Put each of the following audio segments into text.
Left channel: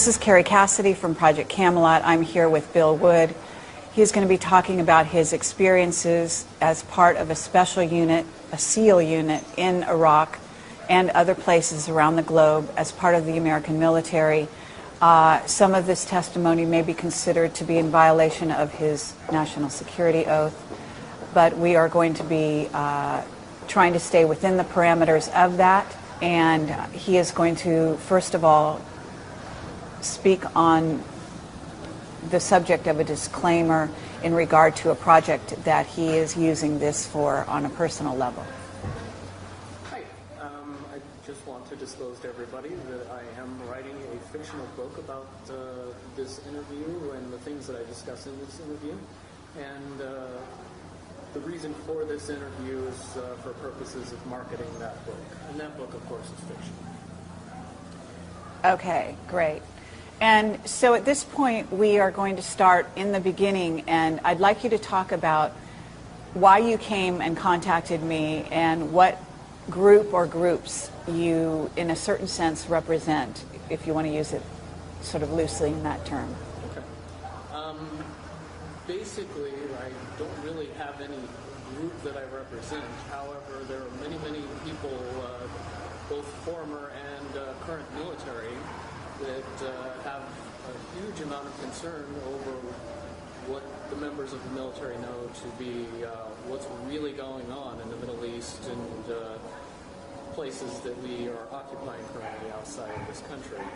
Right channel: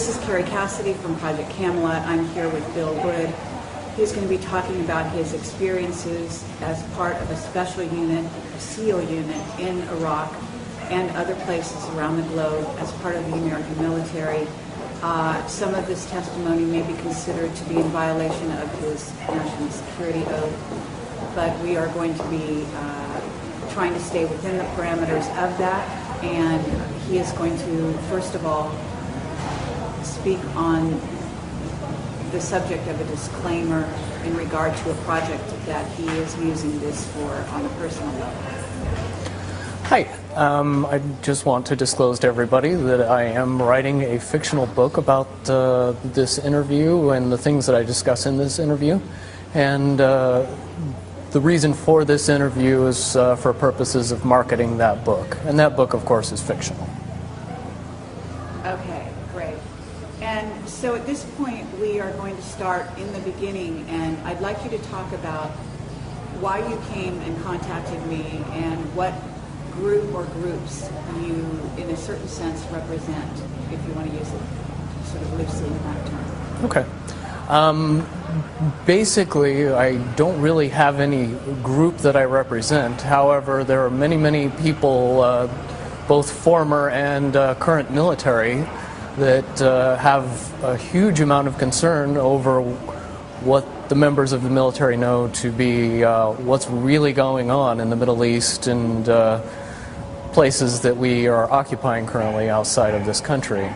This is Carrie Cassidy from Project Camelot. I'm here with Bill Wood. He's going to be talking about his experiences as part of a special unit, a SEAL unit in Iraq and other places around the globe as part of the American military. Some of this testimony may be considered to be in violation of his national security oath, but we are going to be trying to stay within the parameters of that. And he is going to, first of all, speak on the subject of a disclaimer in regard to a project that he is using this for on a personal level. Hi. I just want to disclose to everybody that I am writing a fictional book about this interview and the things that I discuss in this interview. And the reason for this interview is for purposes of marketing that book. And that book, of course, is fictional. Okay, great. And so at this point, we are going to start in the beginning, and I'd like you to talk about why you came and contacted me and what group or groups you, in a certain sense, represent, if you want to use it sort of loosely in that term. Okay. Basically, I don't really have any group that I represent. However, there are many, many people, both former and current military, that have a huge amount of concern over what the members of the military know to be what's really going on in the Middle East and places that we are occupying currently outside of this country.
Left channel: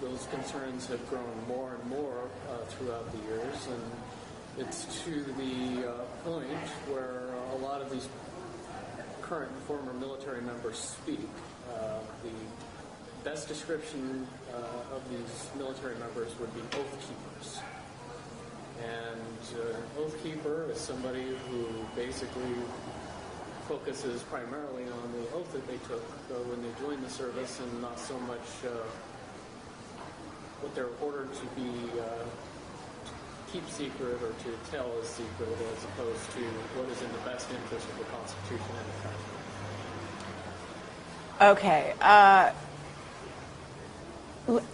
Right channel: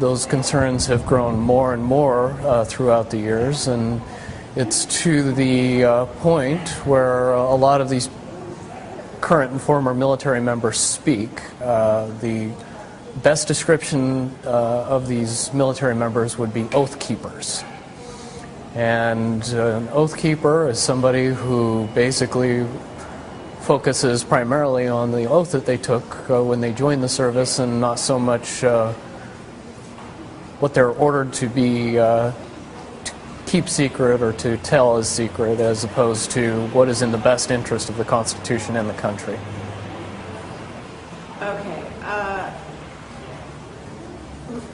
Those concerns have grown more and more throughout the years, and it's to the point where a lot of these current and former military members speak. The best description of these military members would be oath keepers. And an oath keeper is somebody who basically focuses primarily on the oath that they took when they joined the service, and not so much what they're ordered to be to keep secret or to tell as secret, as opposed to what is in the best interest of the Constitution and the country. Okay.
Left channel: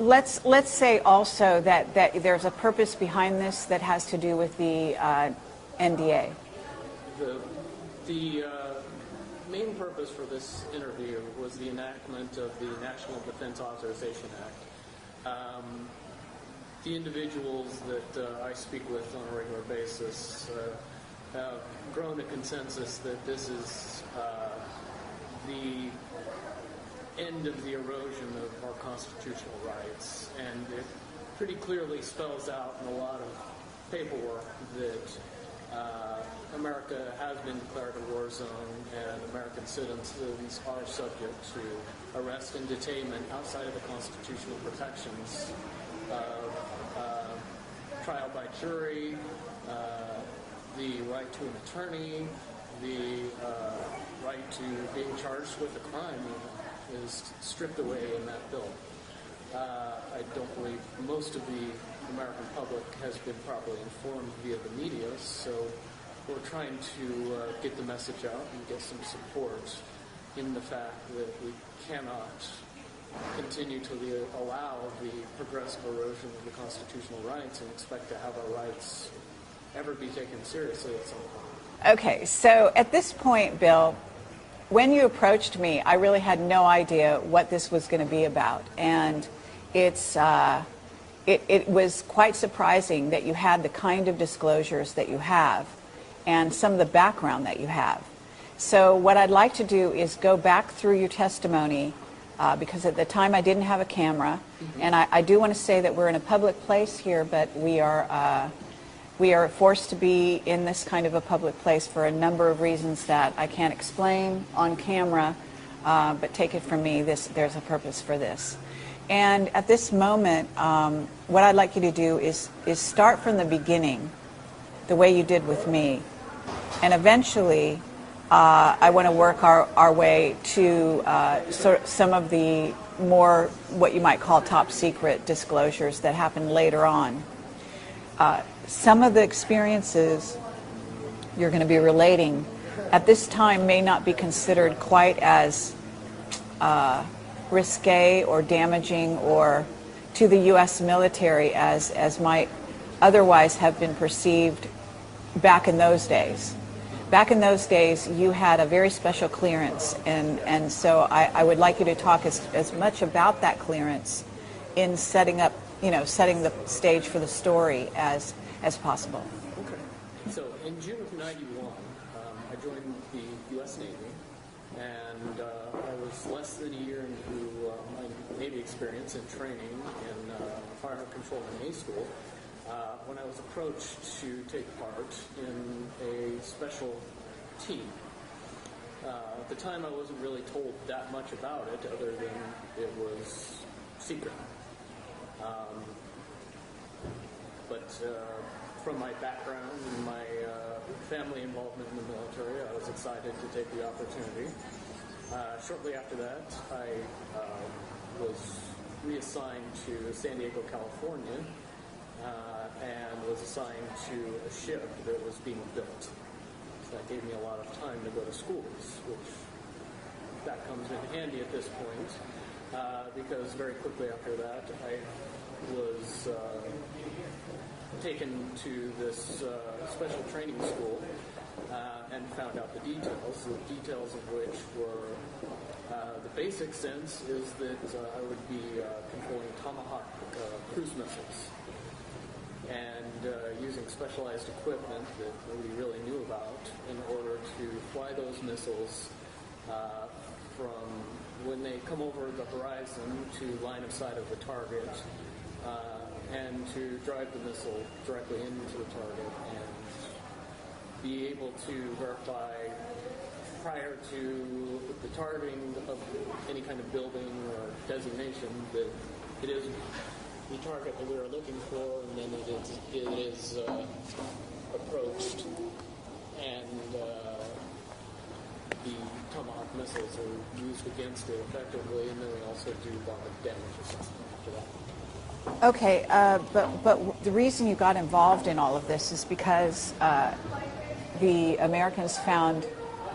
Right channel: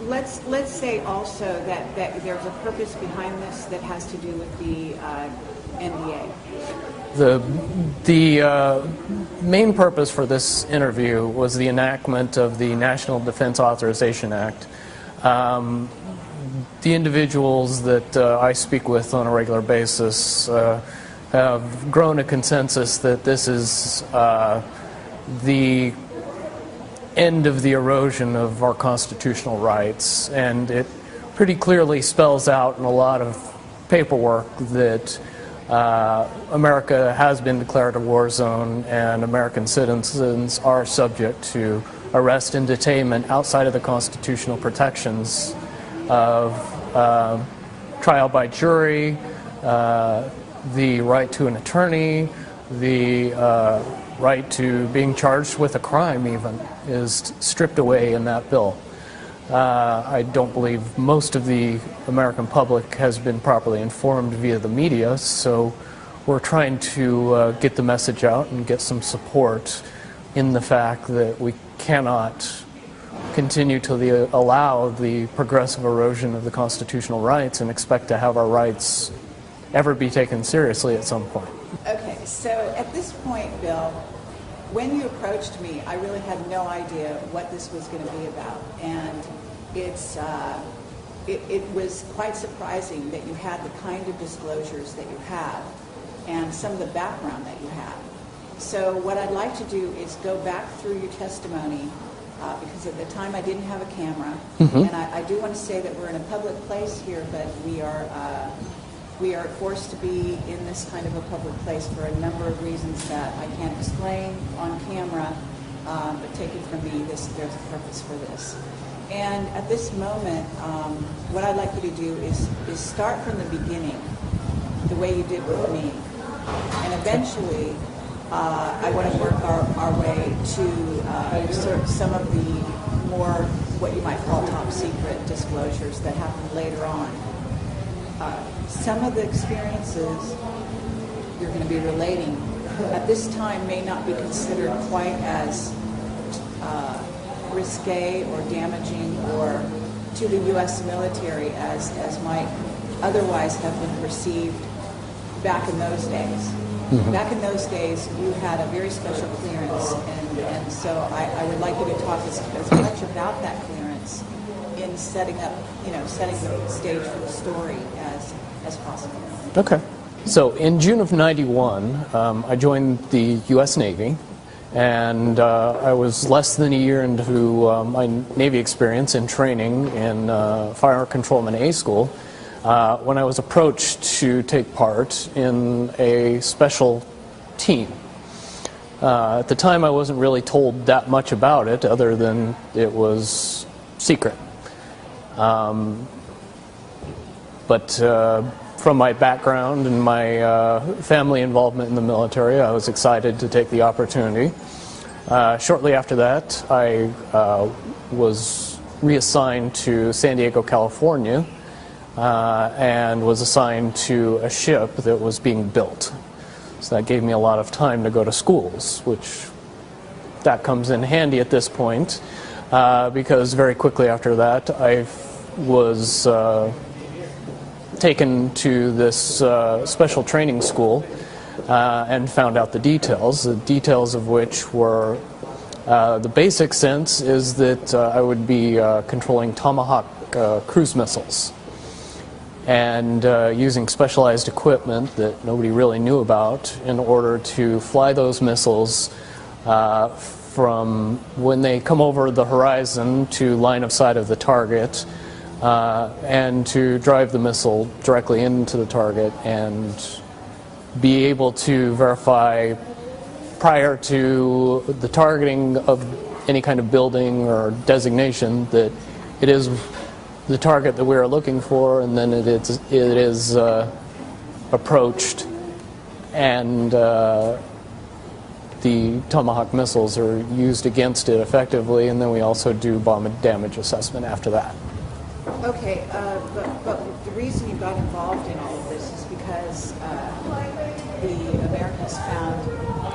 Let's say also that there's a purpose behind this that has to do with the NDA. The main purpose for this interview was the enactment of the National Defense Authorization Act. The individuals that I speak with on a regular basis have grown a consensus that this is the end of the erosion of our constitutional rights, and it pretty clearly spells out in a lot of paperwork that America has been declared a war zone, and American citizens are subject to arrest and detainment outside of the constitutional protections of trial by jury, the right to an attorney, the right to being charged with a crime even is stripped away in that bill. I don't believe most of the American public has been properly informed via the media, so we're trying to get the message out and get some support in the fact that we cannot continue to allow the progressive erosion of the constitutional rights and expect to have our rights ever be taken seriously at some point. Okay, so at this point, Bill, when you approached me, I really had no idea what this was going to be about, and it was quite surprising that you had the kind of disclosures that you have and some of the background that you have. So what I'd like to do is go back through your testimony, because at the time I didn't have a camera, and I do want to say that we're in a public place here, but we are forced to be in this kind of a public place for a number of reasons that I can't explain on camera, but take it from me, there's a purpose for this. And at this moment, what I'd like you to do is start from the beginning, the way you did with me, and eventually I want to work our way to sort of some of the more what you might call top secret disclosures that happen later on. Some of the experiences you're going to be relating at this time may not be considered quite as risque or damaging or to the U.S. military as might otherwise have been perceived back in those days. Mm-hmm. Back in those days, you had a very special clearance, and so I would like you to talk as much about that clearance in setting the stage for the story as possible. Okay. So in June of '91, I joined the U.S. Navy, and I was less than a year into my Navy experience in training in Fire Controlman A School when I was approached to take part in a special team. At the time, I wasn't really told that much about it, other than it was secret. But from my background and my family involvement in the military, I was excited to take the opportunity. Shortly after that, I was reassigned to San Diego, California, and was assigned to a ship that was being built. So that gave me a lot of time to go to schools, which that comes in handy at this point, because very quickly after that, I was taken to this special training school and found out the details of which were the basic sense is that I would be controlling Tomahawk cruise missiles and using specialized equipment that nobody really knew about in order to fly those missiles from when they come over the horizon to line of sight of the target, and to drive the missile directly into the target and be able to verify prior to the targeting of any kind of building or designation that it is the target that we are looking for, and then it is approached, and the Tomahawk missiles are used against it effectively, and then we also do bomb damage assessment after that. Okay, but the reason you got involved in all of this is because the Americans found,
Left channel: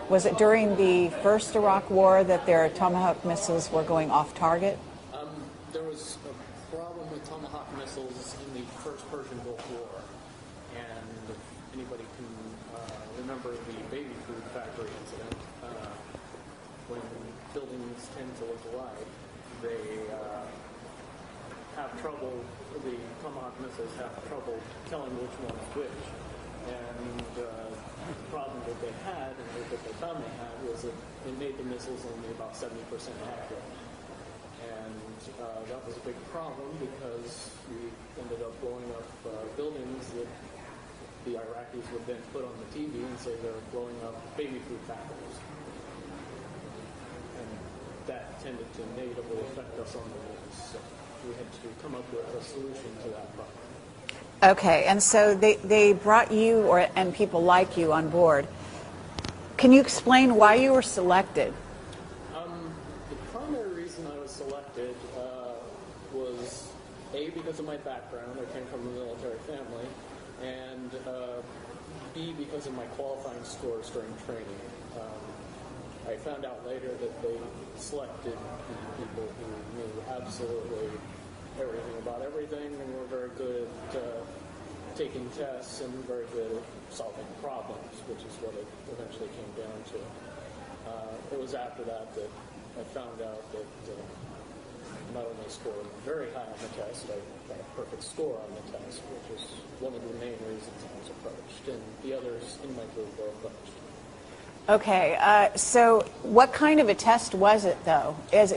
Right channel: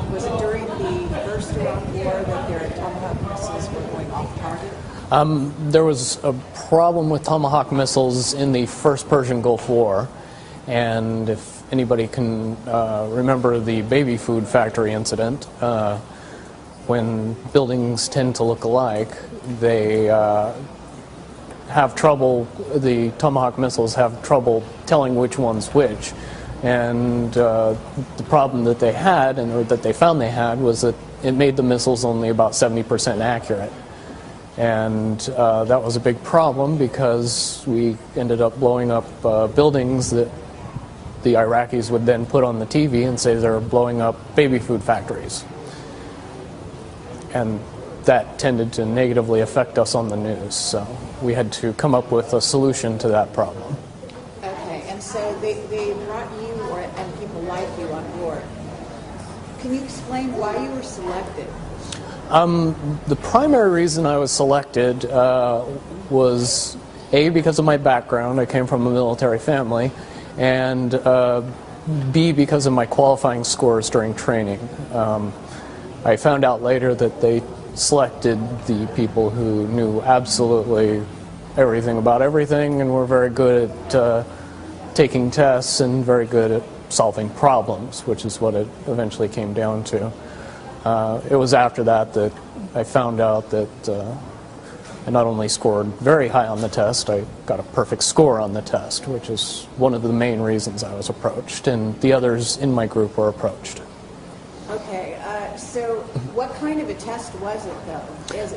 was it during the first Iraq War that their Tomahawk missiles were going off target? There was a problem with Tomahawk missiles in the first Persian Gulf War, and if anybody can remember the baby food factory incident, when buildings tend to look alike, they have trouble, the Tomahawk missiles have trouble telling which one's which. And the problem that they had, or that they found they had, was that it made the missiles only about 70% accurate. And that was a big problem because we ended up blowing up buildings that the Iraqis would then put on the TV and say they're blowing up baby food factories. And that tended to negatively affect us on the news. So we had to come up with a solution to that problem. Okay, and so they brought you and people like you on board. Can you explain why you were selected? The primary reason I was selected was A, because of my background. I came from a military family, and B, because of my qualifying scores during training. I found out later that they selected the people who knew absolutely everything about everything and were very good at taking tests and very good at solving problems, which is what it eventually came down to. It was after that that I found out that I not only scored very high on the test, I got a perfect score on the test, which is one of the main reasons I was approached, and the others in my group were approached. Okay, so what kind of a test was it, though? Does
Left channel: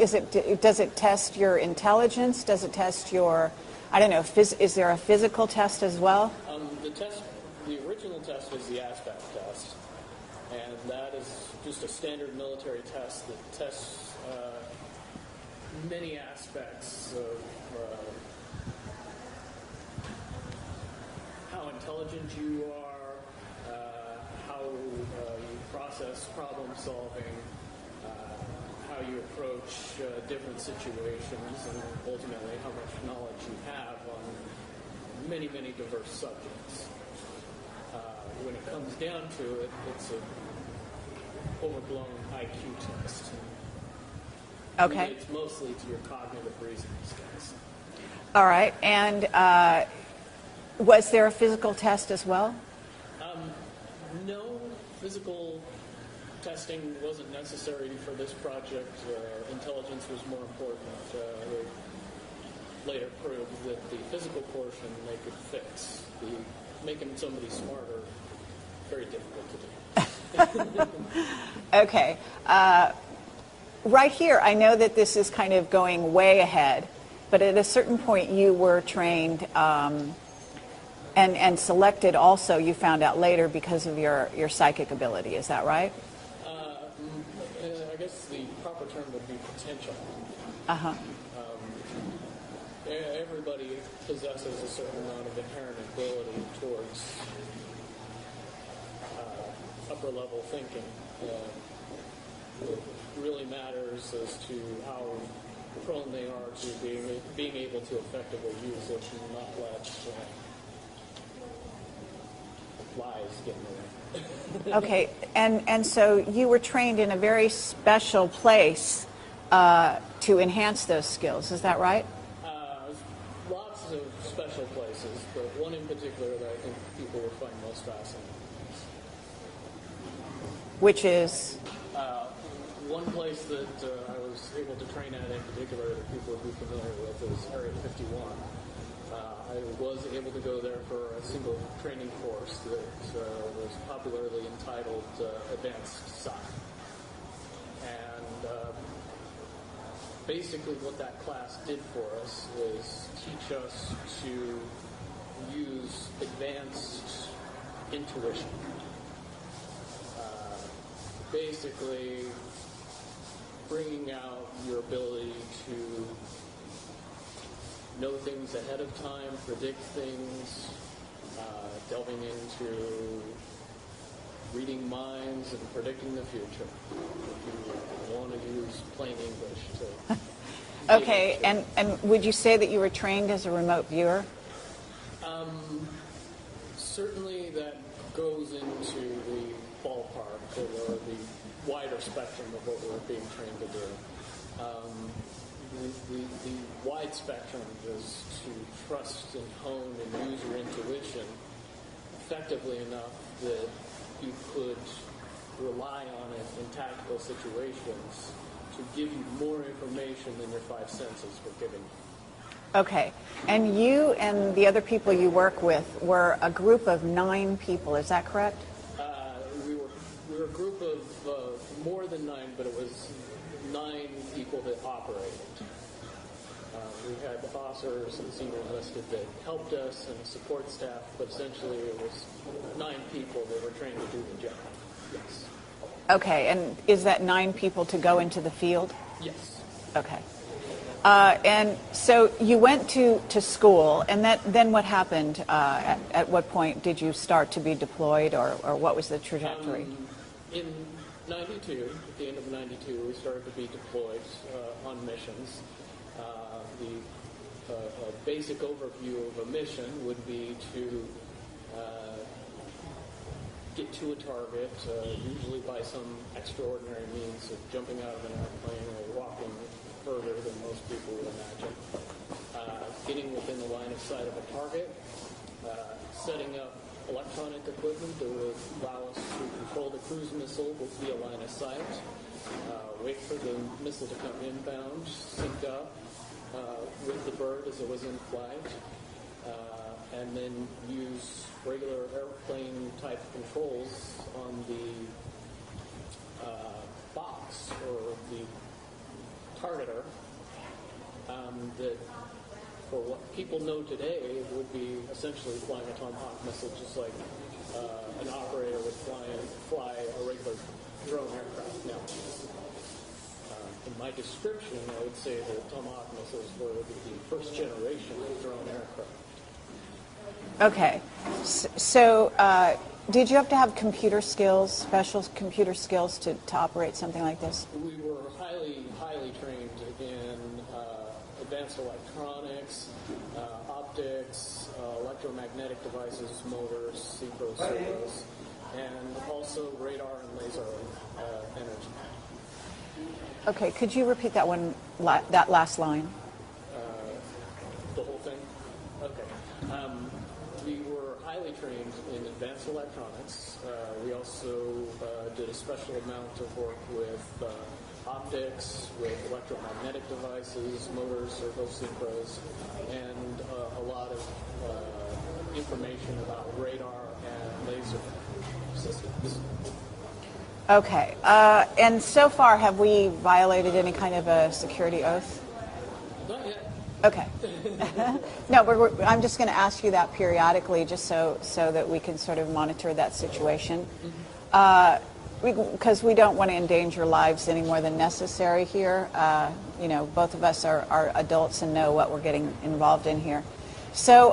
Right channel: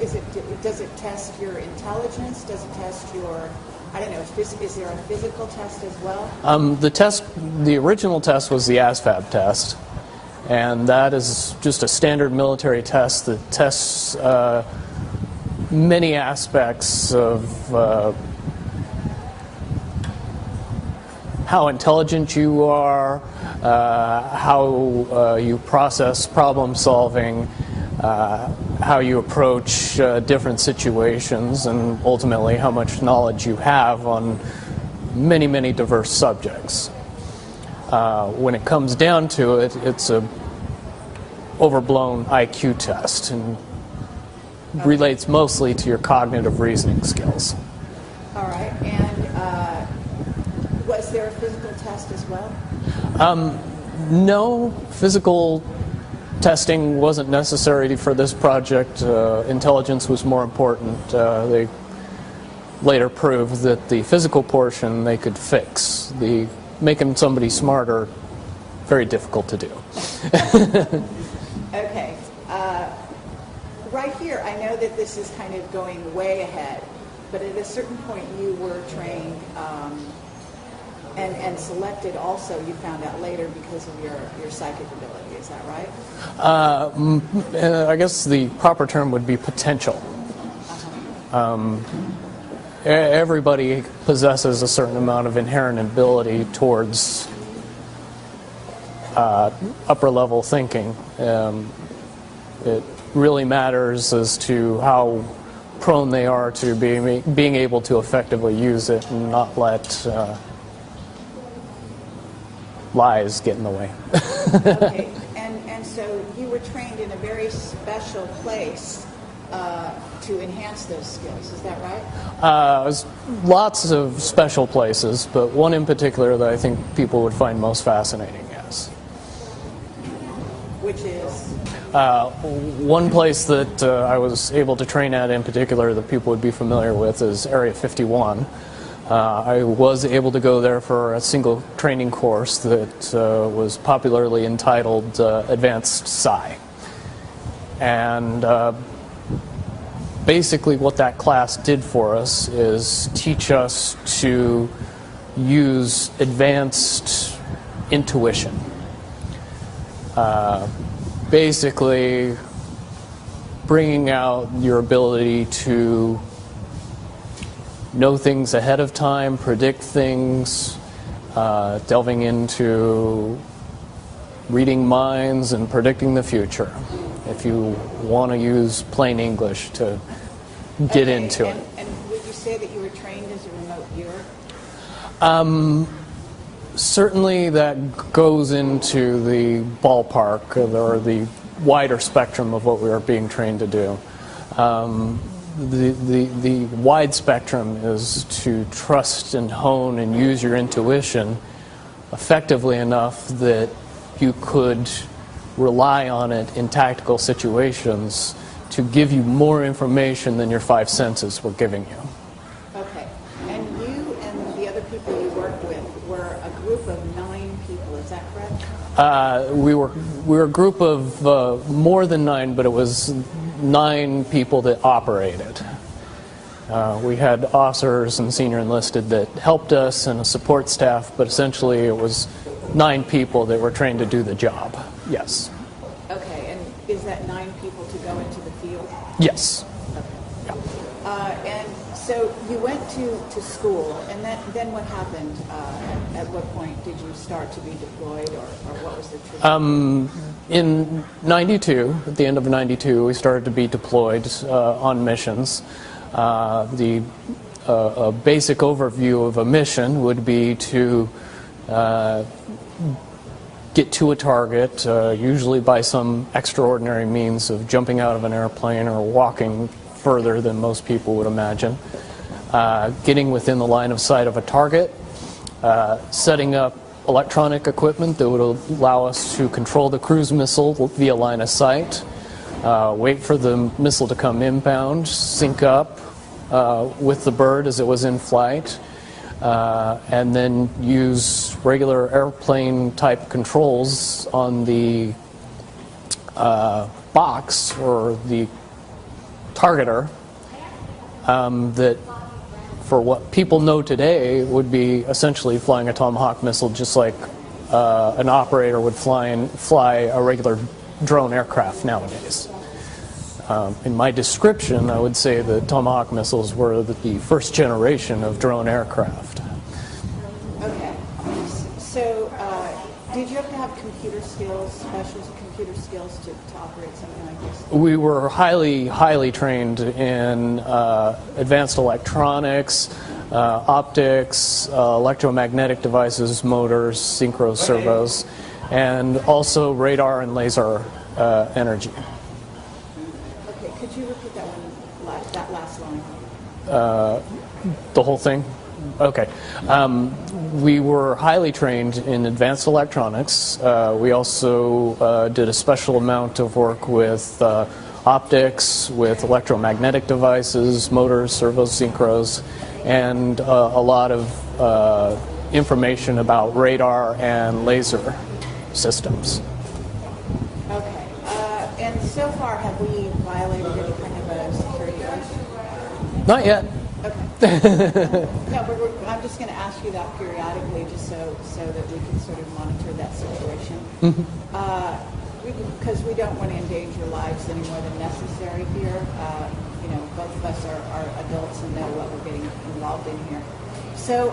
it test your intelligence? Does it test your, I don't know, is there a physical test as well? The original test was the ASVAB test, and that is just a standard military test that tests many aspects of how intelligent you are, how you process problem solving, how you approach different situations, and ultimately how much knowledge you have on many, many diverse subjects. When it comes down to it, it's a overblown IQ test and relates mostly to your cognitive reasoning skills. All right. And was there a physical test as well? No, physical testing wasn't necessary for this project. Intelligence was more important. They later proved that the physical portion they could fix. The making somebody smarter, very difficult to do. Okay. Right here, I know that this is kind of going way ahead, but at a certain point you were trained and selected also, you found out later, because of your psychic ability. Is that right? I guess the proper term would be potential. Everybody possesses a certain amount of inherent ability towards upper level thinking. It really matters as to how prone they are to being able to effectively use it and not let lies get in the way. Okay, and so you were trained in a very special place to enhance those skills, is that right? Lots of special places, but one in particular that I think people would find most fascinating, yes. Which is? One place that I was able to train at in particular that people would be familiar with is Area 51. I was able to go there for a single training course that was popularly entitled Advanced Psi. And basically what that class did for us is teach us to use advanced intuition. Basically bringing out your ability to know things ahead of time, predict things, delving into reading minds and predicting the future, if you want to use plain English to get into it. And would you say that you were trained as a remote viewer? Certainly that goes into the ballpark or the wider spectrum of what we are being trained to do. The wide spectrum is to trust and hone and use your intuition effectively enough that you could rely on it in tactical situations to give you more information than your five senses were giving you. Okay. And you and the other people you work with were a group of 9 people, is that correct? We were a group of more than 9, but it was 9 people that operated. We had officers and senior enlisted that helped us and a support staff, but essentially it was 9 people that were trained to do the job. Yes. Okay, and is that 9 people to go into the field? Yes. Okay. And so you went to school, and then what happened? At what point did you start to be deployed, or what was the trajectory? In 92, at the end of 92, we started to be deployed on missions. A basic overview of a mission would be to get to a target, usually by some extraordinary means of jumping out of an airplane or walking further than most people would imagine, getting within the line of sight of a target, setting up electronic equipment that would allow us to control the cruise missile via line of sight, wait for the missile to come inbound, sync up with the bird as it was in flight, and then use regular airplane type controls on the box or the targeter that, for what people know today, would be essentially flying a Tomahawk missile, just like an operator would fly a regular drone aircraft nowadays. In my description, I would say the Tomahawk missiles were the first generation of drone aircraft. Okay. So did you have to have computer skills, special computer skills to operate something like this? We were highly, highly trained in advanced electronics, optics, electromagnetic devices, motors, synchro servos, and also radar and laser energy. Okay, could you repeat that last line? The whole thing? Okay. We were highly trained in advanced electronics. We also did a special amount of work with optics, with electromagnetic devices, motors, servos, synchros, and a lot of information about radar and laser systems. Okay. And so far, have we violated any kind of a security oath? Not yet. Okay. No, but I'm just going to ask you that periodically, just so that we can sort of monitor that situation. Because we don't want to endanger lives any more than necessary here. You know, both of us are adults and know what we're getting involved in here. So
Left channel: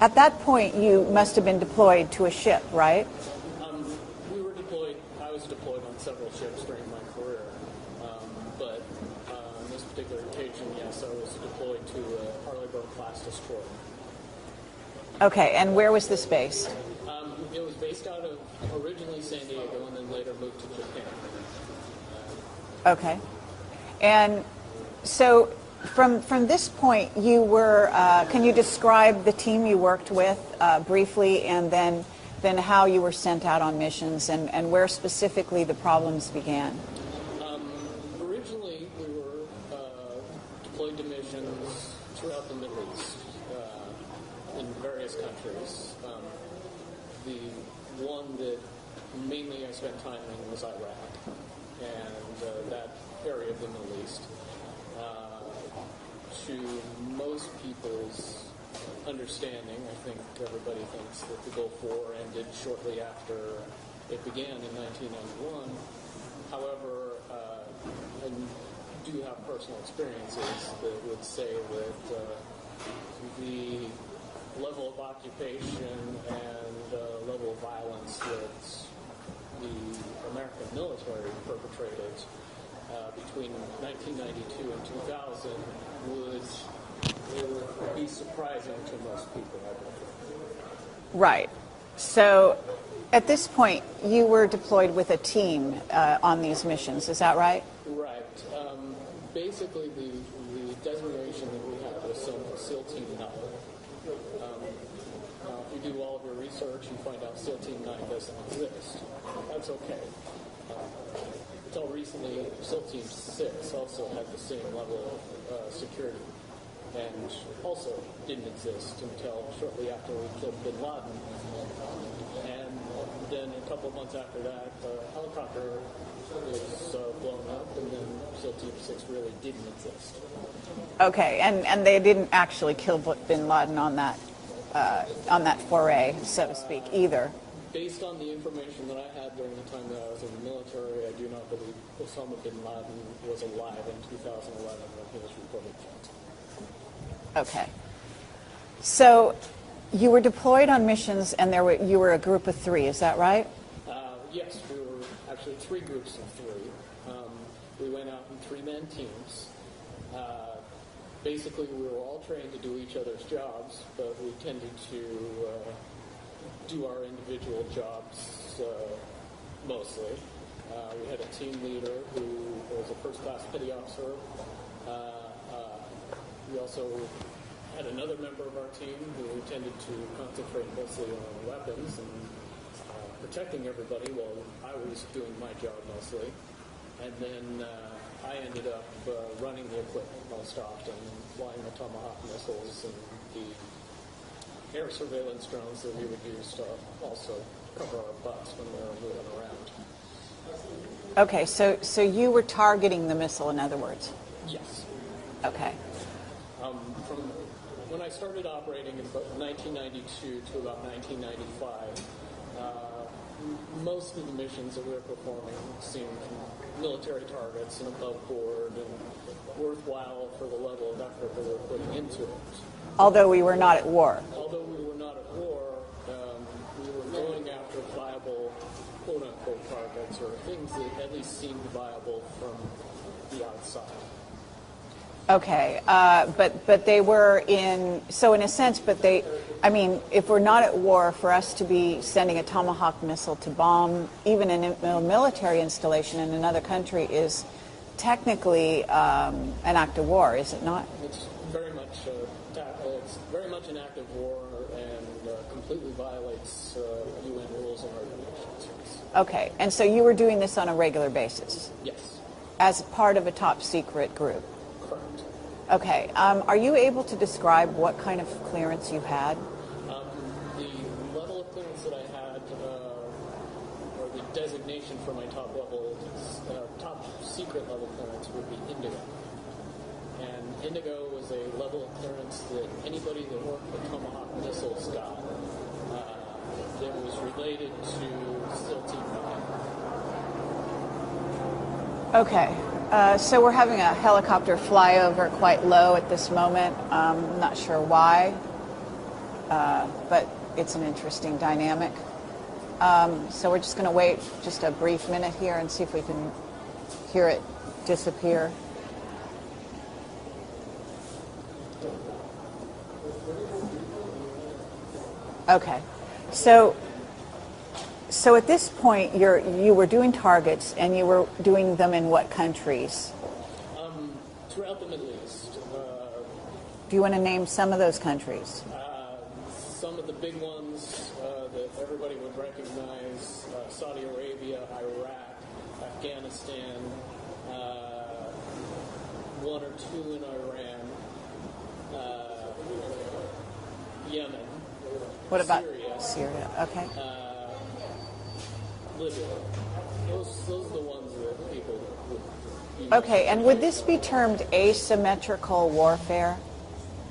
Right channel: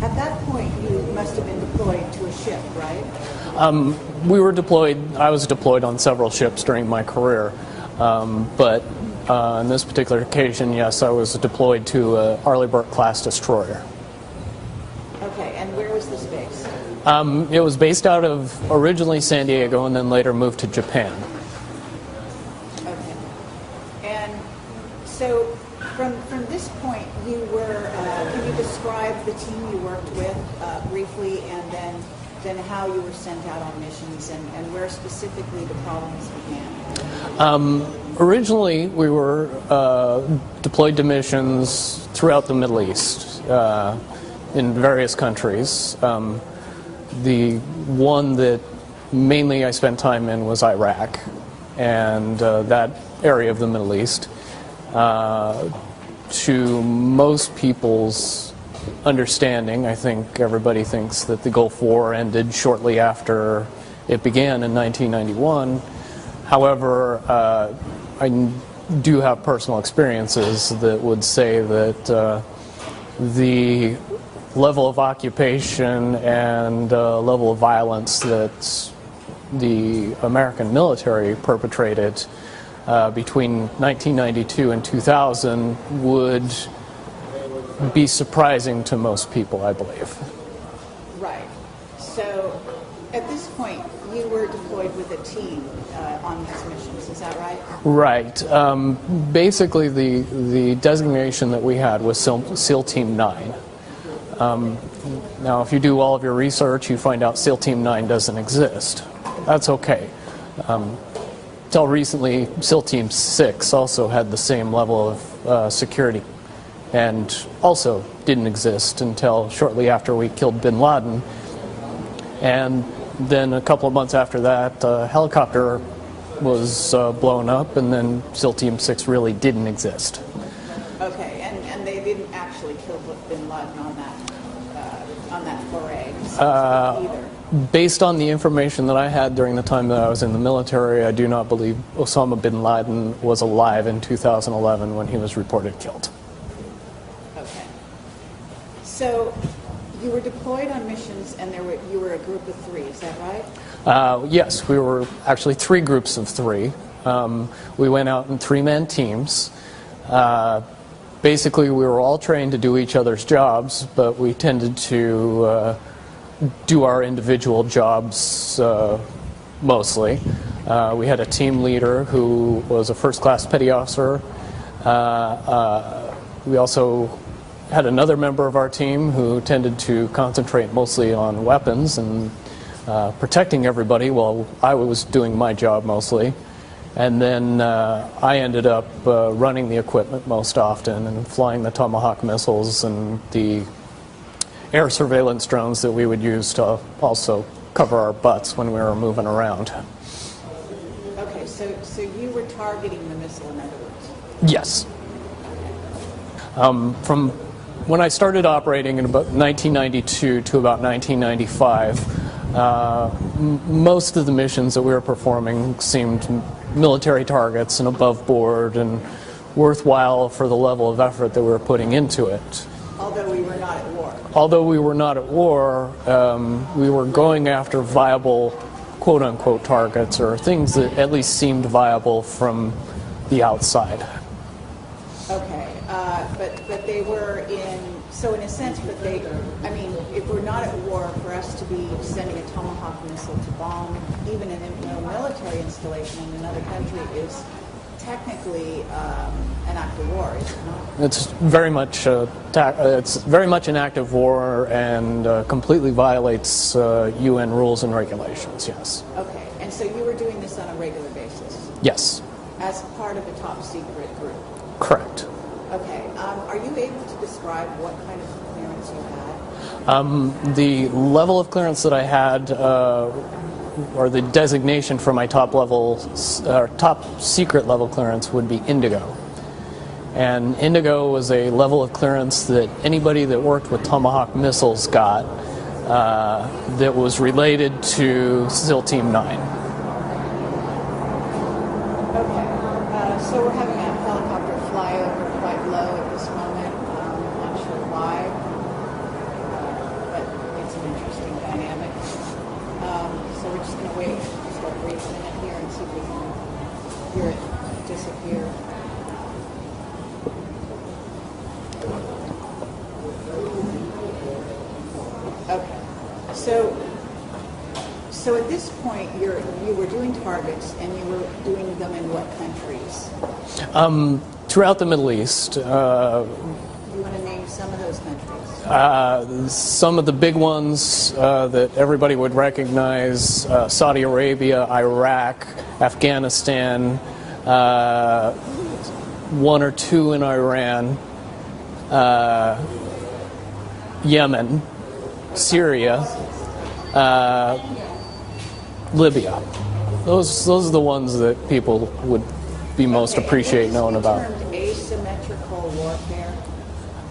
at that point, you must have been deployed to a ship, right? We were deployed. I was deployed on several ships during my career, but on this particular occasion, yes, I was deployed to a Arleigh Burke-class destroyer. Okay, and where was this based? It was based out of originally San Diego and then later moved to Japan. Okay. And so from this point, you were, can you describe the team you worked with briefly, and then how you were sent out on missions and where specifically the problems began? Originally, we were deployed to missions throughout the Middle East in various countries. The one that mainly I spent time in was Iraq, and that area of the Middle East. To most people's understanding, I think everybody thinks that the Gulf War ended shortly after it began in 1991. However, I do have personal experiences that would say that the level of occupation and level of violence that the American military perpetrated between 1992 and 2000 would be surprising to most people, I believe. Right. So at this point, you were deployed with a team on these missions, is that right? Right. Basically, the designation that we had was SEAL Team 9. Now, if you do all of your research, you find out SEAL Team 9 doesn't exist. That's okay. Until recently, SEAL Team 6 also had the same level of security and also didn't exist until shortly after we killed bin Laden. And then a couple of months after that, a helicopter was blown up, and then SEAL Team 6 really didn't exist. Okay, and they didn't actually kill bin Laden on that foray, so to speak, either. Based on the information that I had during the time that I was in the military, I do not believe Osama bin Laden was alive in 2011 when he was reported killed. Okay. So you were deployed on missions, and you were a group of 3, is that right? Yes, we were actually 3 groups of 3. We went out in 3-man teams. Basically, we were all trained to do each other's jobs, but we tended to do our individual jobs mostly. We had a team leader who was a first-class petty officer. We also had another member of our team who tended to concentrate mostly on weapons and protecting everybody while I was doing my job mostly. And then I ended up running the equipment most often and flying the Tomahawk missiles and the air surveillance drones that we would use to also cover our butts when we were moving around. Okay, so you were targeting the missile, in other words? Yes. Okay. From when I started operating in about 1992 to about 1995, most of the missions that we were performing seemed military targets and above board and worthwhile for the level of effort that we were putting into it. Although we were not at war. Although we were not at war, we were going after viable quote-unquote targets, or things that at least seemed viable from the outside. Okay, but they were so in a sense, I mean, if we're not at war, for us to be sending a Tomahawk missile to bomb even a military installation in another country is technically an act of war, is it not? It's very much an act of war and completely violates UN rules and regulations. Yes. Okay, and so you were doing this on a regular basis Yes. as part of a top secret group. Correct. Okay, are you able to describe what kind of clearance you had? The level of clearance that I had, or the designation for my top secret level clearance, would be Indigo. And Indigo was a level of clearance that anybody that worked with Tomahawk missiles got, that was related to SEAL Team 9. Okay, so we're having a helicopter fly over quite low at this moment. Not sure why, but it's an interesting dynamic. So we're just going to wait just a brief minute here and see if we can hear it disappear. Okay, so at this point you were doing targets, and you were doing them in what countries? Throughout the Middle East. Do you want to name some of those countries? Some of the big ones that everybody would recognize: Saudi Arabia, Iraq, Afghanistan, one or two in Iran, Yemen, Syria, Okay. Libya. Those are the ones that people would be most appreciate knowing about. Would this be termed asymmetrical warfare?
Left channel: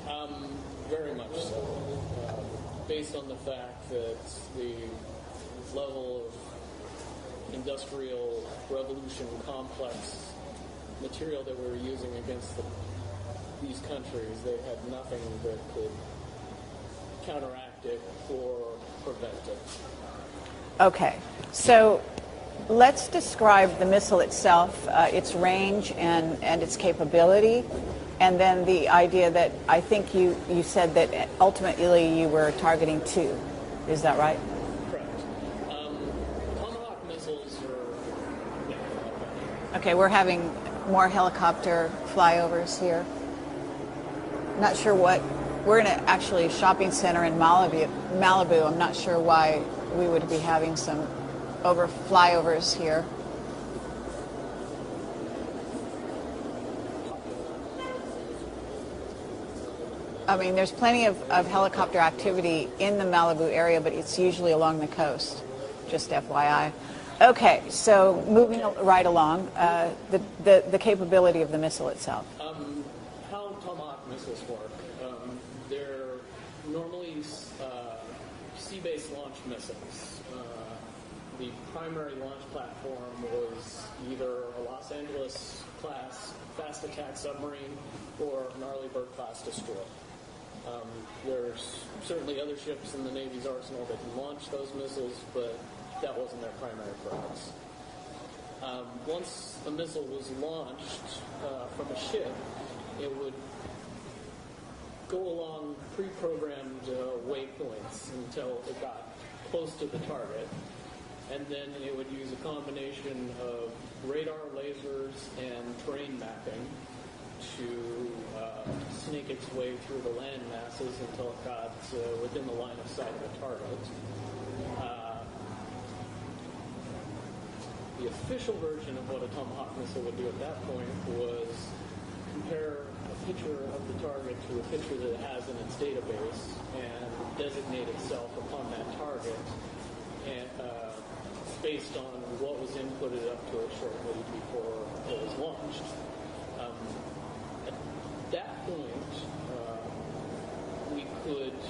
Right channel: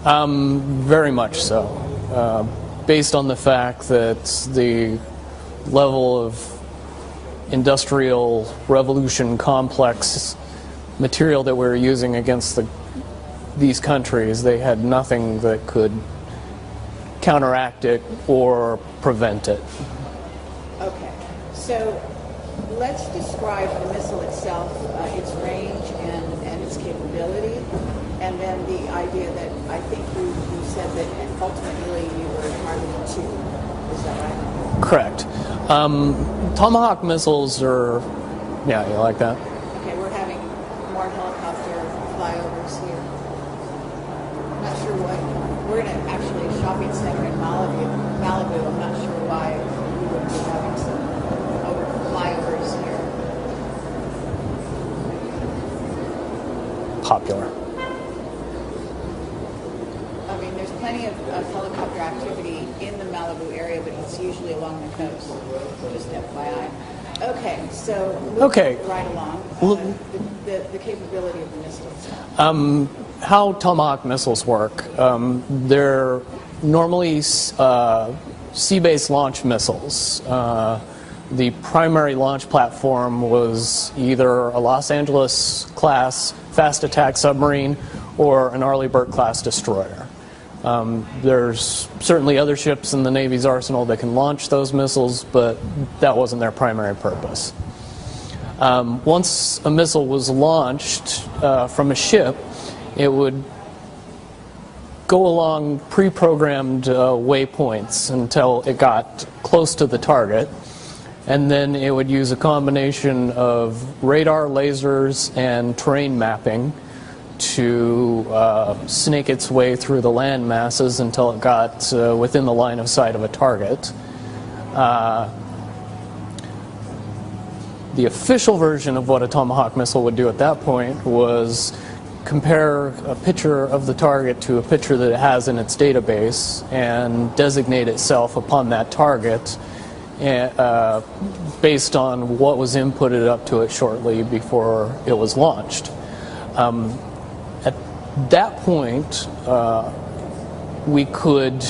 Very much so, based on the fact that the level of industrial revolution complex material that we were using against these countries, they had nothing that could counteract it or prevent it. Okay, so let's describe the missile itself, its range and its capability, and then the idea that I think you said that ultimately you were targeting 2. Is that right? Correct. Tomahawk missiles are, yeah, you like that? Okay, we're having more helicopter flyovers here. Not sure what. We're in actually a shopping center in Malibu. I'm not sure why we would be having some flyovers here. Popular. I mean, there's plenty of helicopter activity in the Malibu area, but it's usually along the coast, just FYI. Okay, so moving right along, the capability of the missile itself. How Tomahawk missiles work, they're normally sea-based launch missiles. The primary launch platform was either a Los Angeles class fast attack submarine or an Arleigh Burke class destroyer. There's certainly other ships in the Navy's arsenal that can launch those missiles, but that wasn't their primary purpose. Once a missile was launched from a ship, it would go along pre-programmed waypoints until it got close to the target, and then it would use a combination of radar, lasers, and terrain mapping to snake its way through the land masses until it got within the line of sight of a target. The official version of what a Tomahawk missile would do at that point was compare a picture of the target to a picture that it has in its database and designate itself upon that target based on what was inputted up to it shortly before it was launched. At that point, we could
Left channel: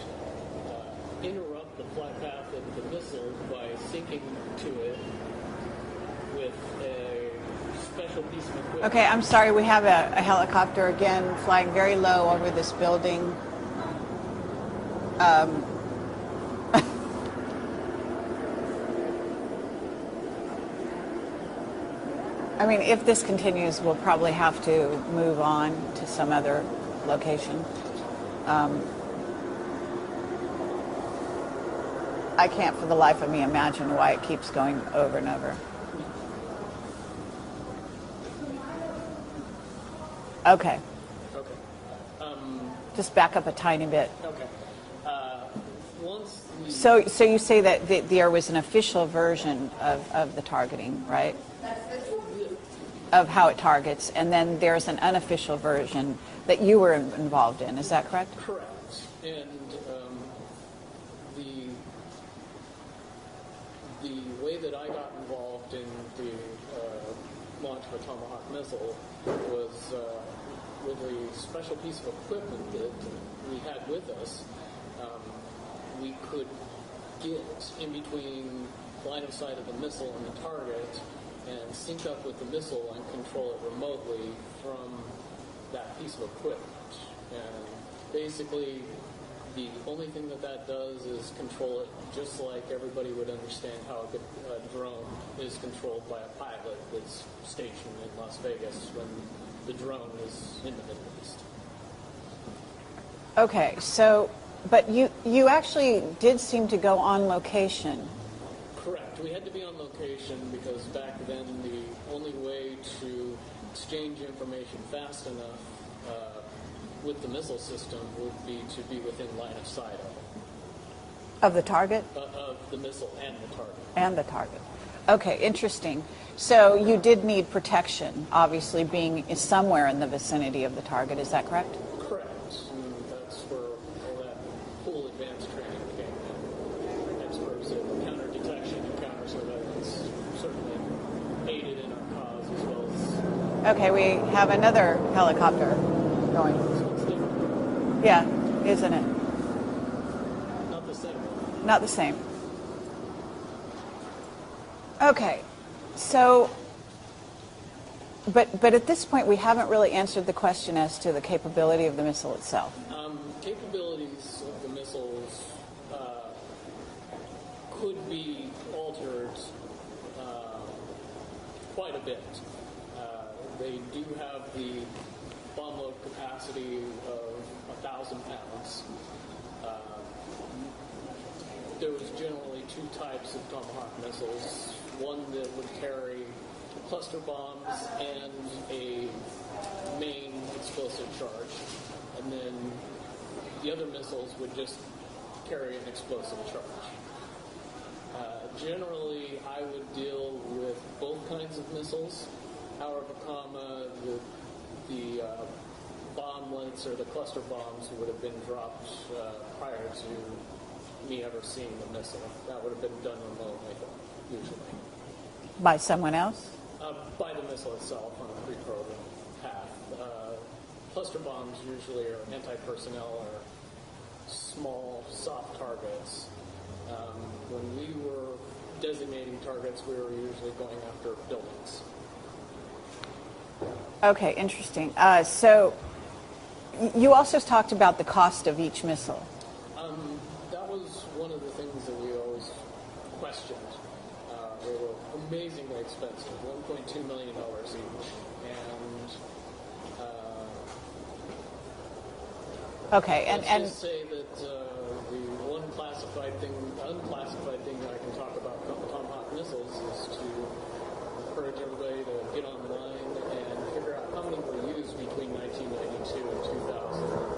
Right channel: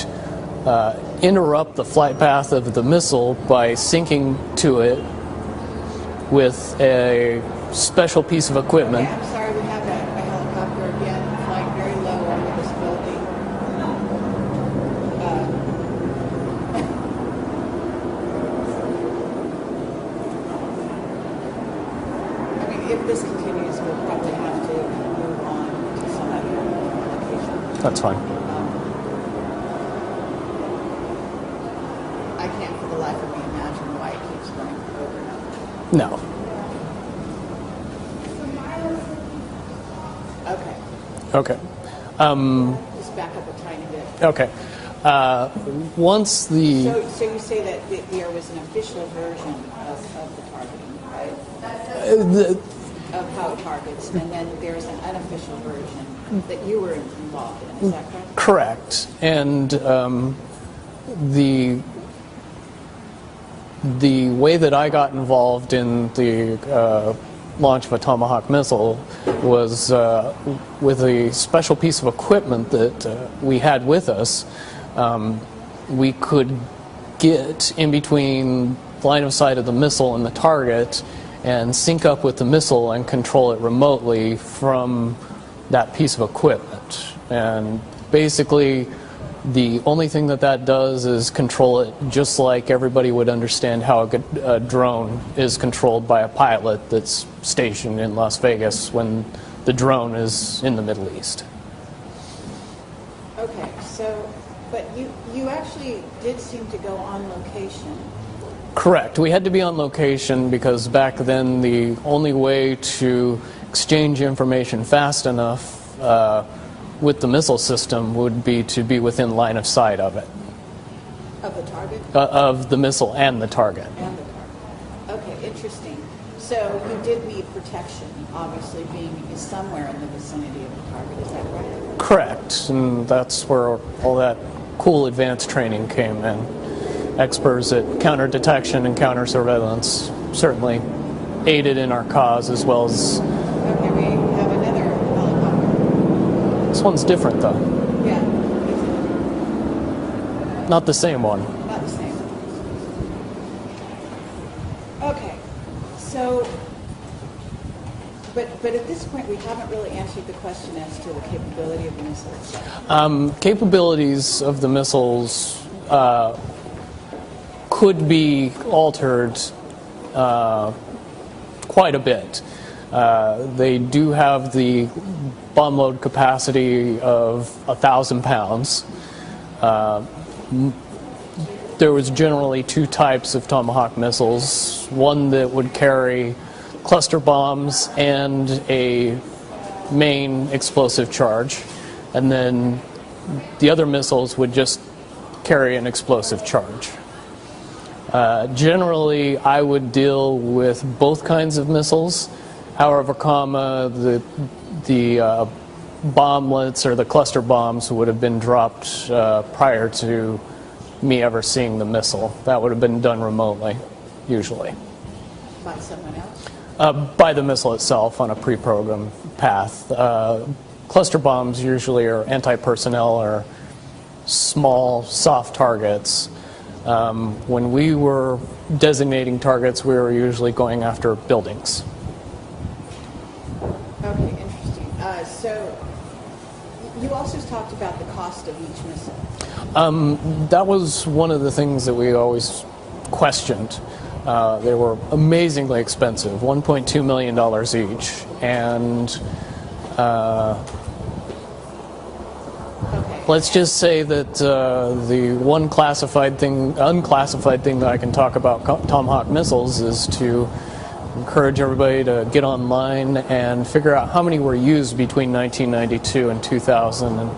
interrupt the flight path of the missile by syncing to it with a special piece of equipment. Okay, I'm sorry, we have a helicopter again flying very low over this building. I mean, if this continues, we'll probably have to move on to some other location. That's fine. I can't for the life of me imagine why it keeps going over and over. No. Okay. Okay. Just back up a tiny bit. Okay. Once the So you say that there was an official version of the targeting, right? Of how it targets, and then there's an unofficial version that you were involved in. Is that correct? correct, and the way that I got involved in the launch of a Tomahawk missile was with a special piece of equipment that we had with us. We could get in between line of sight of the missile and the target and sync up with the missile and control it remotely from that piece of equipment. And basically, the only thing that does is control it just like everybody would understand how a drone is controlled by a pilot that's stationed in Las Vegas when the drone is in the Middle East. Okay, so, but you actually did seem to go on location. Correct. We had to be on location because back then the only way to exchange information fast enough with the missile system would be to be within line of sight of it. Of the target? Of the missile and the target. And the target. Okay, interesting. So you did need protection, obviously being somewhere in the vicinity of the target, is that correct? Correct, and that's where all that cool advanced training came in. Experts at counter detection and counter surveillance certainly aided in our cause, as well as... Okay, we have another helicopter going. This one's different, though. Yeah, isn't it? Not the same one. Not the same. Okay, so, but at this point we haven't really answered the question as to the capability of the missile itself. Capabilities of the missiles could be altered quite a bit. They do have the bomb load capacity of 1,000 pounds. There was generally two types of Tomahawk missiles, one that would carry cluster bombs and a main explosive charge, and then the other missiles would just carry an explosive charge. Generally, I would deal with both kinds of missiles. However, the bomblets or the cluster bombs would have been dropped prior to me ever seeing the missile. That would have been done remotely, usually. By someone else? By the missile itself on a pre-programmed path. Cluster bombs usually are anti-personnel or small, soft targets. When we were designating targets, we were usually going after buildings. Okay, interesting. So you also talked about the cost of each missile. That was one of the things that we always questioned. They were amazingly expensive, $1.2 million each. And okay, let's just say that the one unclassified thing that I can talk about Tomahawk missiles is to encourage everybody to get online and figure out how many were used between 1992 and 2000 and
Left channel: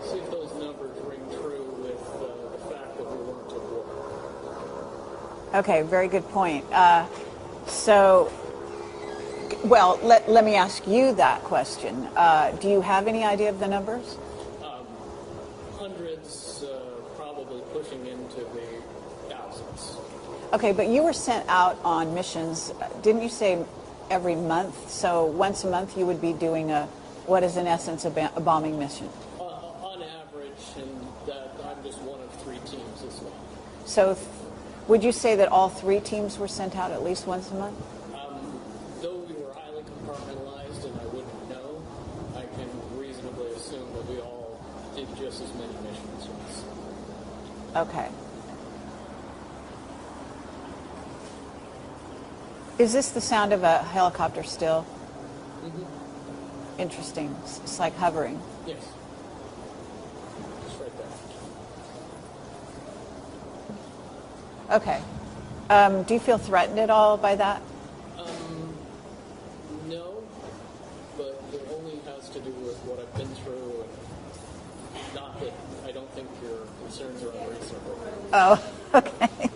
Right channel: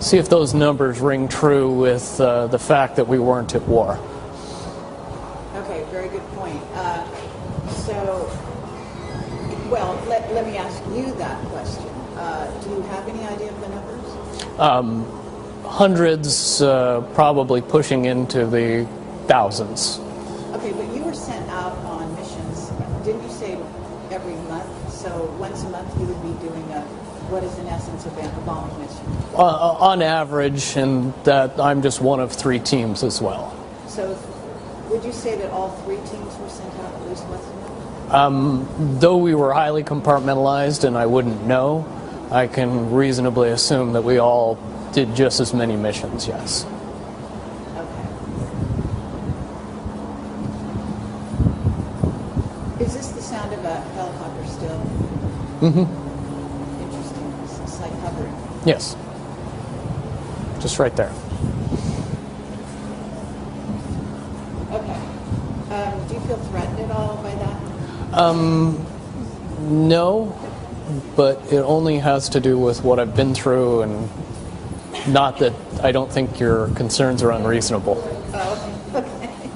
see if those numbers ring true with the fact that we weren't at war. Okay, very good point. Well, let me ask you that question. Do you have any idea of the numbers? Hundreds, probably pushing into the thousands. Okay, but you were sent out on missions, didn't you say every month? So once a month you would be doing what is in essence a bombing mission? On average, and that I'm just one of 3 teams as well. So would you say that all 3 teams were sent out at least once a month? Though we were highly compartmentalized and I wouldn't know, I can reasonably assume that we all did just as many missions, yes. Okay. Is this the sound of a helicopter still? Mm-hmm. Interesting. It's like hovering. Yes. Just right there. Okay. Do you feel threatened at all by that? No. but it only has to do with what I've been through, and not that I don't think your concerns are unreasonable. Oh, okay.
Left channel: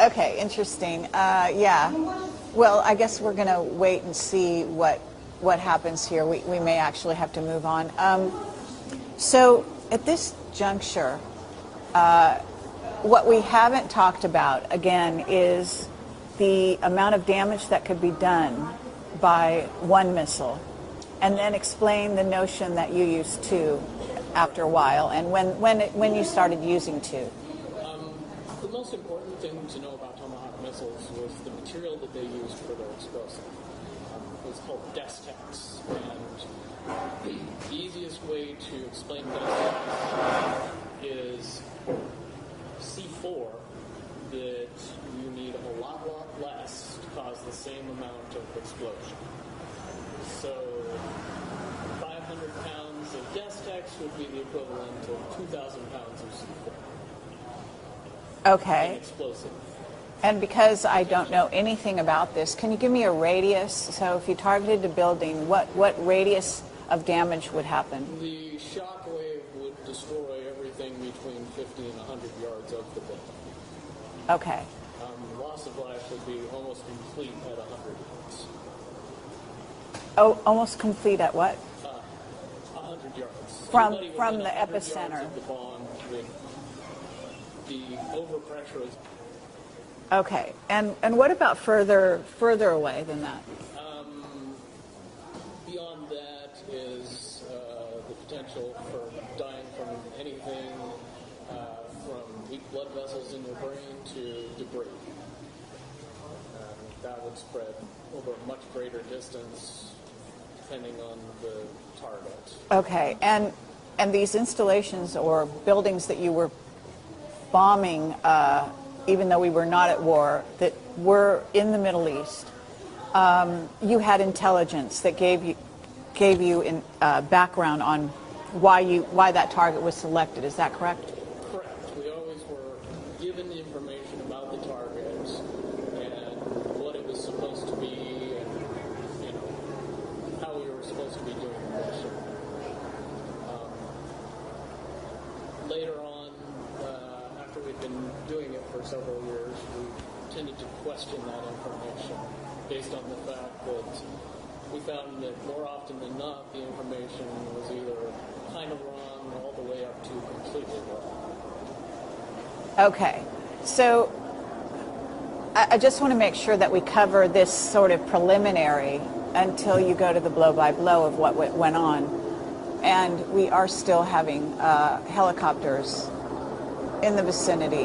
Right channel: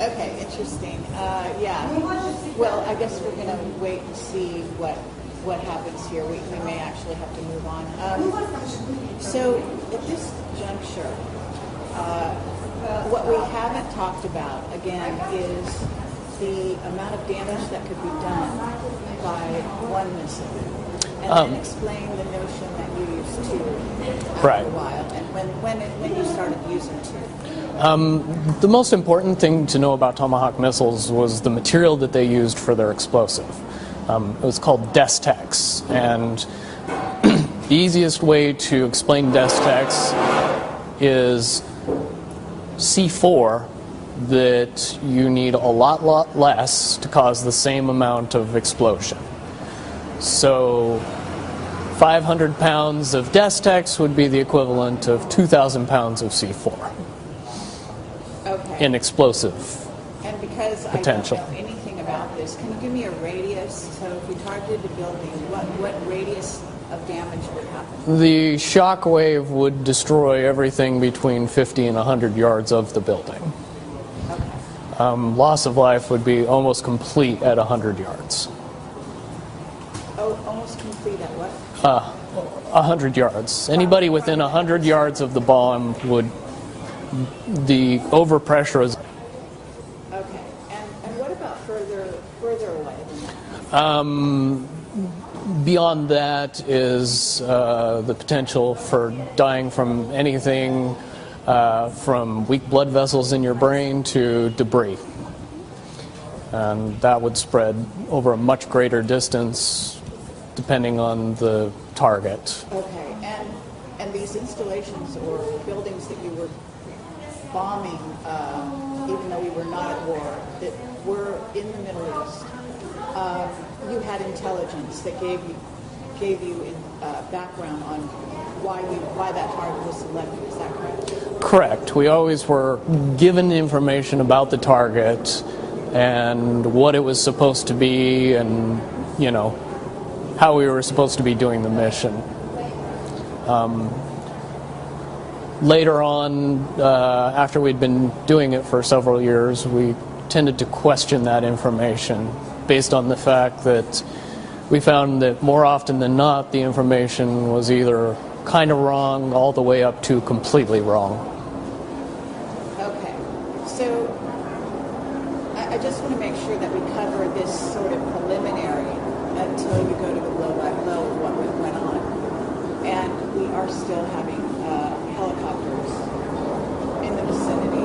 Okay, interesting. Yeah. Well, I guess we're going to wait and see what happens here. We may actually have to move on. So at this juncture, what we haven't talked about, again, is the amount of damage that could be done by one missile. And then explain the notion that you used two after a while, and when you started using two. The most important thing to know about Tomahawk missiles was the material that they used for their explosive. It was called Destex, and the easiest way to explain Destex is C4 that you need a lot less to cause the same amount of explosion. So 500 pounds of Destex would be the equivalent of 2,000 pounds of C4 Okay. in explosive. And because potential. I don't know anything about this, can you give me a radius? So if you targeted a building, what radius of damage would happen? The shock wave would destroy everything between 50 and 100 yards of the building. Okay. Loss of life would be almost complete at 100 yards. Oh, almost complete at what? 100 yards. Anybody within the 100 yards of the bomb would, the overpressure is. Okay. And what about further away than that? Beyond that is the potential for dying from anything from weak blood vessels in your brain to debris. And that would spread over a much greater distance depending on the target. Okay. And these installations or buildings that you were bombing, even though we were not at war, that were in the Middle East, you had intelligence that gave you background on why that target was selected. Is that correct? Correct. We always were given information about the target and what it was supposed to be, and how we were supposed to be doing the mission. Later on, after we'd been doing it for several years, we tended to question that information based on the fact that we found that more often than not, the information was either kind of wrong all the way up to completely wrong. Okay. So I just want to make sure that we cover this sort of preliminary until you go to the blow-by-blow of what went on. And we are still having helicopters in the vicinity,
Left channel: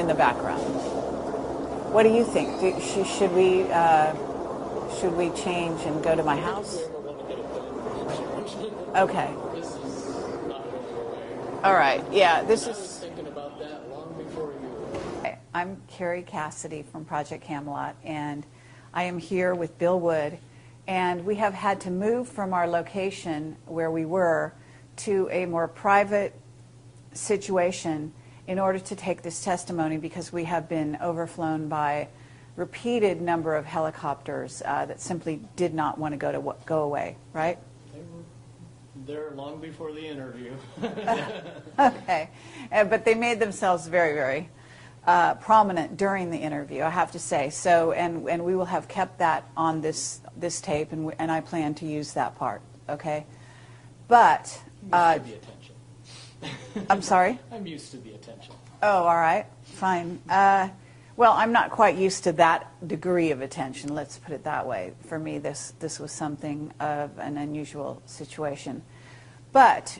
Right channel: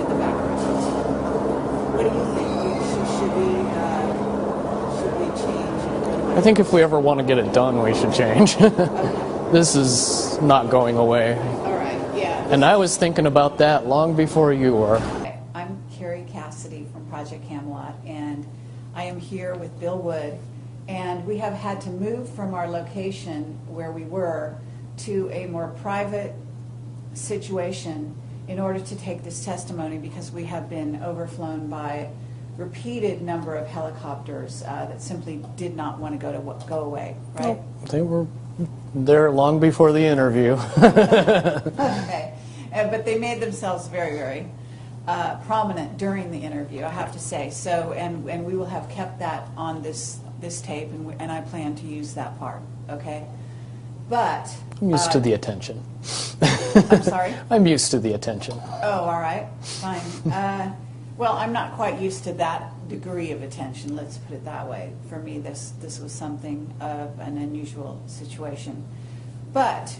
in the background. What do you think? Should we change and go to my I think if we ever want to get it done, we should change. Okay. This is not going away. All right. Yeah. And I was thinking about that long before you were. I'm Carrie Cassidy from Project Camelot, and I am here with Bill Wood. And we have had to move from our location where we were to a more private situation in order to take this testimony, because we have been overflown by repeated number of helicopters that simply did not want to go away, right? They were there long before the interview. Okay. But they made themselves very, very prominent during the interview, I have to say. So, and we will have kept that on this tape, and I plan to use that part, okay? But I'm used to the attention. I'm sorry? I'm used to the attention. Oh, all right, fine. Well, I'm not quite used to that degree of attention, let's put it that way. For me, this was something of an unusual situation. But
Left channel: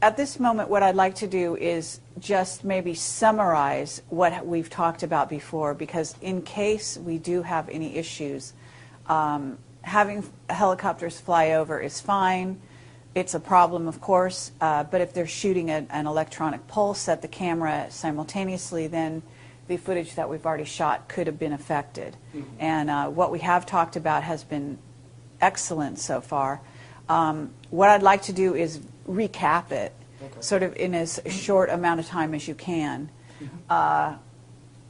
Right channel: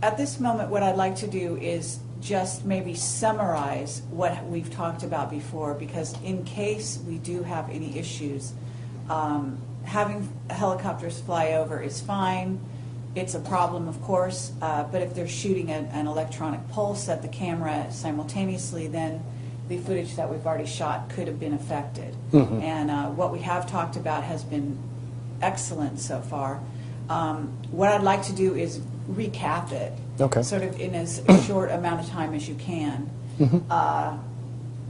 at this moment, what I'd like to do is just maybe summarize what we've talked about before, because in case we do have any issues, having helicopters fly over is fine. It's a problem, of course, but if they're shooting an electronic pulse at the camera simultaneously, then the footage that we've already shot could have been affected. Mm-hmm. And what we have talked about has been excellent so far. What I'd like to do is recap it, okay, sort of in as short amount of time as you can. Mm-hmm.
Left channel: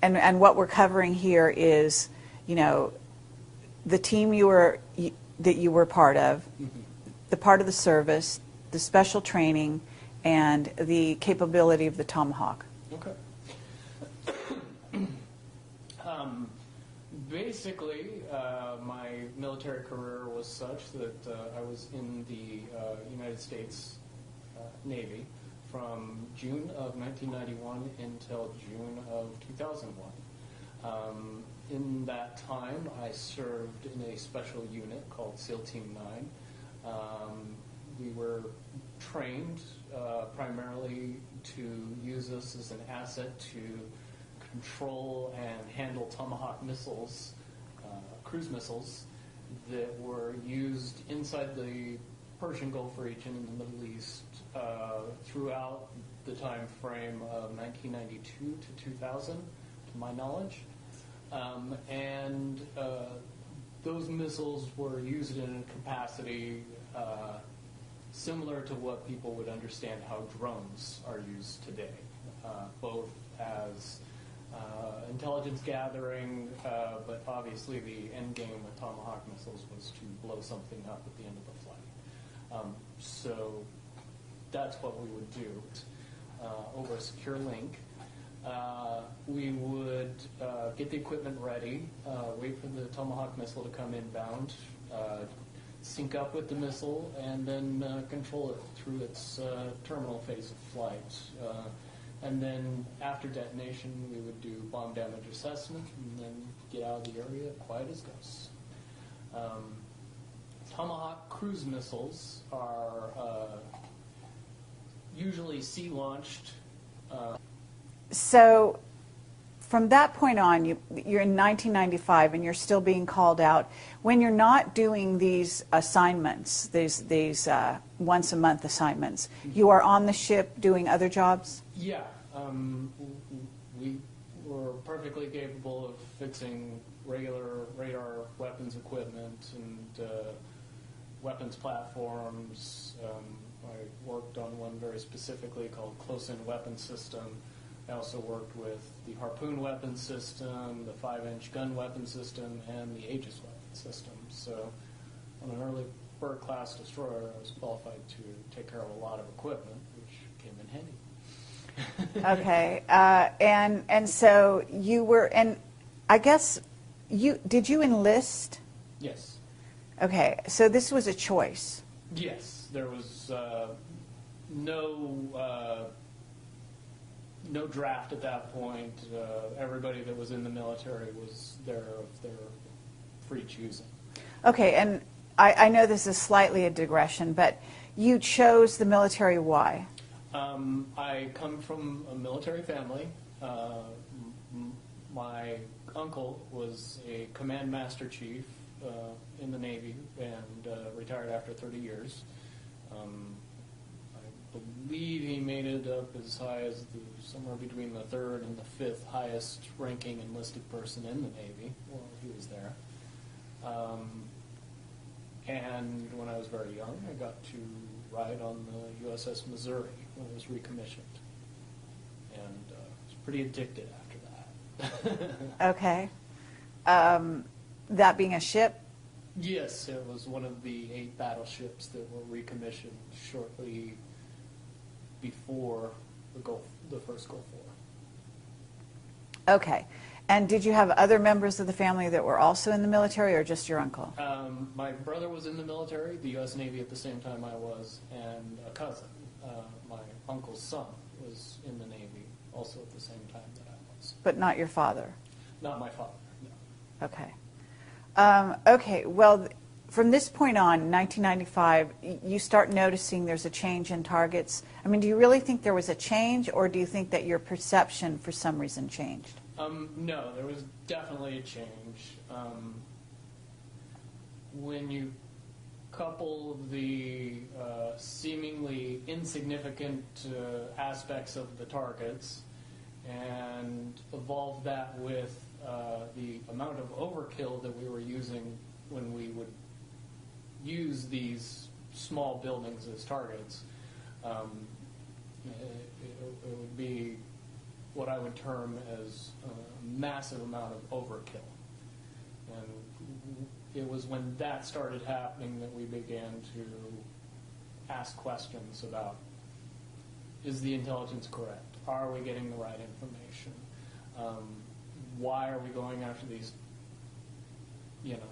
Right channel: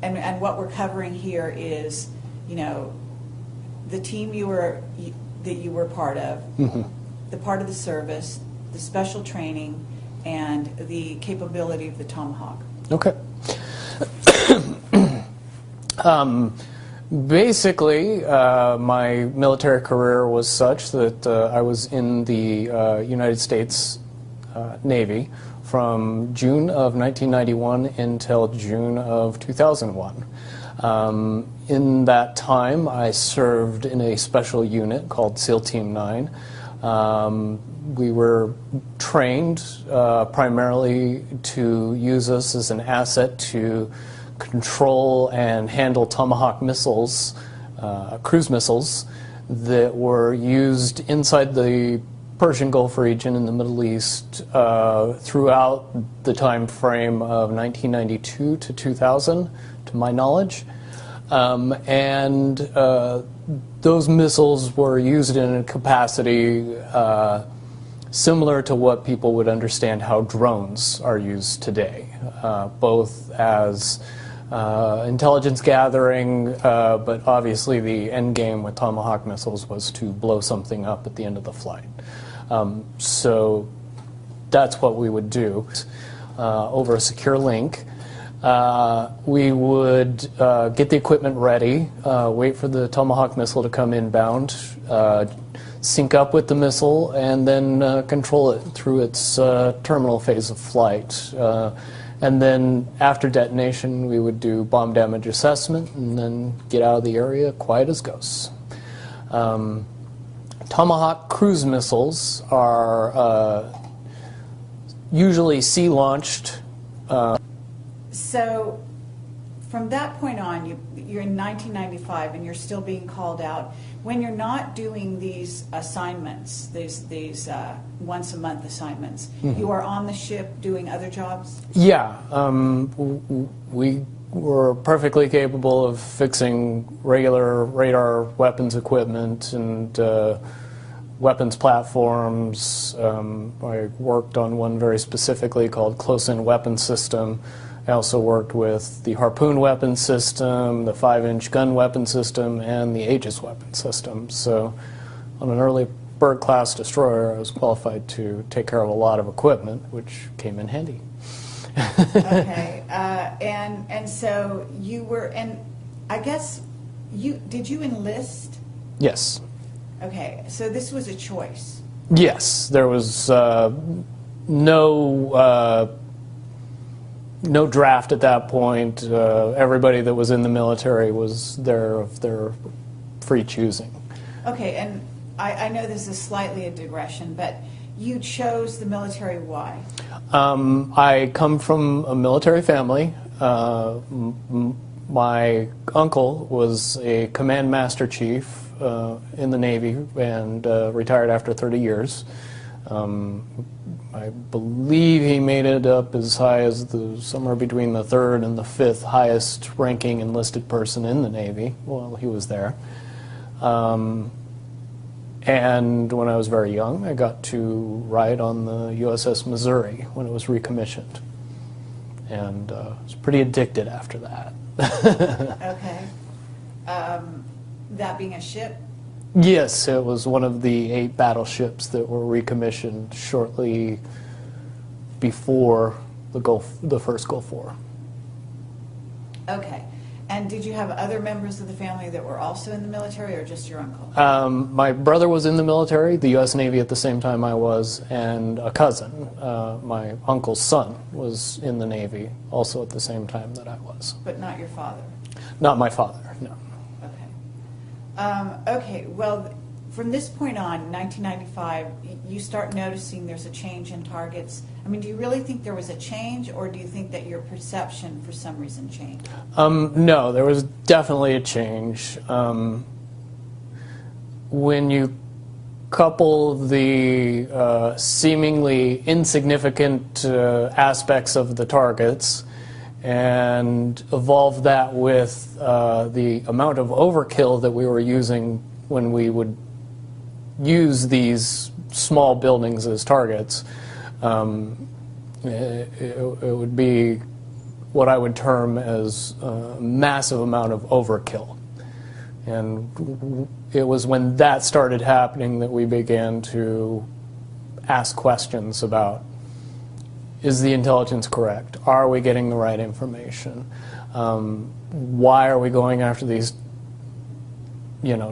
And what we're covering here is, the team that you were part of, the part of the service, the special training, and the capability of the Tomahawk. Okay. Basically, my military career was such that I was in the United States Navy from June of 1991 until June of 2001. In that time, I served in a special unit called SEAL Team 9. We were trained primarily to use us as an asset to control and handle Tomahawk missiles, cruise missiles, that were used inside the Persian Gulf region in the Middle East throughout the time frame of 1992 to 2000, to my knowledge. Those missiles were used in a capacity similar to what people would understand how drones are used today, both as intelligence gathering, but obviously the end game with Tomahawk missiles was to blow something up at the end of the flight. So that's what we would do over a secure link. We would get the equipment ready, wait for the Tomahawk missile to come inbound, sync up with the missile, and then control it through its terminal phase of flight. And then after detonation, we would do bomb damage assessment and then get out of the area quiet as ghosts. Tomahawk cruise missiles are usually sea-launched. So from that point on, you're in 1995 and you're still being called out. When you're not doing these assignments, these once-a-month assignments, you are on the ship doing other jobs? Yeah. We were perfectly capable of fixing regular radar weapons equipment and weapons platforms. I worked on one very specifically called Close-In Weapon System. I also worked with the Harpoon weapon system, the 5-inch gun weapon system, and the Aegis weapon system. So on an early Byrd-class destroyer, I was qualified to take care of a lot of equipment, which came in handy. Okay. And so you were, and I guess, did you enlist? Yes. Okay. So this was a choice. Yes. There was no draft at that point. Everybody that was in the military was there of their free choosing. Okay, and I know this is slightly a digression, but you chose the military. Why? I come from a military family. My uncle was a command master chief in the Navy and retired after 30 years. I believe he made it up as high as somewhere between the 3rd and the 5th highest ranking enlisted person in the Navy while he was there. And when I was very young, I got to ride on the USS Missouri when it was recommissioned. And I was pretty addicted after that. Okay. That being a ship? Yes, it was one of the 8 battleships that were recommissioned shortly before the first Gulf War. Okay. And did you have other members of the family that were also in the military, or just your uncle? My brother was in the military, the U.S. Navy at the same time I was, and a cousin, my uncle's son, was in the Navy also at the same time that I was. But not your father? Not my father, no. Okay. Okay, well, from this point on, 1995, you start noticing there's a change in targets. I mean, do you really think there was a change, or do you think that your perception for some reason changed? No, there was definitely a change. When you couple the seemingly insignificant aspects of the targets and evolve that with the amount of overkill that we were using when we would use these small buildings as targets, it would be what I would term as a massive amount of overkill. And it was when that started happening that we began to ask questions about, is the intelligence correct? Are we getting the right information? Why are we going after these,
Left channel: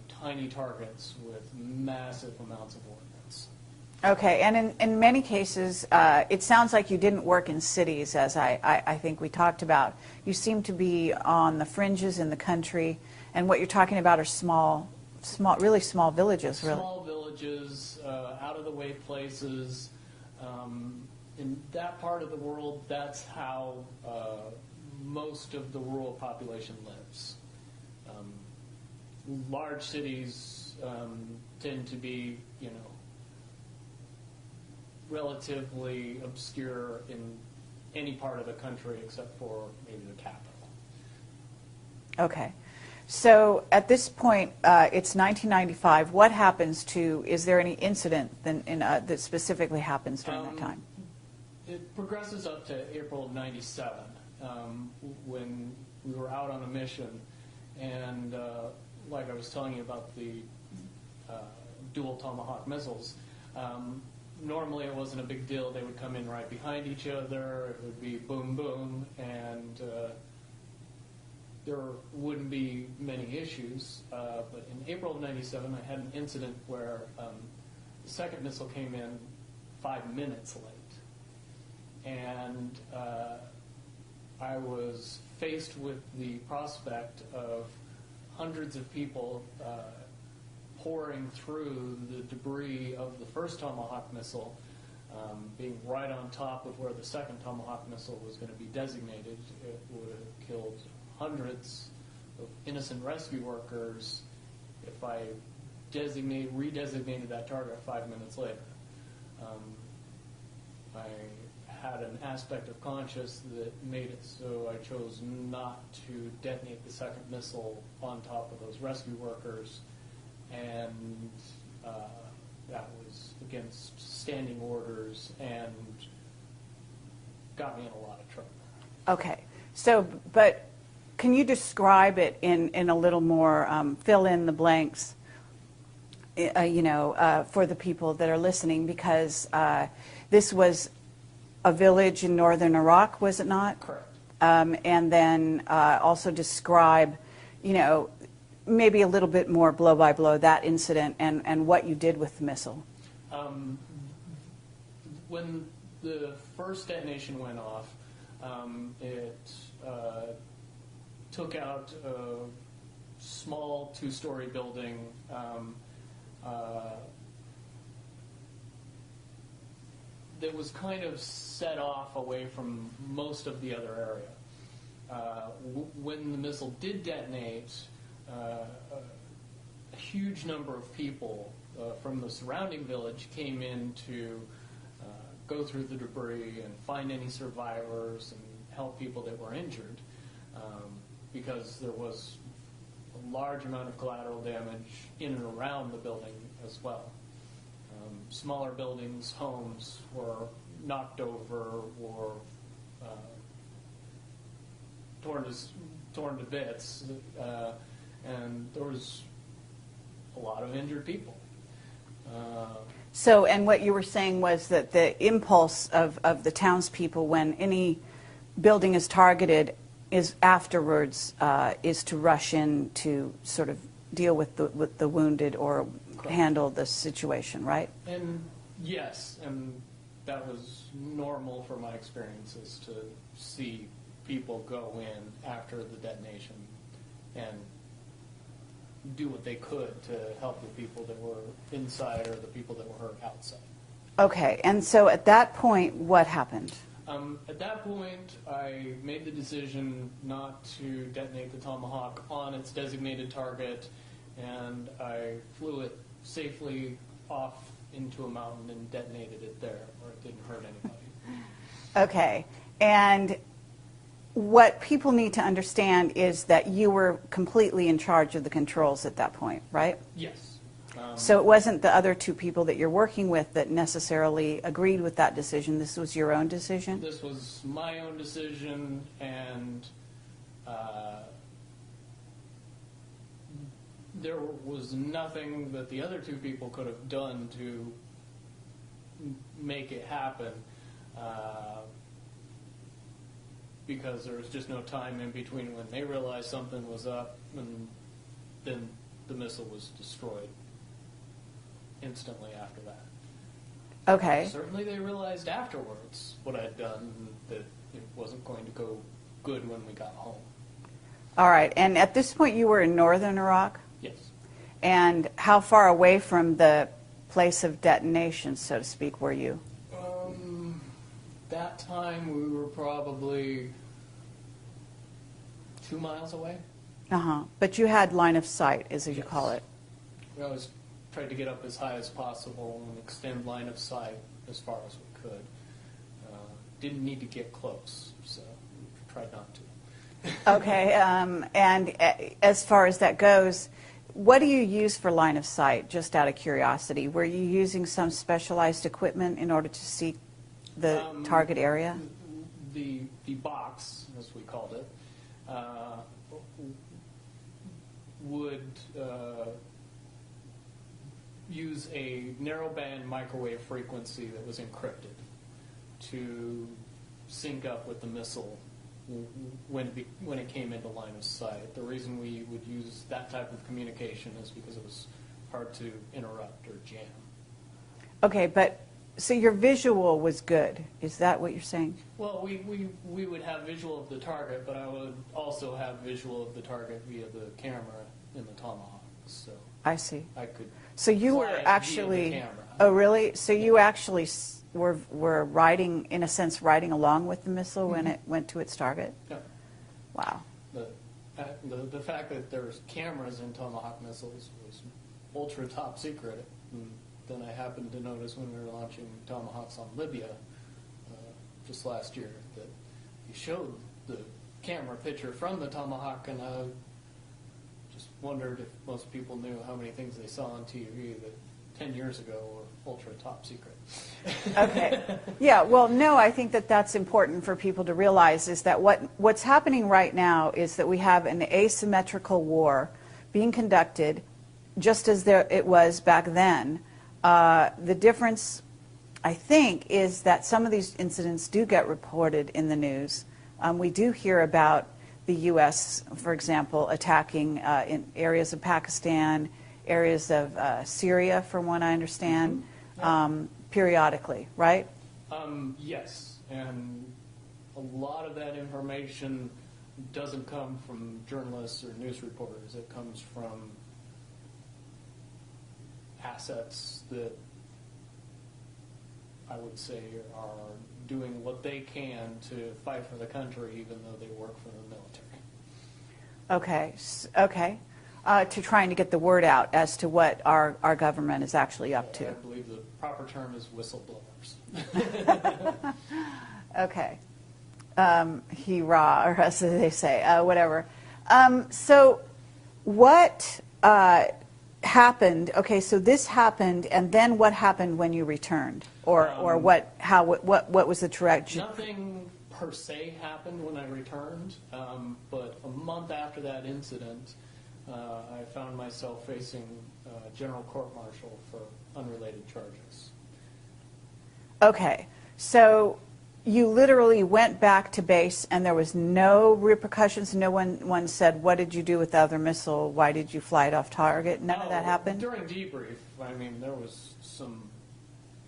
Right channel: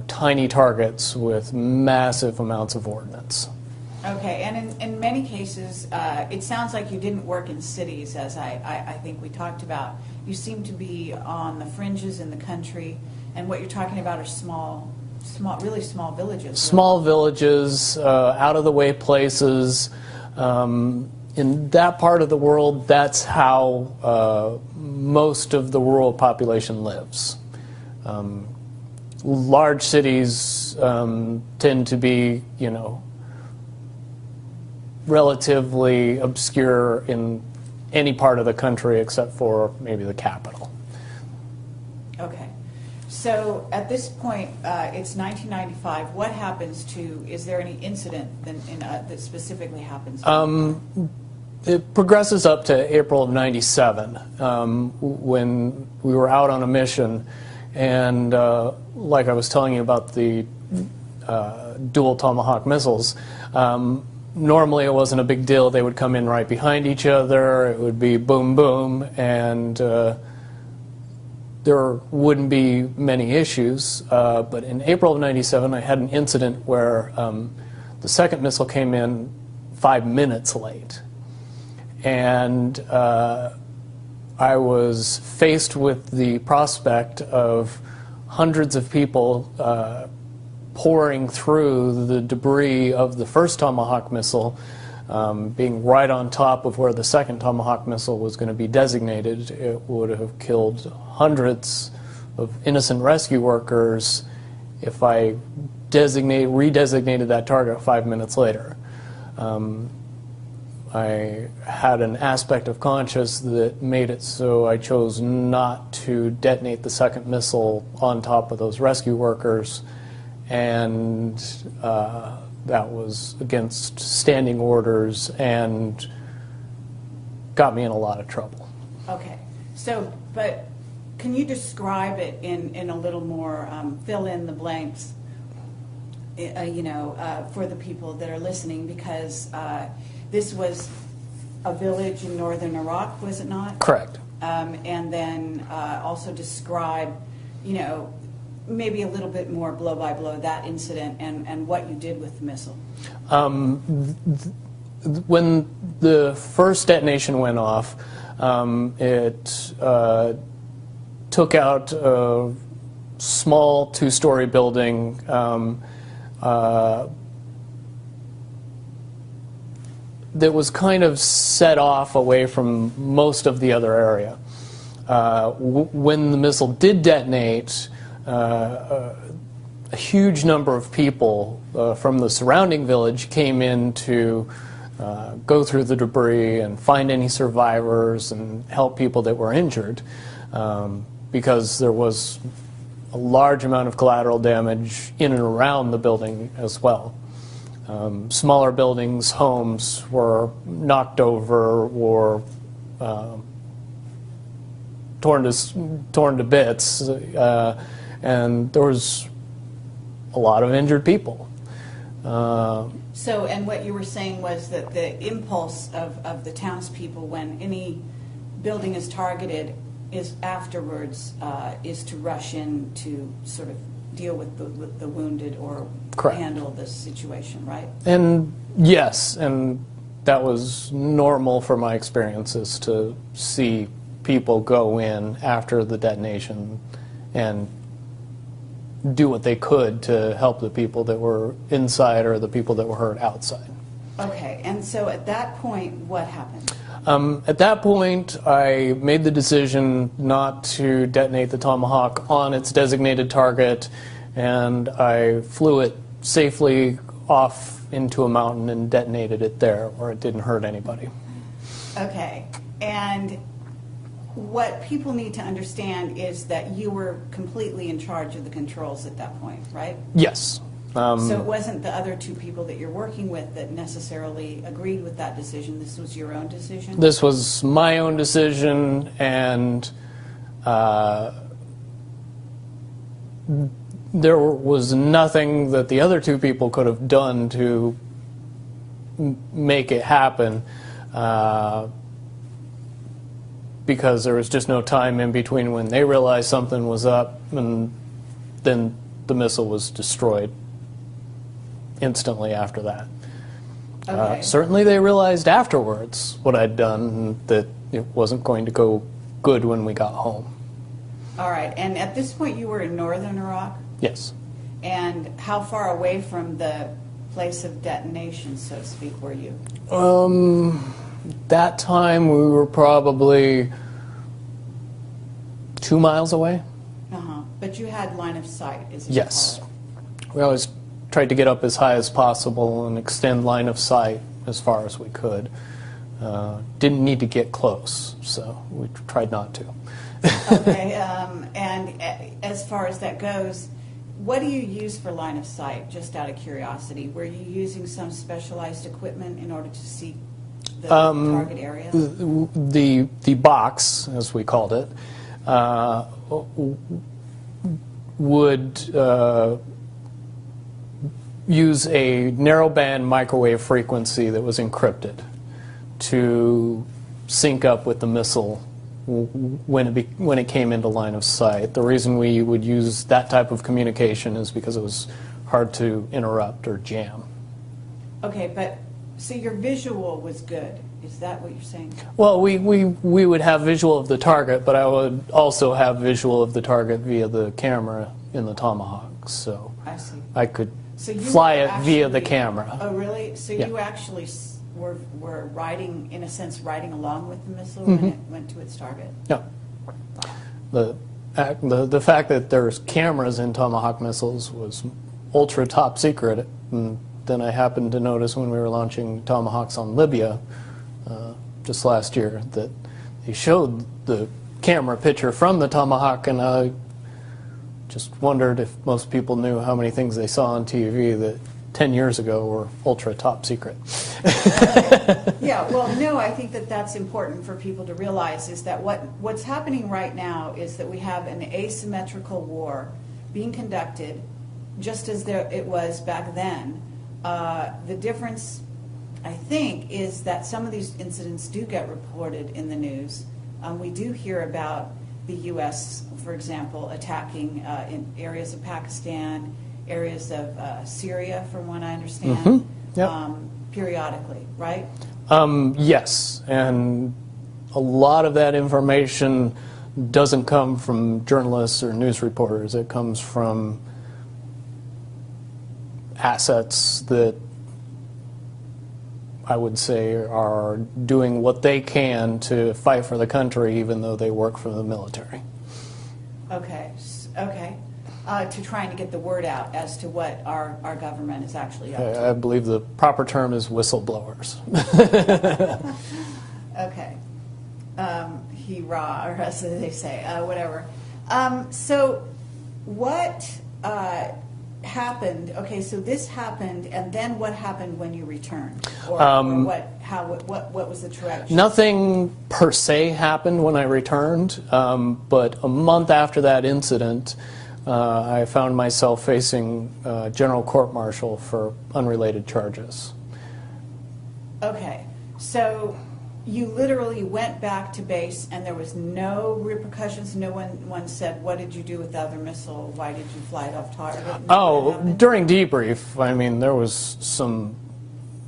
tiny targets with massive amounts of ordnance? Okay, and in many cases, it sounds like you didn't work in cities, as I think we talked about. You seem to be on the fringes in the country, and what you're talking about are really small villages. Really. Small villages, out-of-the-way places. In that part of the world, that's how most of the rural population lives. Large cities tend to be, relatively obscure in any part of the country except for maybe the capital. Okay. So at this point, it's 1995. What happens is there any incident that specifically happens? It progresses up to April of '97 when we were out on a mission, and like I was telling you about the dual Tomahawk missiles, normally it wasn't a big deal. They would come in right behind each other. It would be boom, boom, and there wouldn't be many issues. But in April of '97, I had an incident where the second missile came in 5 minutes late. And I was faced with the prospect of hundreds of people pouring through the debris of the first Tomahawk missile, being right on top of where the second Tomahawk missile was going to be designated. It would have killed hundreds of innocent rescue workers if I redesignated that target 5 minutes later. I had an aspect of conscience that made it so I chose not to detonate the second missile on top of those rescue workers, and that was against standing orders and got me in a lot of trouble. Okay. So, but can you describe it in a little more, fill in the blanks, for the people that are listening, because this was a village in northern Iraq, was it not? Correct. And then also describe, maybe a little bit more blow by blow that incident and what you did with the missile. When the first detonation went off, it took out a small two-story building. That was kind of set off away from most of the other area. When the missile did detonate, a huge number of people from the surrounding village came in to go through the debris and find any survivors and help people that were injured, because there was a large amount of collateral damage in and around the building as well. Smaller buildings, homes were knocked over or torn to bits, and there was a lot of injured people. So, and what you were saying was that the impulse of the townspeople when any building is targeted is afterwards is to rush in to sort of deal with the wounded or Correct. Handle the situation, right? And yes, and that was normal for my experiences to see people go in after the detonation and do what they could to help the people that were inside or the people that were hurt outside. Okay, and so at that point, what happened? At that point, I made the decision not to detonate the Tomahawk on its designated target, and I flew it safely off into a mountain and detonated it there, where it didn't hurt anybody. Okay, and what people need to understand is that you were completely in charge of the controls at that point, right? Yes. So it wasn't the other two people that you're working with that necessarily agreed with that decision. This was your own decision? This was my own decision, and there was nothing that the other two people could have done to make it happen, because there was just no time in between when they realized something was up and then the missile was destroyed instantly after that. Okay. Certainly they realized afterwards what I'd done, that it wasn't going to go good when we got home. All right. And at this point, you were in northern Iraq? Yes. And how far away from the place of detonation, so to speak, were you? That time we were probably 2 miles away. Uh-huh. But you had line of sight, as you call it. We always tried to get up as high as possible and extend line of sight as far as we could. Didn't need to get close, so we tried not to. Okay. And as far as that goes, what do you use for line of sight, just out of curiosity? Were you using some specialized equipment in order to see the target area? The box, as we called it, would use a narrowband microwave frequency that was encrypted to sync up with the missile when it came into line of sight. The reason we would use that type of communication is because it was hard to interrupt or jam. Okay, but so your visual was good. Is that what you're saying? Well, we would have visual of the target, but I would also have visual of the target via the camera in the Tomahawk. So I see. I could So you fly were it actually, via the camera. Oh, really? So Yeah. you actually were riding, in a sense, riding along with the missile when it went to its target? No. Wow. The fact that there's cameras in Tomahawk missiles was ultra top secret. And then I happened to notice when we were launching Tomahawks on Libya just last year that they showed the camera picture from the Tomahawk, and I just wondered if most people knew how many things they saw on TV that 10 years ago were ultra top secret. Okay. Yeah, well, no, I think that that's important for people to realize, is that what's happening right now is that we have an asymmetrical war being conducted just as it was back then. The difference, I think, is that some of these incidents do get reported in the news. We do hear about the U.S., for example, attacking in areas of Pakistan, areas of Syria, from what I understand, Yep. periodically, right? Yes, and a lot of that information doesn't come from journalists or news reporters. It comes from assets that I would say are doing what they can to fight for the country, even though they work for the military. Okay, okay. To trying to get the word out as to what our government is actually up to. I believe the proper term is whistleblowers. Okay. Hurrah, or as they say, whatever. So what happened? Okay, so this happened, and then what happened when you returned? Or what was the trajectory? Nothing per se happened when I returned, but a month after that incident, I found myself facing general court-martial for unrelated charges. Okay, so you literally went back to base and there was no repercussions? No one said, what did you do with the other missile? Why did you fly it off target? None of that happened? During debrief, I mean, there was some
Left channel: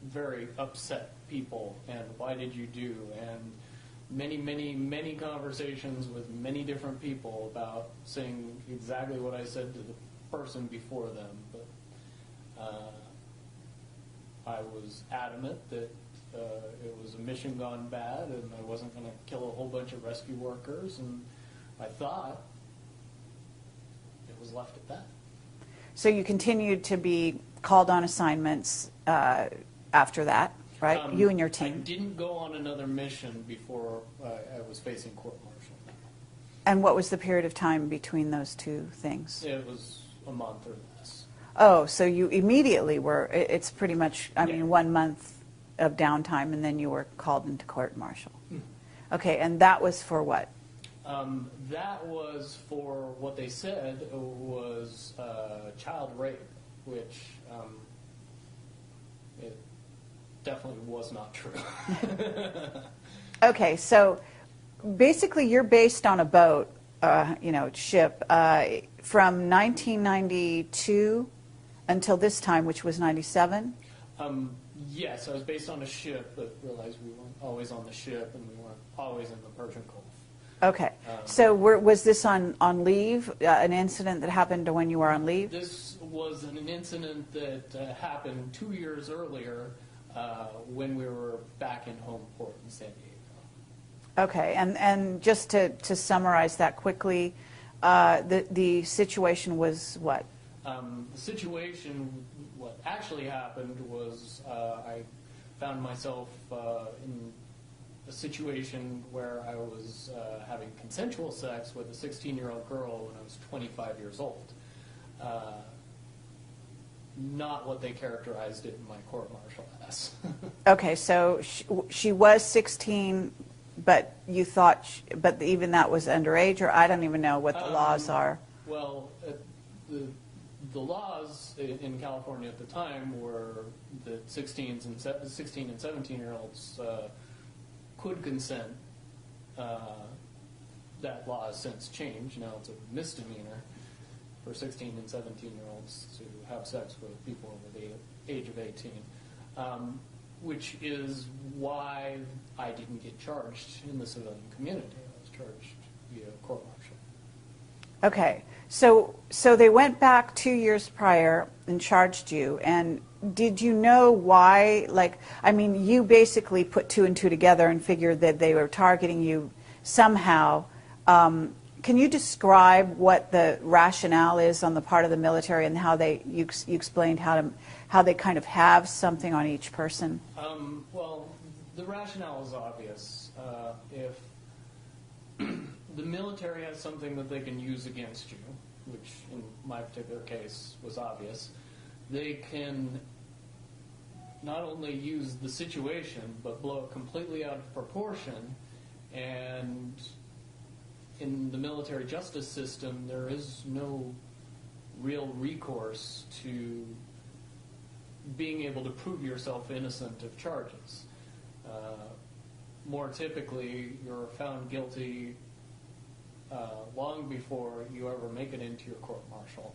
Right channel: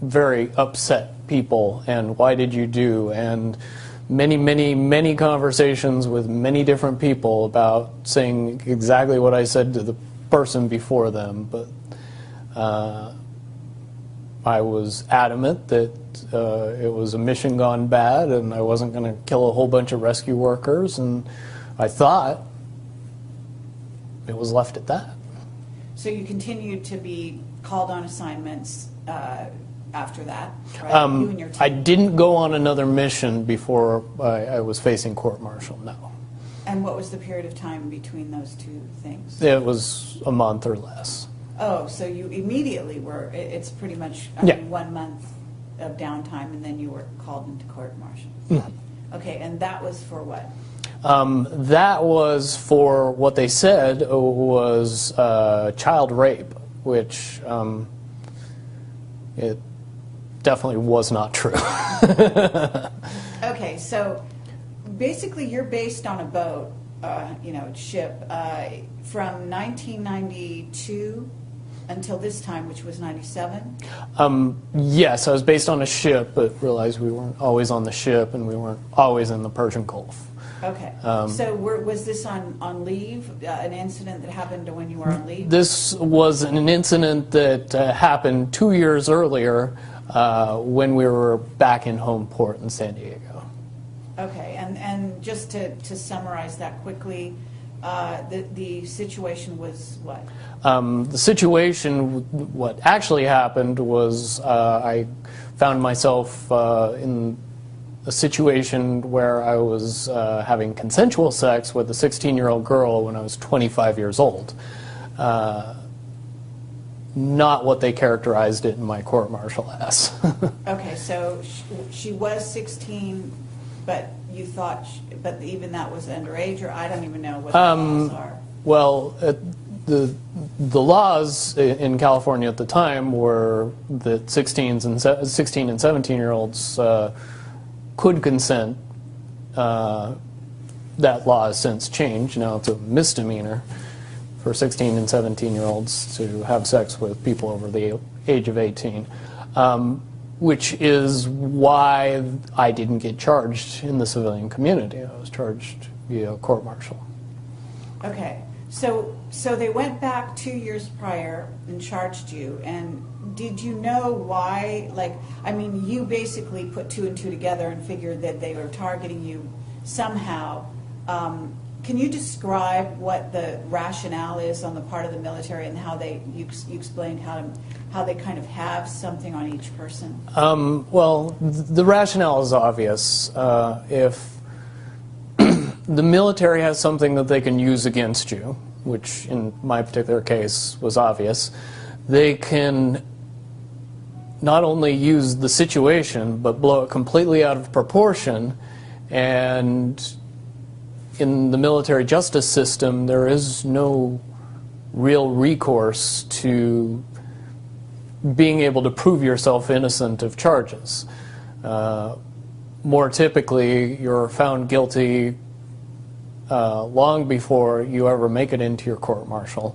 very upset people, and why did you do, and many conversations with many different people about saying exactly what I said to the person before them, but I was adamant that it was a mission gone bad and I wasn't going to kill a whole bunch of rescue workers, and I thought it was left at that. So you continued to be called on assignments after that, right? You and your team. I didn't go on another mission before I was facing court-martial, no. And what was the period of time between those two things? It was a month or less. Oh, so you immediately were, it's pretty much, I mean, 1 month of downtime, and then you were called into court-martial. Mm-hmm. Okay, and that was for what? That was for what they said was child rape, which it definitely was not true. Okay, so basically you're based on a boat, ship, from 1992 until this time, which was 97? Yes, I was based on a ship, but realized we weren't always on the ship and we weren't always in the Persian Gulf. Okay. So was this on leave, an incident that happened when you were on leave? This was an incident that happened 2 years earlier when we were back in home port in San Diego. Okay, and just to summarize that quickly, the situation was what? The situation, what actually happened was I found myself in a situation where I was having consensual sex with a 16-year-old girl when I was 25 years old. Not what they characterized it in my court-martial as. Okay, so she was 16, but you thought, but even that was underage, or I don't even know what the laws are. Well, the laws in California at the time were that 16 and 17-year-olds could consent. That law has since changed. Now it's a misdemeanor for 16 and 17-year-olds to have sex with people over the age of 18, which is why I didn't get charged in the civilian community. I was charged via court-martial. Okay, so they went back 2 years prior and charged you, and did you know why? Like, I mean, you basically put two and two together and figured that they were targeting you somehow. Can you describe what the rationale is on the part of the military and how you explained how they kind of have something on each person? Well, the rationale is obvious. If the military has something that they can use against you, which in my particular case was obvious, they can not only use the situation but blow it completely out of proportion. And in the military justice system, there is no real recourse to being able to prove yourself innocent of charges. More typically, you're found guilty long before you ever make it into your court-martial.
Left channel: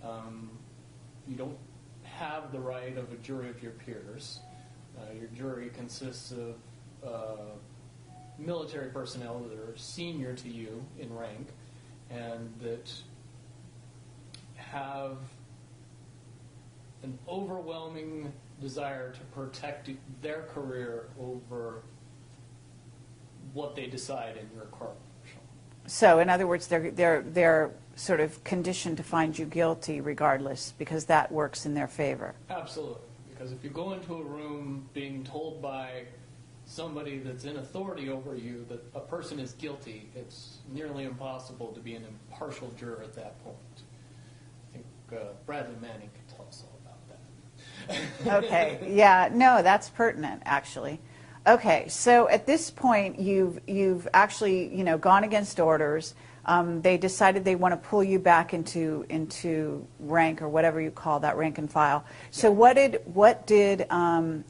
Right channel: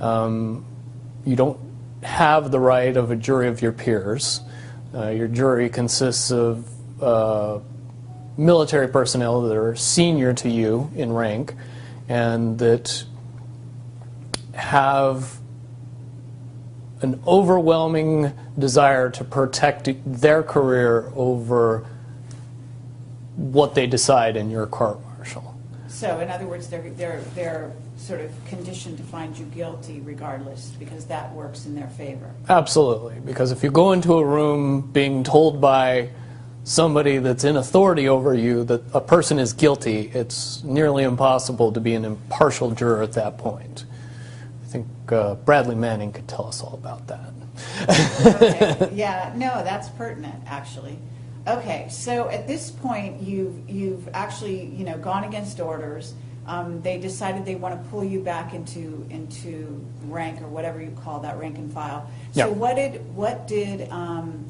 You don't have the right of a jury of your peers. Your jury consists of military personnel that are senior to you in rank and that have an overwhelming desire to protect their career over what they decide in your court-martial. So, in other words, they're sort of conditioned to find you guilty regardless, because that works in their favor. Absolutely, because if you go into a room being told by somebody that's in authority over you that a person is guilty, it's nearly impossible to be an impartial juror at that point. I think Bradley Manning could tell us all about that. Okay, yeah, no, that's pertinent, actually. Okay, so at this point, you've actually, gone against orders. They decided they want to pull you back into rank, or whatever you call that, rank and file. So Yeah. what did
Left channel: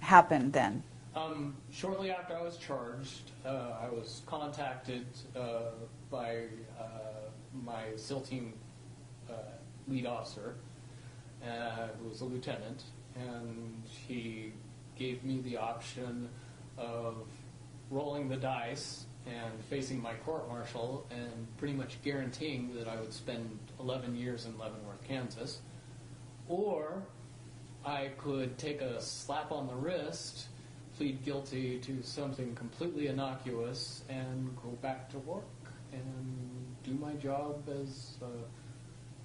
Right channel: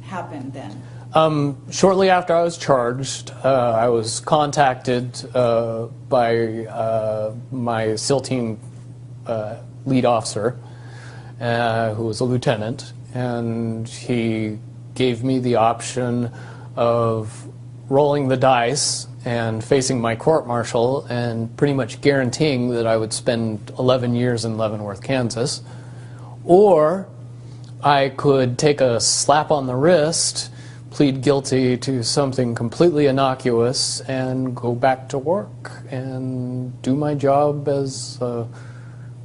happen then? Shortly after I was charged, I was contacted by my SEAL team lead officer, who was a lieutenant, and he gave me the option of rolling the dice and facing my court-martial and pretty much guaranteeing that I would spend 11 years in Leavenworth, Kansas, or I could take a slap on the wrist, plead guilty to something completely innocuous, and go back to work and do my job as a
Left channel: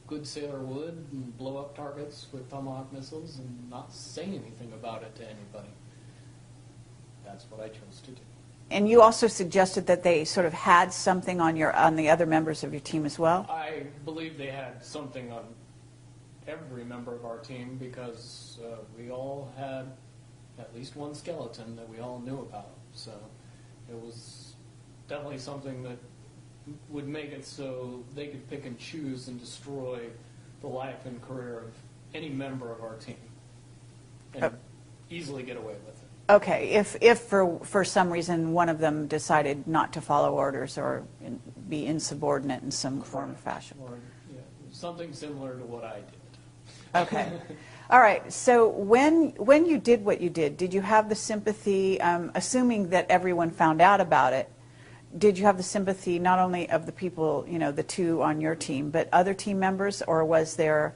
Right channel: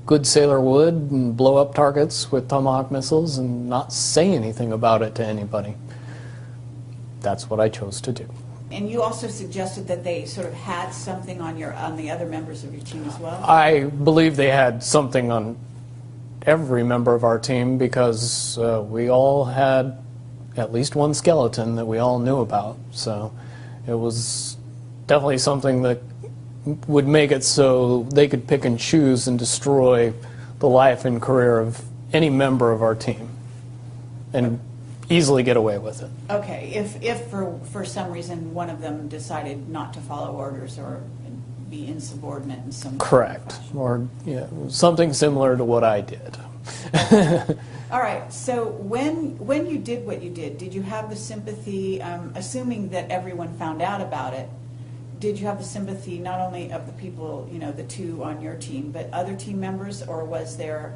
good sailor would and blow up targets with Tomahawk missiles and not say anything about it to anybody. That's what I chose to do. And you also suggested that they sort of had something on the other members of your team as well? I believe they had something on every member of our team because we all had at least one skeleton that we all knew about. So it was definitely something that would make it so they could pick and choose and destroy the life and career of any member of our team and easily get away with it. Okay, if for some reason one of them decided not to follow orders or be insubordinate in some Correct. fashion. Or something similar to what I did. All right, so when you did what you did you have the sympathy, assuming that everyone found out about it, did you have the sympathy not only of the people, the two on your team, but other team members, or was there,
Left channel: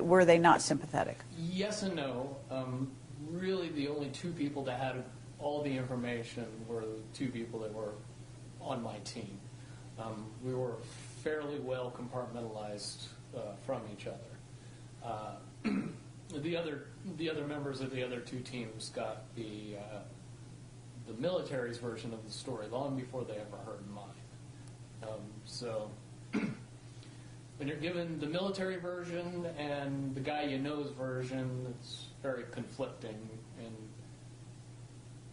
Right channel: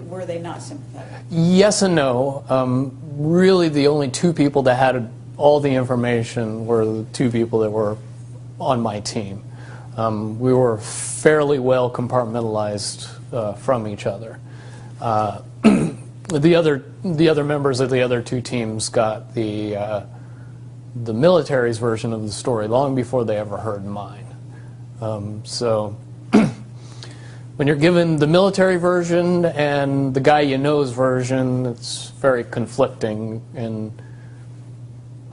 were they not sympathetic? Yes and no. Really, the only two people that had all the information were the two people that were on my team. We were fairly well compartmentalized from each other. The other members of the other two teams got the military's version of the story long before they ever heard mine. So when you're given the military version and the guy you know's version, it's very conflicting, and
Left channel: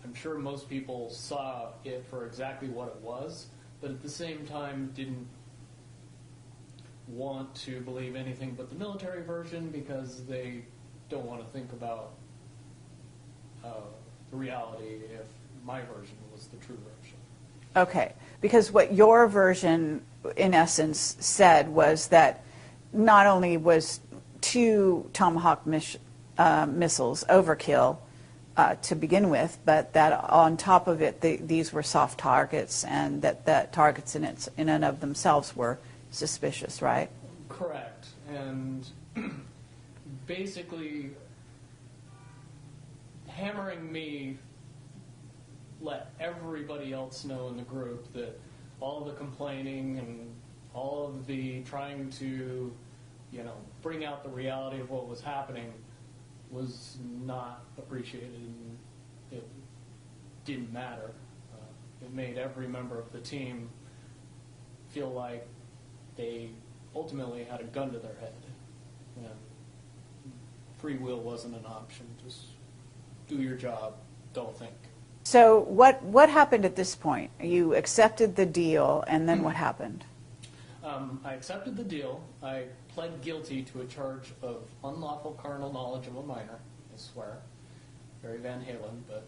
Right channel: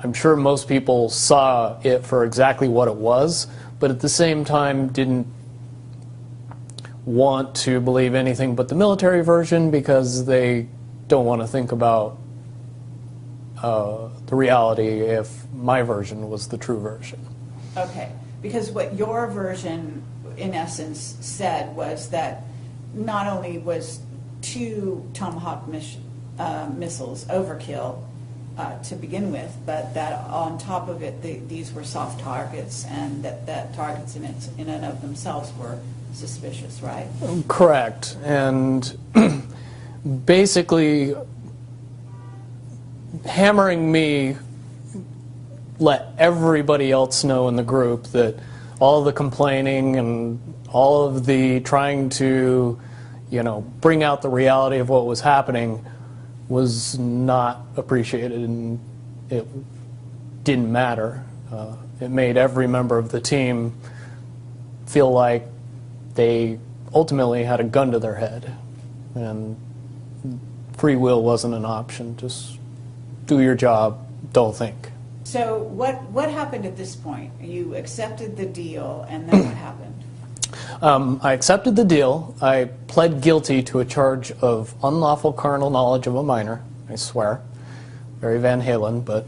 I'm sure most people saw it for exactly what it was, but at the same time didn't want to believe anything but the military version because they don't want to think about the reality if my version was the true version. Okay, because what your version, in essence, said was that not only was 2 Tomahawk missiles overkill to begin with, but that on top of it, these were soft targets, and that targets in and of themselves were suspicious, right? Correct. And basically hammering me let everybody else know in the group that all of the complaining and all of the trying to, bring out the reality of what was happening was not appreciated, and it didn't matter. It made every member of the team feel like they ultimately had a gun to their head, and free will wasn't an option. Just do your job, don't think. So what happened at this point? You accepted the deal, and then what happened? I accepted the deal. I pled guilty to a charge of unlawful carnal knowledge of a minor, I swear. Very Van Halen, but...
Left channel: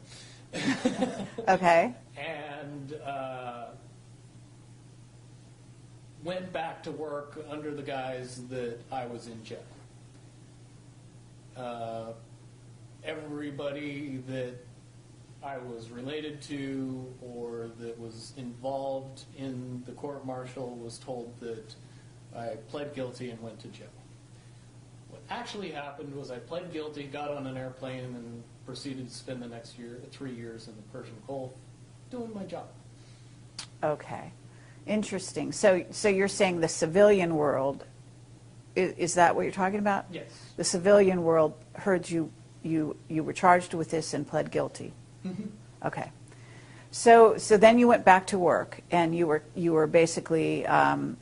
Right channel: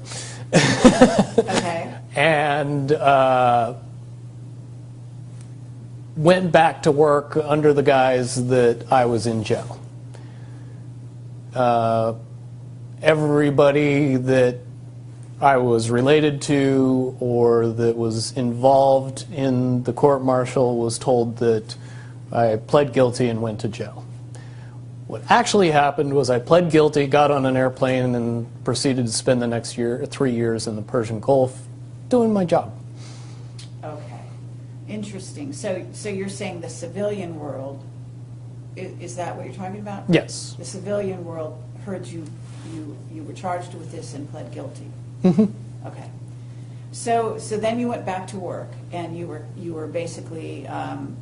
Okay. And went back to work under the guise that I was in jail. Everybody that I was related to or that was involved in the court-martial was told that I pled guilty and went to jail. What actually happened was I pled guilty, got on an airplane, and proceeded to spend the next 3 years in the Persian Gulf doing my job. Okay. Interesting. So you're saying the civilian world, is that what you're talking about? Yes. The civilian world heard you were charged with this and pled guilty. Mm-hmm. Okay. So then you went back to work, and you were basically so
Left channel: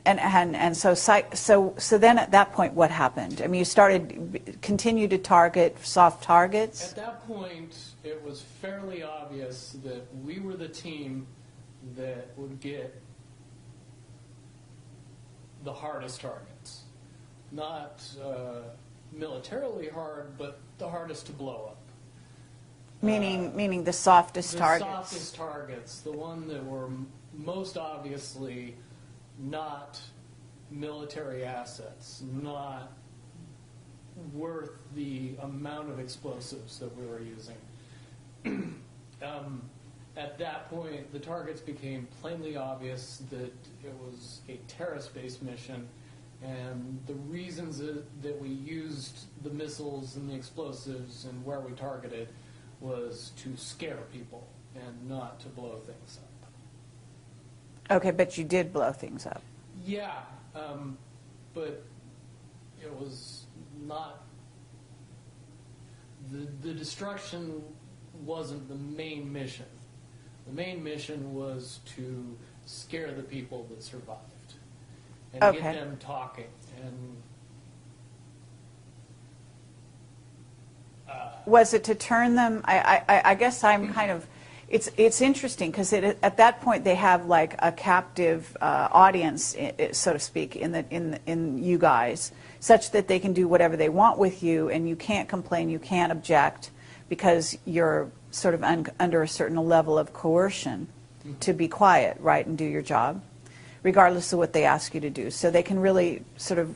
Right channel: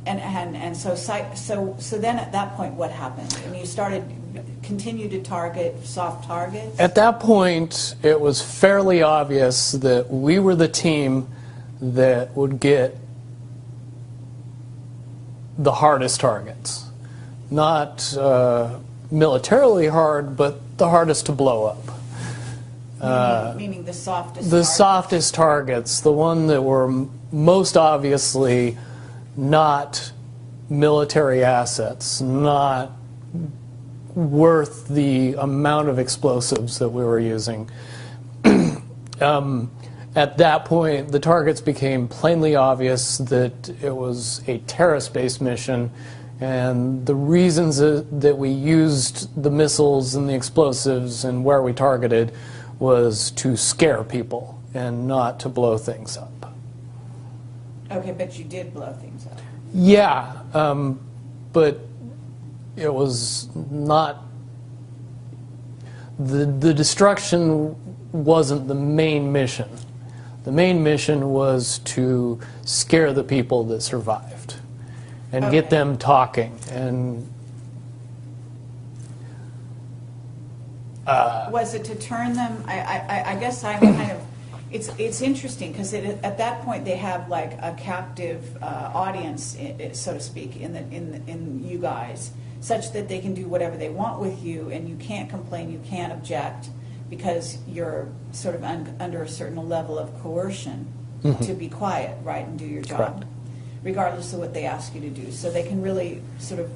then at that point what happened? I mean, you continued to target soft targets? At that point, it was fairly obvious that we were the team that would get the hardest targets. Not militarily hard, but the hardest to blow up. Meaning the softest the targets? softest targets, the one that were most obviously not military assets, not worth the amount of explosives that we were using. At that point, the targets became plainly obvious that it was a terrorist-based mission, and the reasons that we used the missiles and the explosives and where we targeted was to scare people and not to blow things up. Okay, but you did blow things up. Yeah, but it was not... The destruction wasn't the main mission. The main mission was to scare the people that survived and Okay. get them talking. And was it to turn them? I guess I'm kind of It's interesting because at that point they have like a captive audience, so to speak, in you guys, such that they can do whatever they want with you, and you can't complain, you can't object, because you're sort of under a certain level of coercion to be quiet, right, and do your job, Correct. regardless of what they ask you to do. So they can really sort of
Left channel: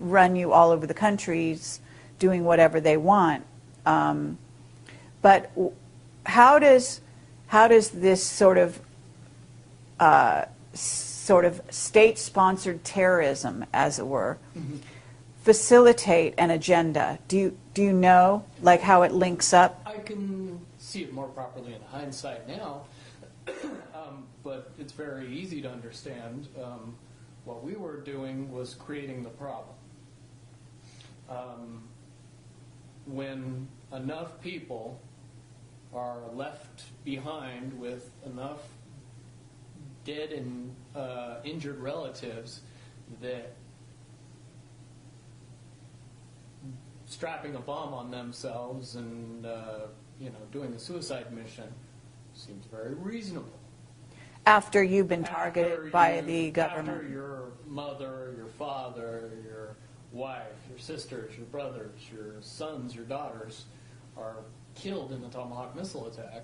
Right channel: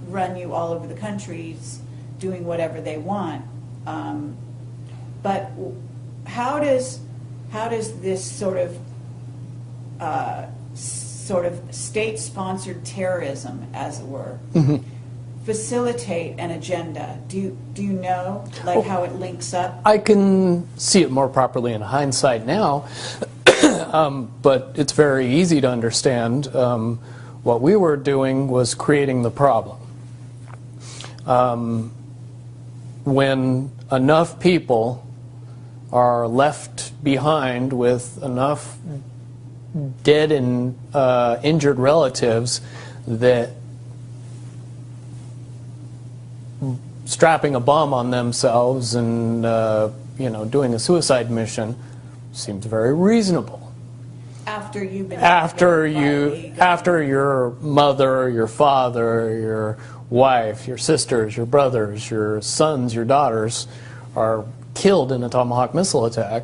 run you all over the countries, doing whatever they want. But how does this sort of state-sponsored terrorism, as it were, facilitate an agenda? Do you know, like, how it links up? I can see it more properly in hindsight now, but it's very easy to understand. What we were doing was creating the problem. When enough people are left behind with enough dead and injured relatives that strapping a bomb on themselves and doing a suicide mission seems very reasonable. After you've been After targeted by the government. after your mother, your father, your wife, your sisters, your brothers, your sons, your daughters are killed in a Tomahawk missile attack.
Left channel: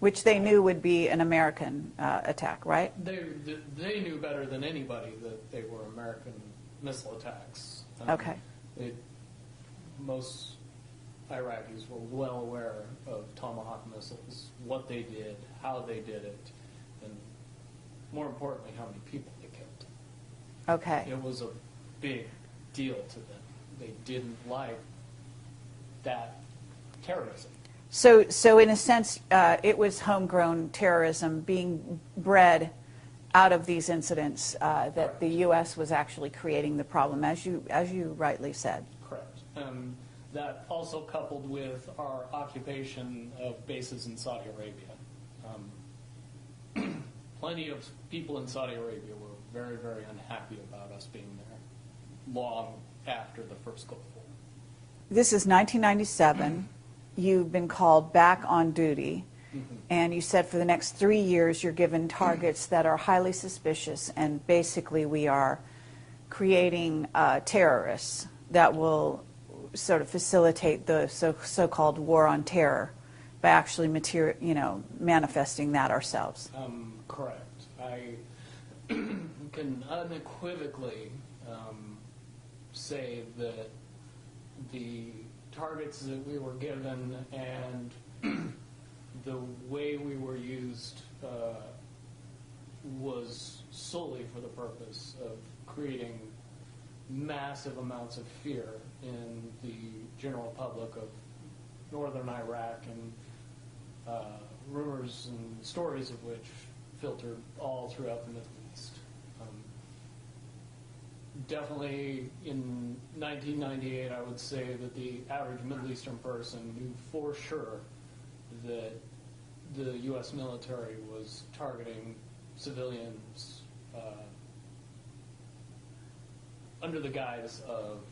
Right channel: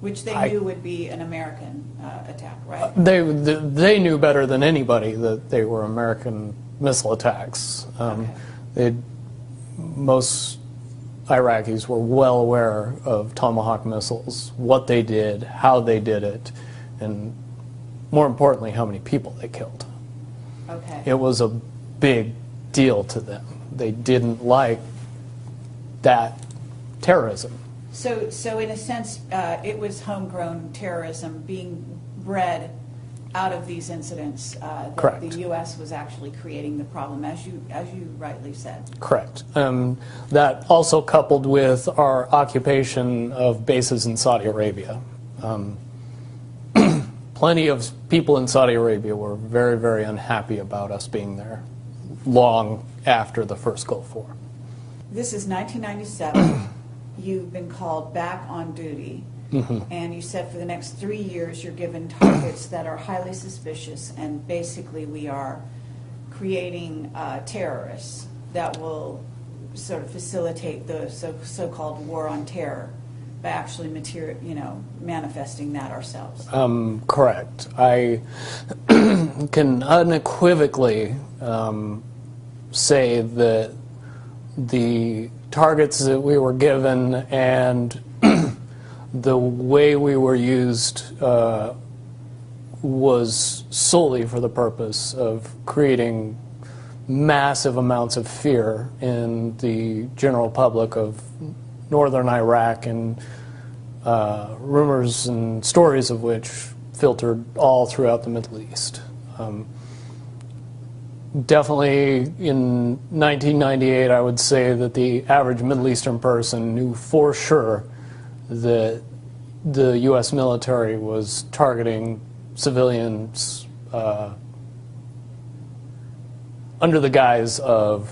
Which they knew would be an American attack, right? They knew better than anybody that they were American missile attacks. Okay. Most Iraqis were well aware of Tomahawk missiles, what they did, how they did it, and more importantly, how many people they killed. Okay. It was a big deal to them. They didn't like that terrorism. So in a sense, it was homegrown terrorism being bred out of these incidents. That Correct. The U.S. was actually creating the problem, as you rightly said. Correct. That also coupled with our occupation of bases in Saudi Arabia. Plenty of people in Saudi Arabia were very, very unhappy about us being there long after the first Gulf War. This is 1997. You've been called back on duty. And you said for the next 3 years you're given targets that are highly suspicious, and basically we are creating terrorists that will sort of facilitate the so-called war on terror by actually manifesting that ourselves. Correct. I can unequivocally say that the targets that we were given and the way we were used was solely for the purpose of creating massive amounts of fear in the general public of northern Iraq, and rumors and stories of which filtered all throughout the Middle East. Definitely in 1998, I would say that the average Middle Eastern person knew for sure that the U.S. military was targeting civilians under the guise of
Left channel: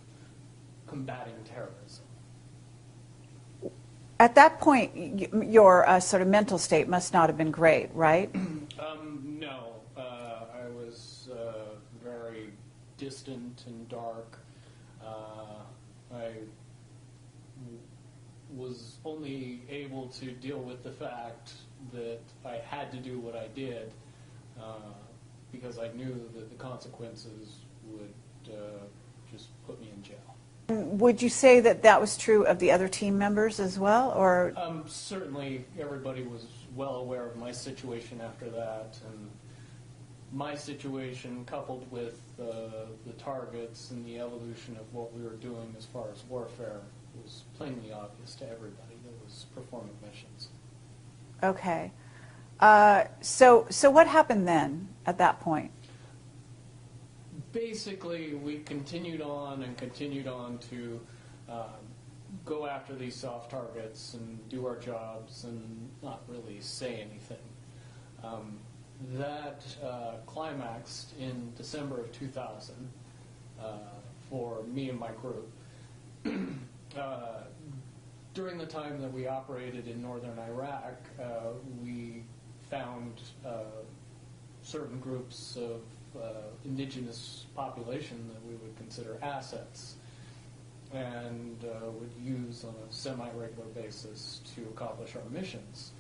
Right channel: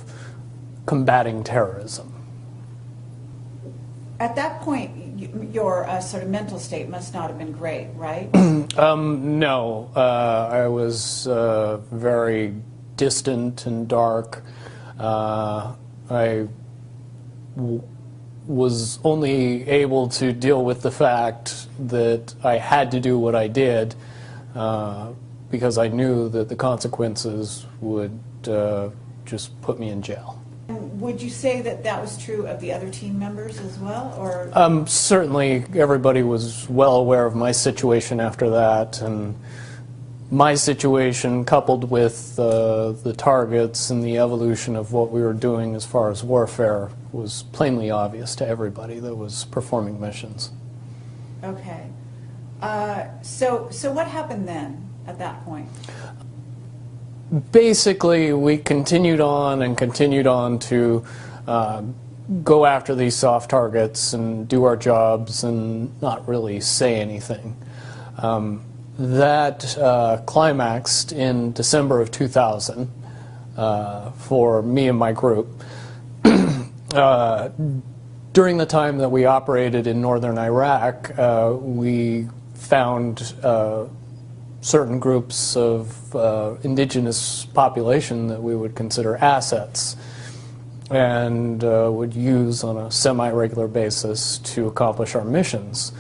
combating terrorism. At that point, your sort of mental state must not have been great, right? No, I was very distant and dark. I was only able to deal with the fact that I had to do what I did because I knew that the consequences would just put me in jail. Would you say that that was true of the other team members as well, or? Certainly, everybody was well aware of my situation after that, and my situation, coupled with the targets and the evolution of what we were doing as far as warfare, was plainly obvious to everybody that was performing missions. Okay. So what happened then at that point? Basically, we continued on and continued on to go after these soft targets and do our jobs and not really say anything. That climaxed in December of 2000 for me and my group. during the time that we operated in northern Iraq, we found certain groups of indigenous population that we would consider assets and would use on a semi-regular basis to accomplish our missions.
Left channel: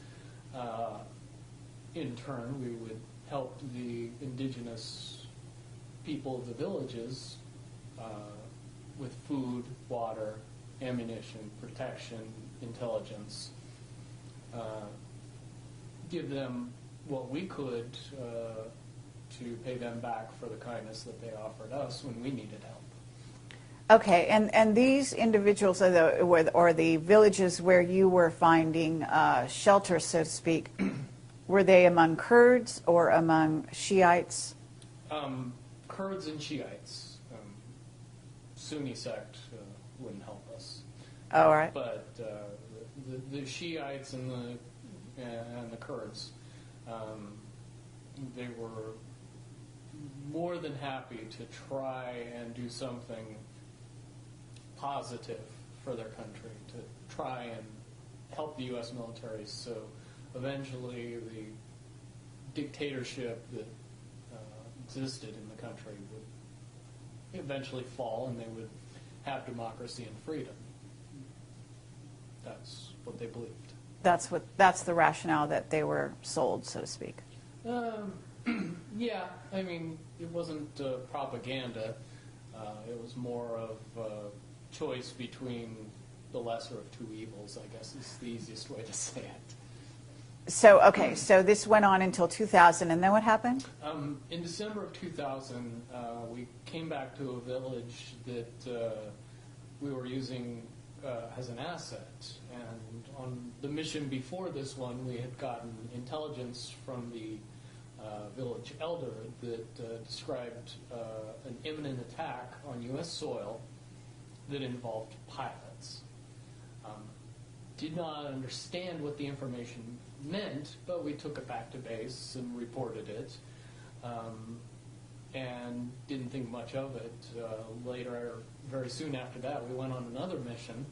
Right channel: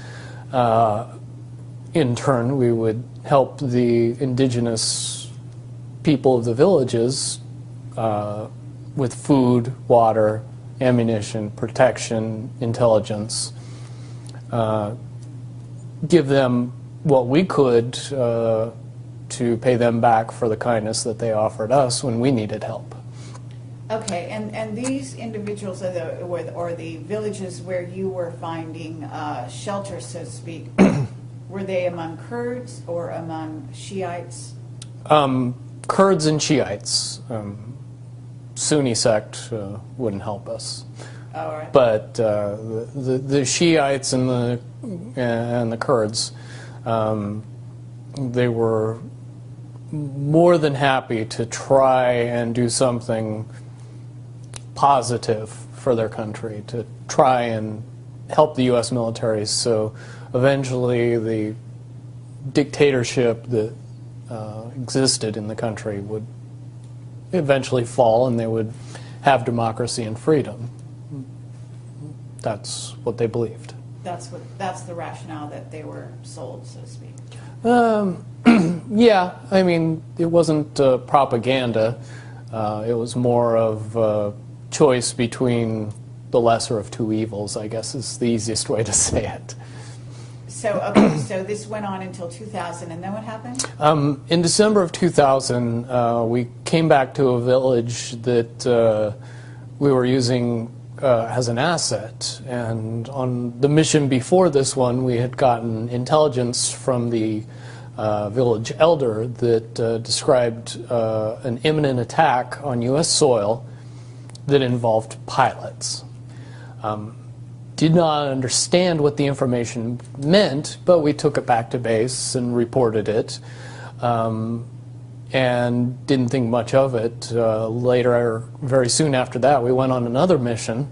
In turn, we would help the indigenous people of the villages with food, water, ammunition, protection, intelligence, give them what we could to pay them back for the kindness that they offered us when we needed help. Okay, and these individuals or the villages where you were finding shelter, so to speak, were they among Kurds or among Shiites? Kurds and Shiites. Sunni sect wouldn't help us. Oh, all right. But the Shiites and the Kurds, they were more than happy to try and do something positive for their country, to try and help the U.S. military. So eventually the dictatorship that existed in the country would eventually fall and they would have democracy and freedom. That's what they believed. That's the rationale that they were sold, so to speak. Yeah, I mean, it wasn't propaganda. It was more of a choice between the lesser of two evils, I guess is the easiest way to say it. So, okay, so this went on until 2000, and then what happened? In December of 2000, we came back to a village that we were using as an asset. And on the mission before this one, we had gotten intelligence from the village elder that described an imminent attack on U.S. soil that involved pilots. Did not understand what the information meant, but we took it back to base and reported it, and didn't think much of it. Later, very soon after that, we went on another mission,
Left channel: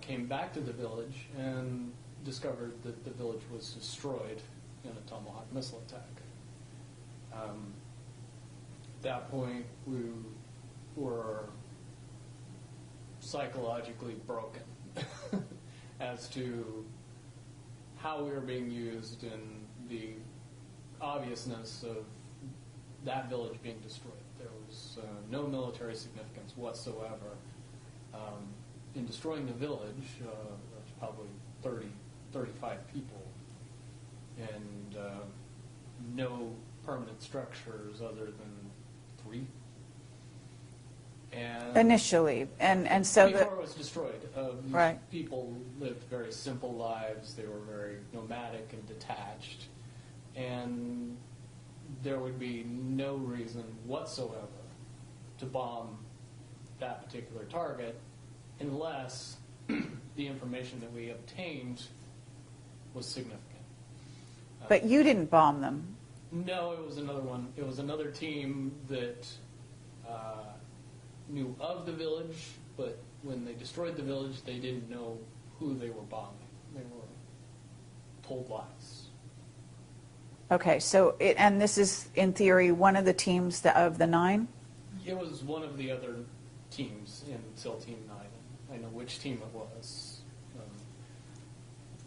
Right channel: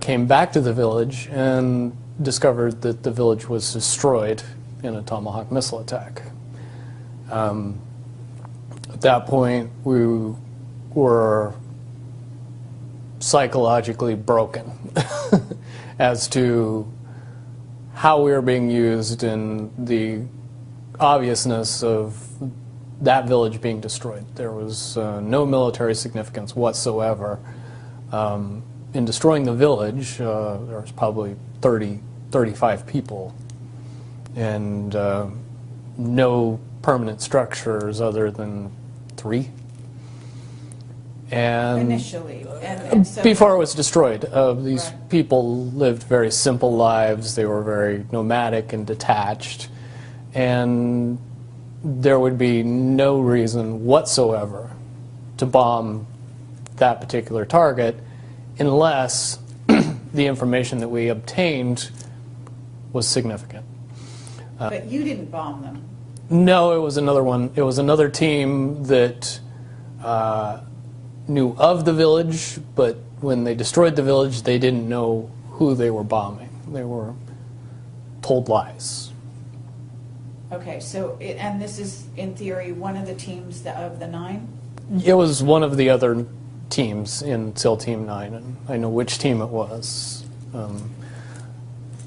came back to the village, and discovered that the village was destroyed in a Tomahawk missile attack. At that point, we were psychologically broken as to how we were being used and the obviousness of that village being destroyed. There was no military significance whatsoever. In destroying the village, there was probably 35 people and no permanent structures other than 3. And initially, and so before it was destroyed, these right. people lived very simple lives. They were very nomadic and detached, and there would be no reason whatsoever to bomb that particular target unless the information that we obtained was significant. But you didn't bomb them. No, it was another one. It was another team that knew of the village, but when they destroyed the village, they didn't know who they were bombing. They were told lies. Okay, so and this is, in theory, one of the teams of the 9? It was one of the other teams in SEAL Team 9, and I know which team it was.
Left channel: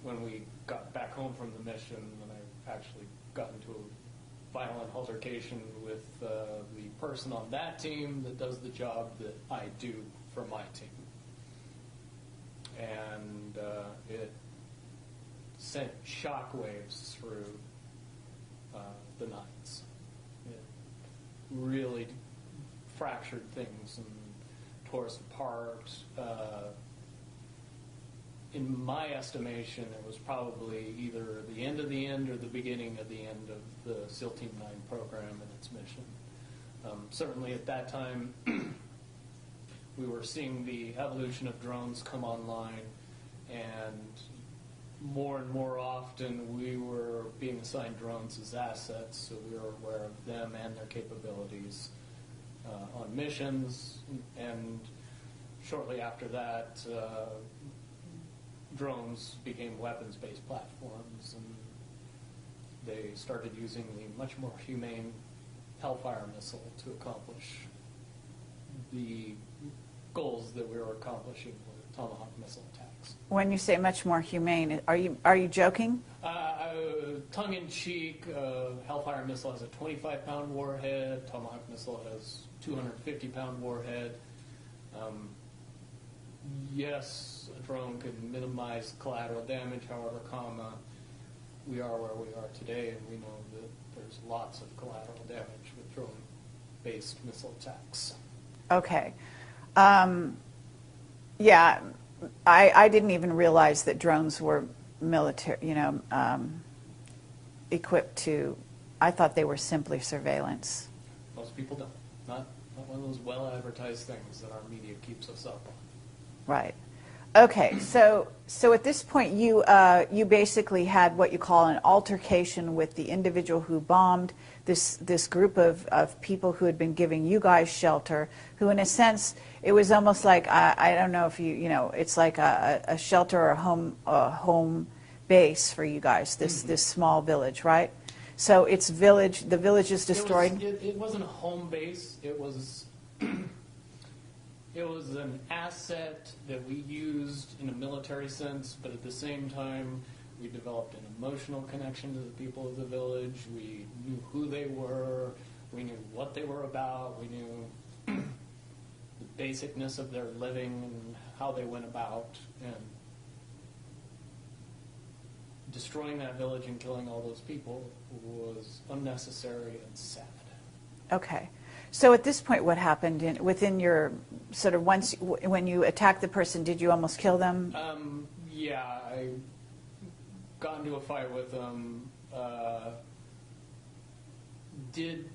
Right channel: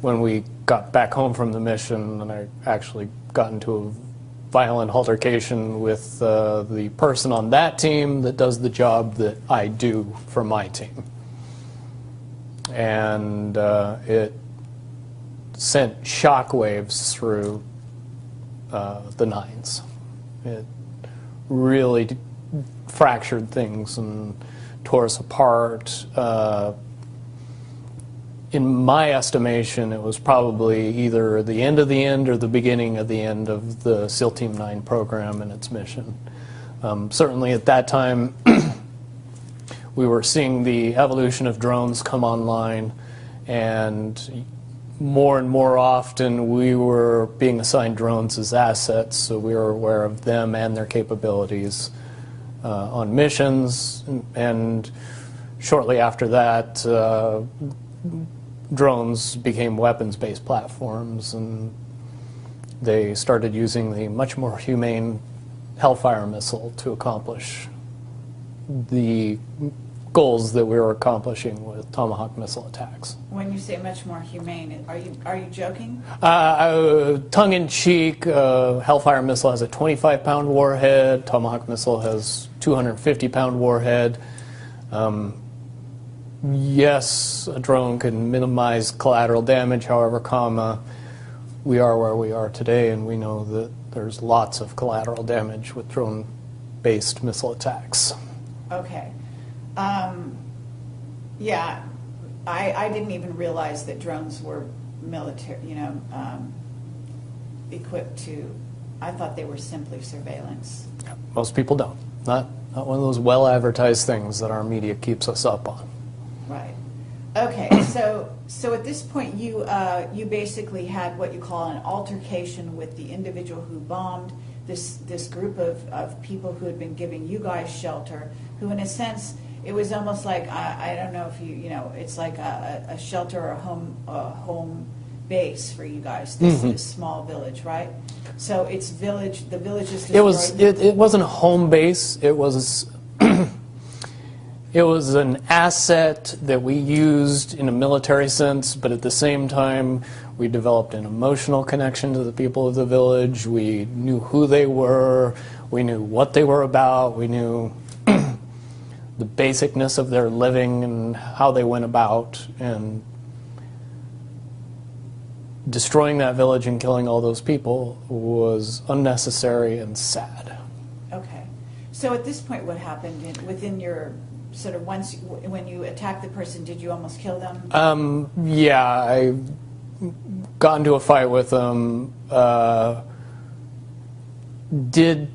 When we got back home from the mission, and I actually got into a violent altercation with the person on that team that does the job that I do for my team. And it sent shockwaves through the 9s. It really fractured things and tore us apart. In my estimation, it was probably either the end of the end or the beginning of the end of the SEAL Team 9 program and its mission. Certainly at that time, we were seeing the evolution of drones come online, and more often we were being assigned drones as assets, so we were aware of them and their capabilities on missions. And shortly after that, drones became weapons-based platforms, and they started using the much more humane Hellfire missile to accomplish the goals that we were accomplishing with Tomahawk missile attacks. When you say much more humane, are you joking? Tongue-in-cheek, Hellfire missile has a 25-pound warhead. Tomahawk missile has 250-pound warhead. Yes, a drone can minimize collateral damage. However, we are where we are today, and we know that there's lots of collateral damage with drone-based missile attacks. Okay. Yeah, I didn't even realize that drones were military, equipped to. I thought they were simply surveillance. Most people don't. Not one of those well-advertised things that our media keeps us up on. Right. Okay. So at this point, you basically had what you call an altercation with the individual who bombed this group of people who had been giving you guys shelter. Who, in a sense, it was almost like I don't know if it's like a shelter or a home base for you guys. This small village, right? So it's village. The village is destroyed. It wasn't a home base. It was. It was an asset that we used in a military sense, but at the same time, we developed an emotional connection to the people of the village. We knew who they were. We knew what they were about. We knew the basicness of their living and how they went about. And destroying that village and killing all those people was unnecessary and sad. Okay. So at this point, what happened within your sort of when you attacked the person, did you almost kill them? Yeah, I got into a fight with them. Did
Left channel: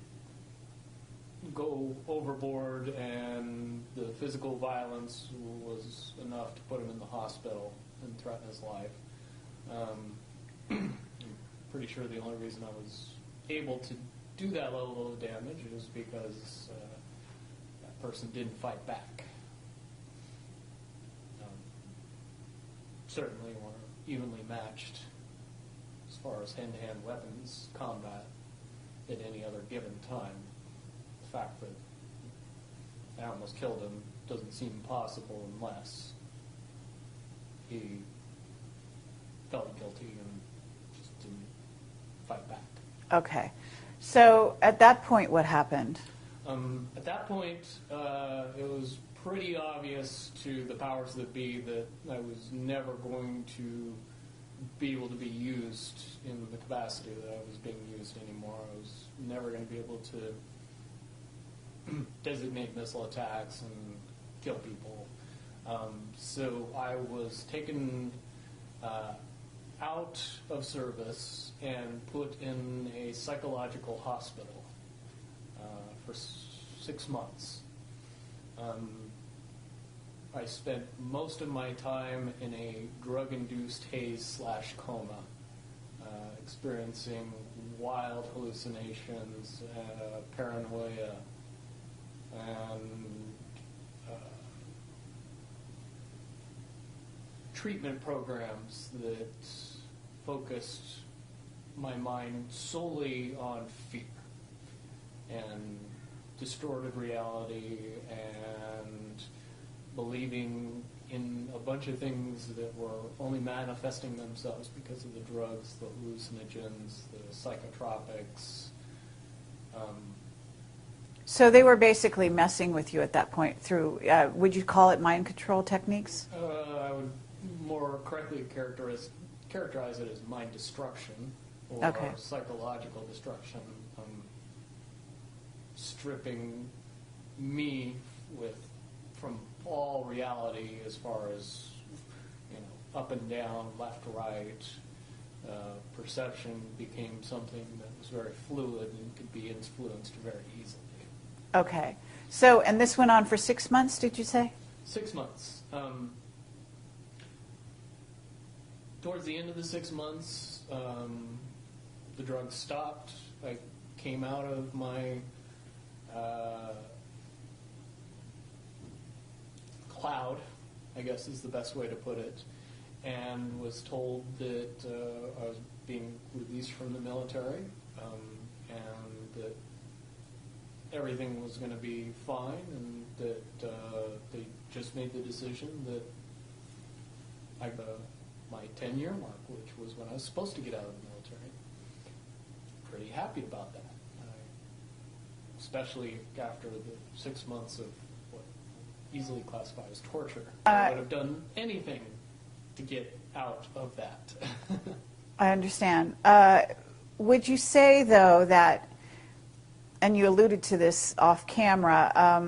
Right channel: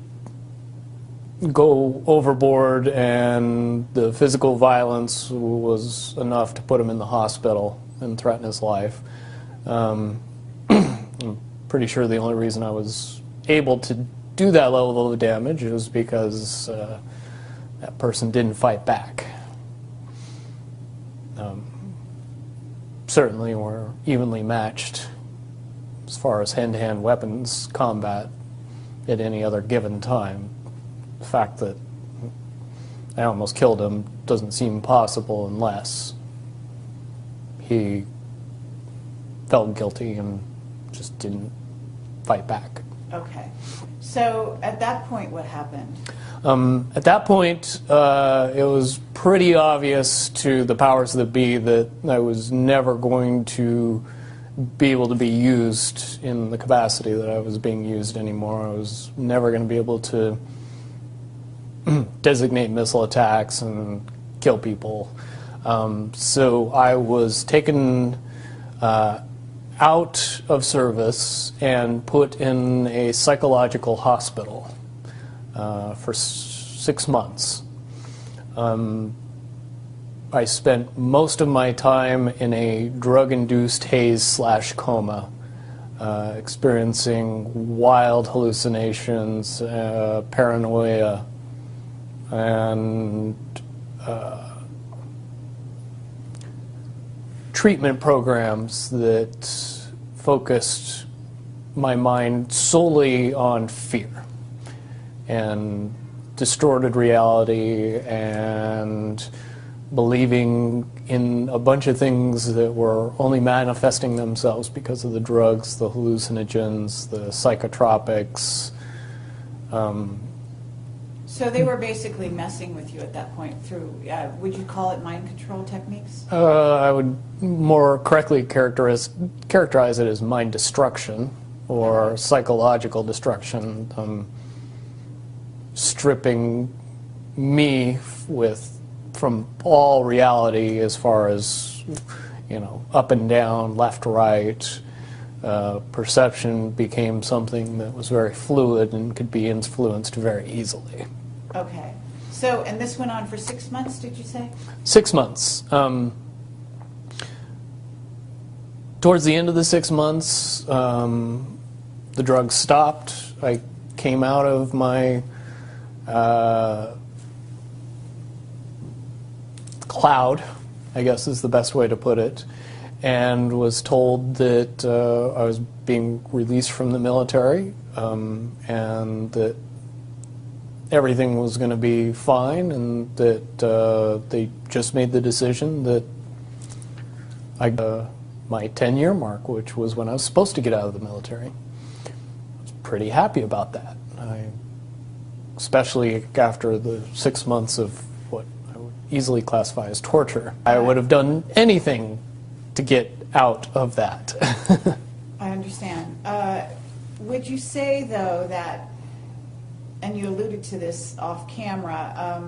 go overboard, and the physical violence was enough to put him in the hospital and threaten his life. I'm pretty sure the only reason I was able to do that level of damage is because that person didn't fight back. Certainly we're evenly matched as far as hand-to-hand weapons combat at any other given time. The fact that I almost killed him doesn't seem possible unless he felt guilty and just didn't fight back. Okay. So at that point, what happened? At that point, it was pretty obvious to the powers that be that I was never going to be able to be used in the capacity that I was being used anymore. I was never going to be able to designate missile attacks and kill people. So I was taken out of service and put in a psychological hospital for 6 months. I spent most of my time in a drug-induced haze/coma, experiencing wild hallucinations, paranoia, and treatment programs that focused my mind solely on fear and distorted reality and believing in a bunch of things that were only manifesting themselves because of the drugs, the hallucinogens, the psychotropics. So they were basically messing with you at that point through, would you call it mind control techniques? I would more correctly characterize it as mind destruction or psychological destruction, stripping me from all reality as far as, up and down, left, right. Perception became something that was very fluid and could be influenced very easily. Okay. So, and this went on for 6 months, did you say? 6 months. Towards the end of the 6 months, the drugs stopped. I came out of my cloud, I guess is the best way to put it, and was told that I was being released from the military, and that everything was going to be fine, and that they just made the decision that I my 10-year mark, which was when I was supposed to get out of the military. I was pretty happy about that, especially after the 6 months of what I would easily classify as torture. I would have done anything to get out of that. I understand. Would you say, though, that, and you alluded to this off camera,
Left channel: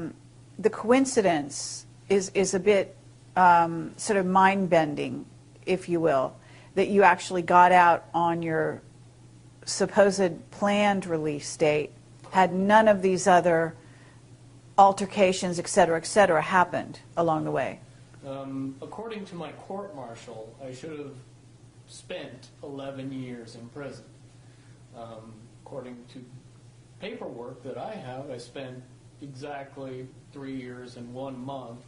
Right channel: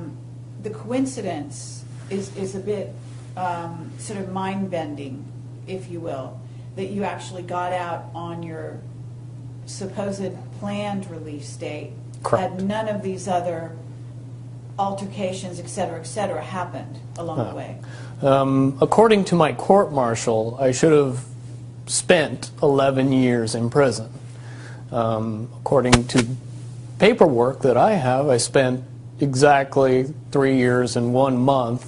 the coincidence is a bit sort of mind-bending, if you will, that you actually got out on your supposed planned release date? Correct. Had none of these other altercations, et cetera, happened along the way? According to my court-martial, I should have spent 11 years in prison. According to paperwork that I have, I spent exactly 3 years and 1 month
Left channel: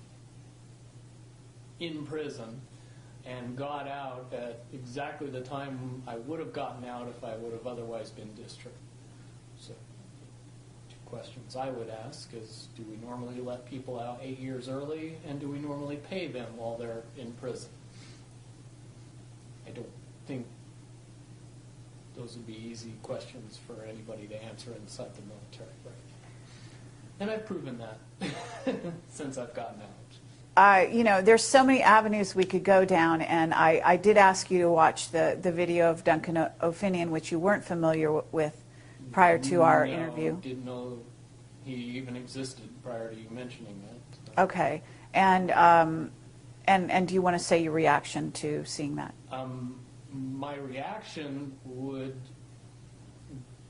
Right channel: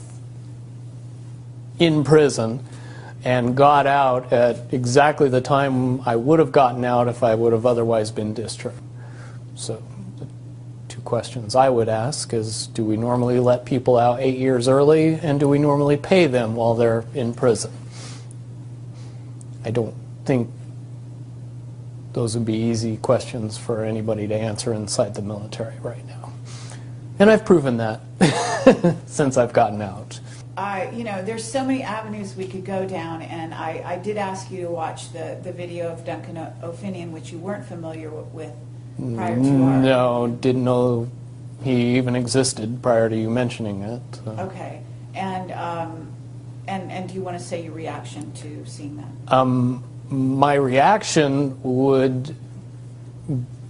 in prison and got out at exactly the time I would have gotten out if I would have otherwise been discharged. So the two questions I would ask is, do we normally let people out 8 years early, and do we normally pay them while they're in prison? I don't think those would be easy questions for anybody to answer inside the military right now. And I've proven that since I've gotten out. You know, there's so many avenues we could go down, and I did ask you to watch the video of Duncan O'Finian, which you weren't familiar with prior to our No, interview. didn't know he even existed prior to you mentioning it. So. Okay, and do you want to say your reaction to seeing that? My reaction would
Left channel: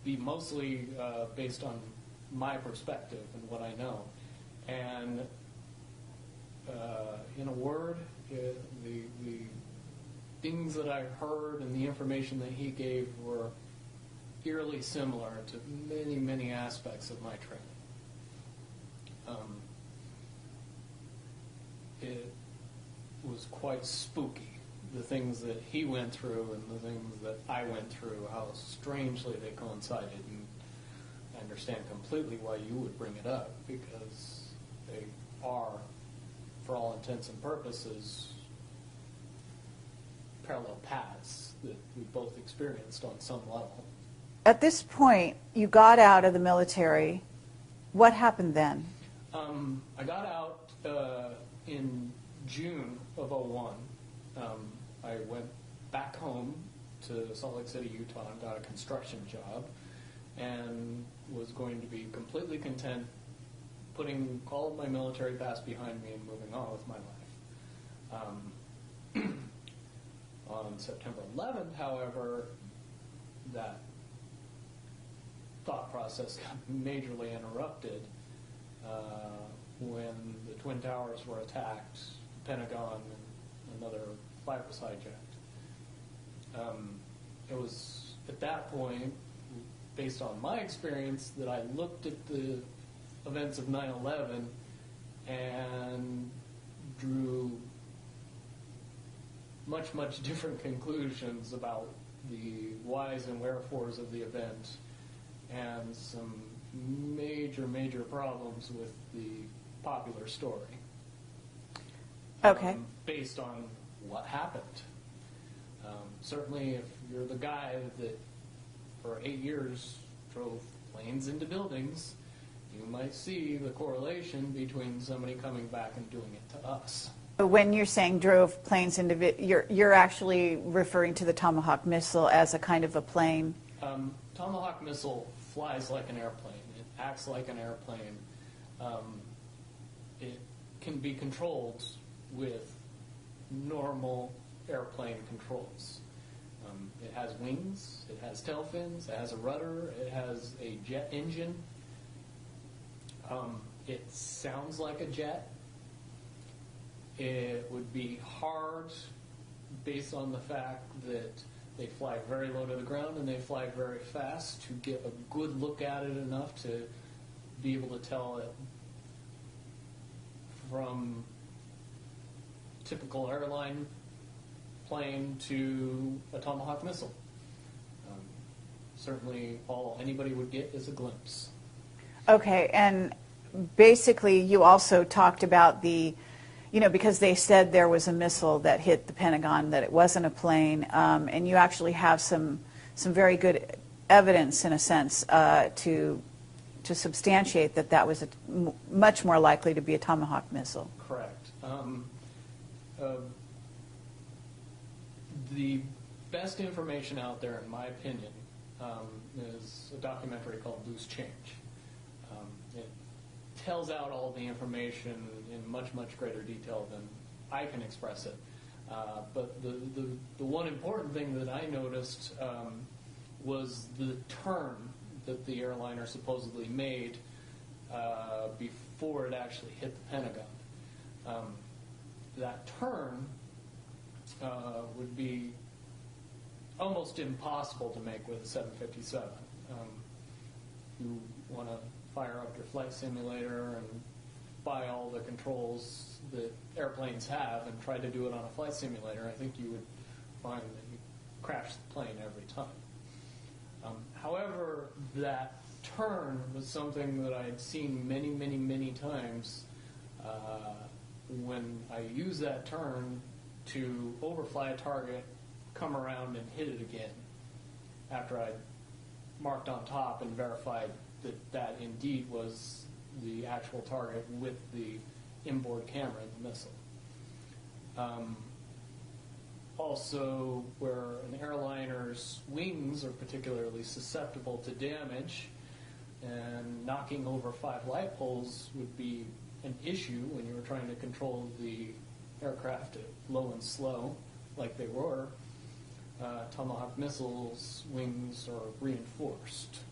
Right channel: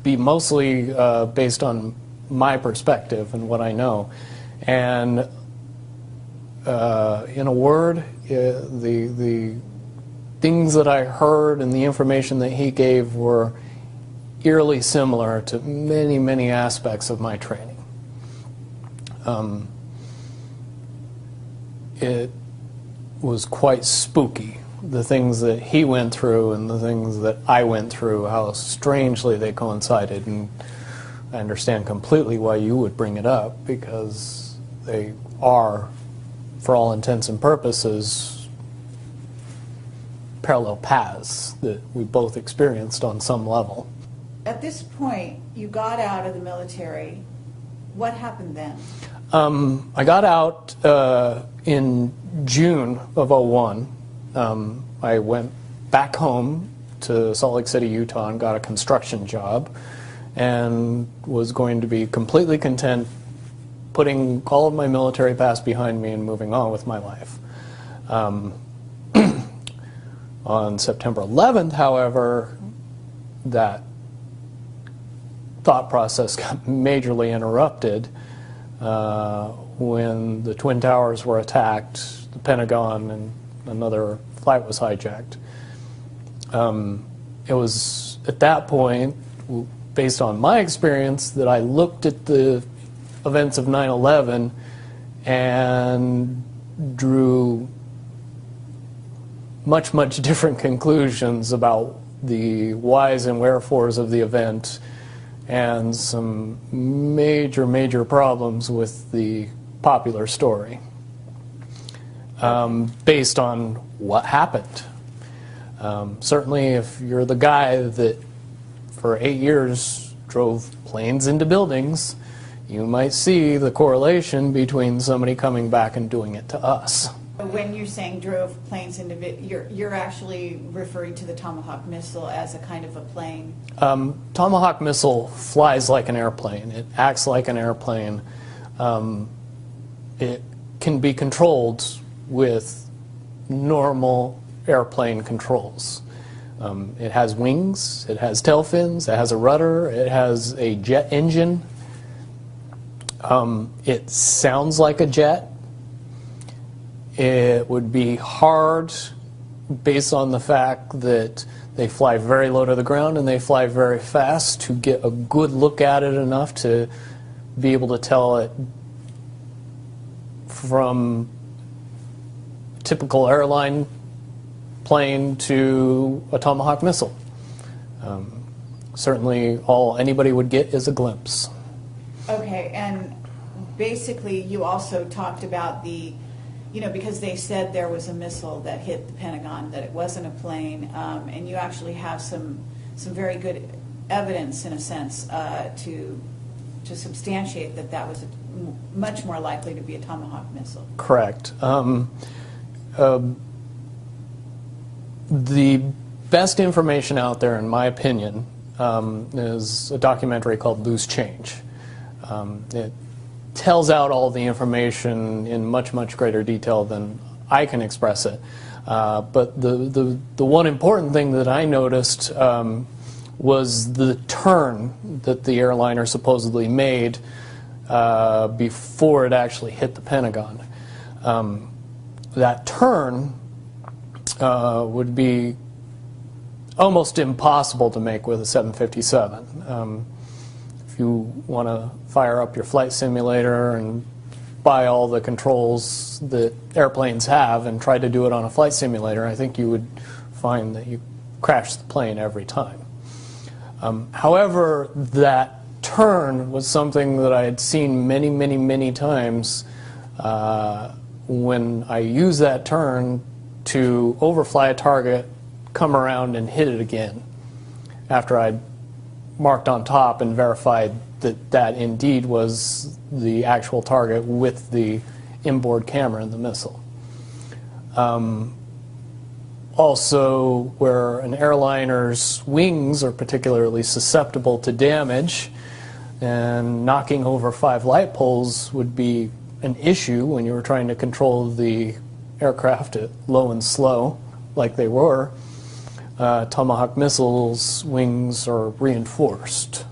be mostly based on my perspective and what I know. And in a word, the things that I heard and the information that he gave were eerily similar to many, many aspects of my training. It was quite spooky, the things that he went through and the things that I went through, how strangely they coincided. And I understand completely why you would bring it up, because they are, for all intents and purposes, parallel paths that we both experienced on some level. At this point, you got out of the military. What happened then? I got out in June of '01. I went back home to Salt Lake City, Utah, and got a construction job, and was going to be completely content putting all of my military past behind me and moving on with my life. On September 11th, however, that thought process got majorly interrupted when the Twin Towers were attacked, the Pentagon, and another flight was hijacked. It was at that point, based on my experience, that I looked at the events of 9/11 and drew much, much different conclusions about the whys and wherefores of the event, and some major, major problems with the popular story based on what happened. Certainly, if you're the guy that for 8 years drove planes into buildings, you might see the correlation between somebody coming back and doing it to us. But when you're saying drove planes into, you're actually referring to the Tomahawk missile as a kind of a plane? Tomahawk missile flies like an airplane. It acts like an airplane. It can be controlled with normal airplane controls. It has wings, it has tail fins, it has a rudder, it has a jet engine. It sounds like a jet. It would be hard, based on the fact that they fly very low to the ground and they fly very fast, to get a good look at it enough to be able to tell it from typical airline plane to a Tomahawk missile. Certainly all anybody would get is a glimpse. Okay, and basically you also talked about the, because they said there was a missile that hit the Pentagon, that it wasn't a plane, and you actually have some very good evidence, in a sense, to substantiate that was much more likely to be a Tomahawk missile. Correct. The best information out there, in my opinion, is a documentary called Loose Change. It tells out all the information in much, much greater detail than I can express it. But the one important thing that I noticed was the turn that the airliner supposedly made before it actually hit the Pentagon. That turn would be almost impossible to make with a 757. If you want to fire up your flight simulator and buy all the controls that airplanes have and try to do it on a flight simulator, I think you would find that you crash the plane every time. However, that turn was something that I had seen many, many, many times when I used that turn to overfly a target, come around and hit it again after I'd marked on top and verified that that indeed was the actual target with the inboard camera in the missile. Also, where an airliner's wings are particularly susceptible to damage, and knocking over 5 light poles would be an issue when you were trying to control the aircraft at low and slow, like they were. Tomahawk missiles' wings are reinforced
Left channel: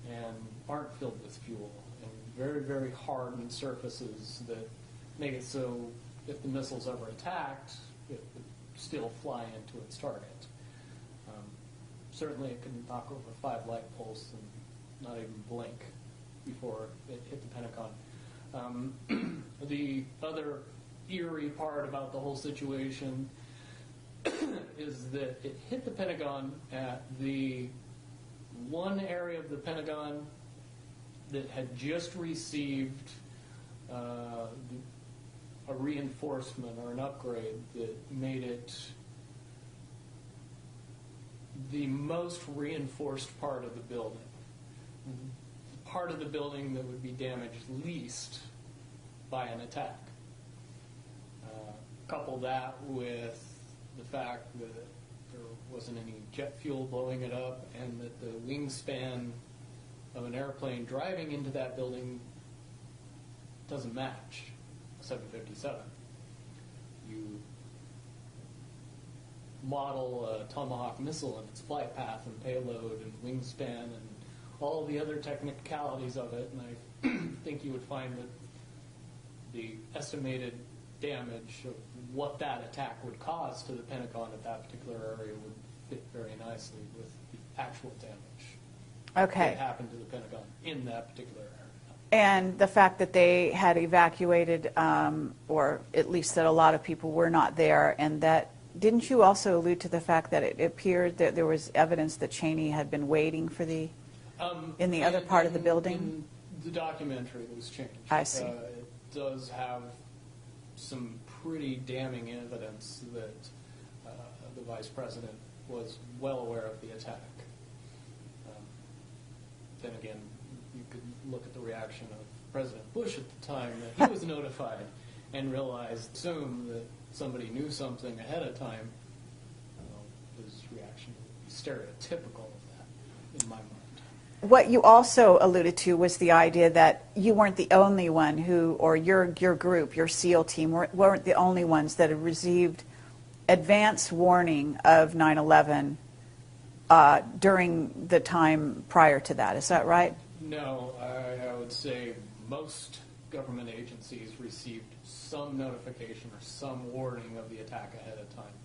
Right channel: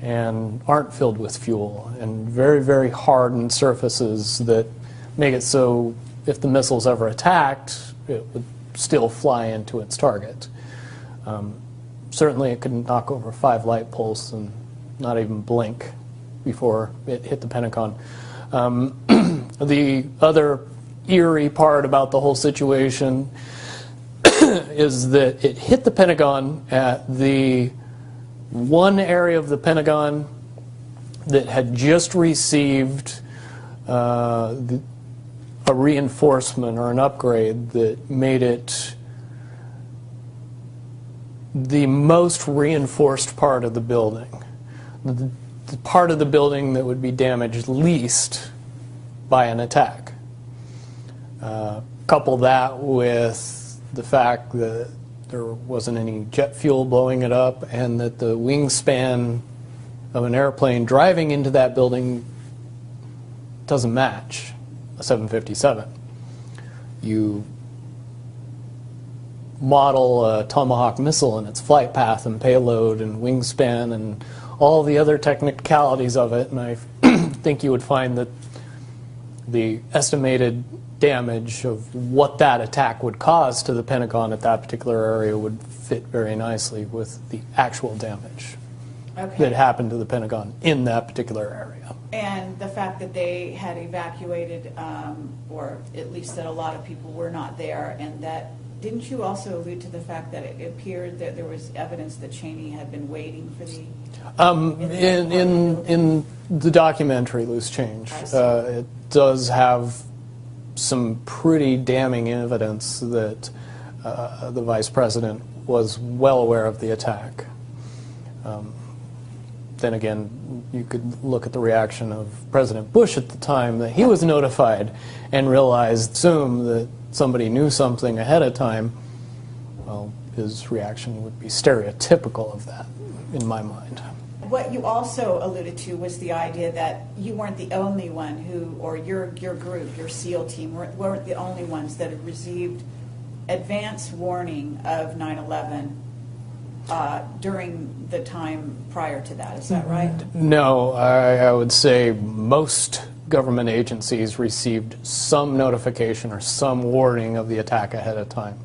and aren't filled with fuel, and very, very hardened surfaces that make it so if the missile's ever attacked, it would still fly into its target. Certainly it could knock over 5 light poles and not even blink before it hit the Pentagon. The other eerie part about the whole situation is that it hit the Pentagon at the one area of the Pentagon that had just received a reinforcement or an upgrade that made it the most reinforced part of the building. The part of the building that would be damaged least by an attack. Couple that with the fact that there wasn't any jet fuel blowing it up, and that the wingspan of an airplane driving into that building doesn't match a 757. You model a Tomahawk missile and its flight path and payload and wingspan and all the other technicalities of it, and I think you would find that the estimated damage of what that attack would cause to the Pentagon at that particular area would fit very nicely with the actual damage that happened to the Pentagon in that particular area. And the fact that they had evacuated, or at least that a lot of people were not there, and that, didn't you also allude to the fact that it appeared that there was evidence that Cheney had been waiting for the in the documentary Loose Change, it does have some pretty damning evidence that the vice president was well aware of the attack. Then again, you could look at the reaction of President Bush at the time that he was notified and realized, assume that somebody knew something ahead of time. Well, his reaction would be stereotypical of that, in my mind. What you also alluded to was the idea that you weren't the only one who, or your group, your SEAL team, weren't the only ones that had received advance warning of 9/11 during the time prior to that. Is that right? No, I would say most government agencies received some notification or some warning of the attack ahead of time.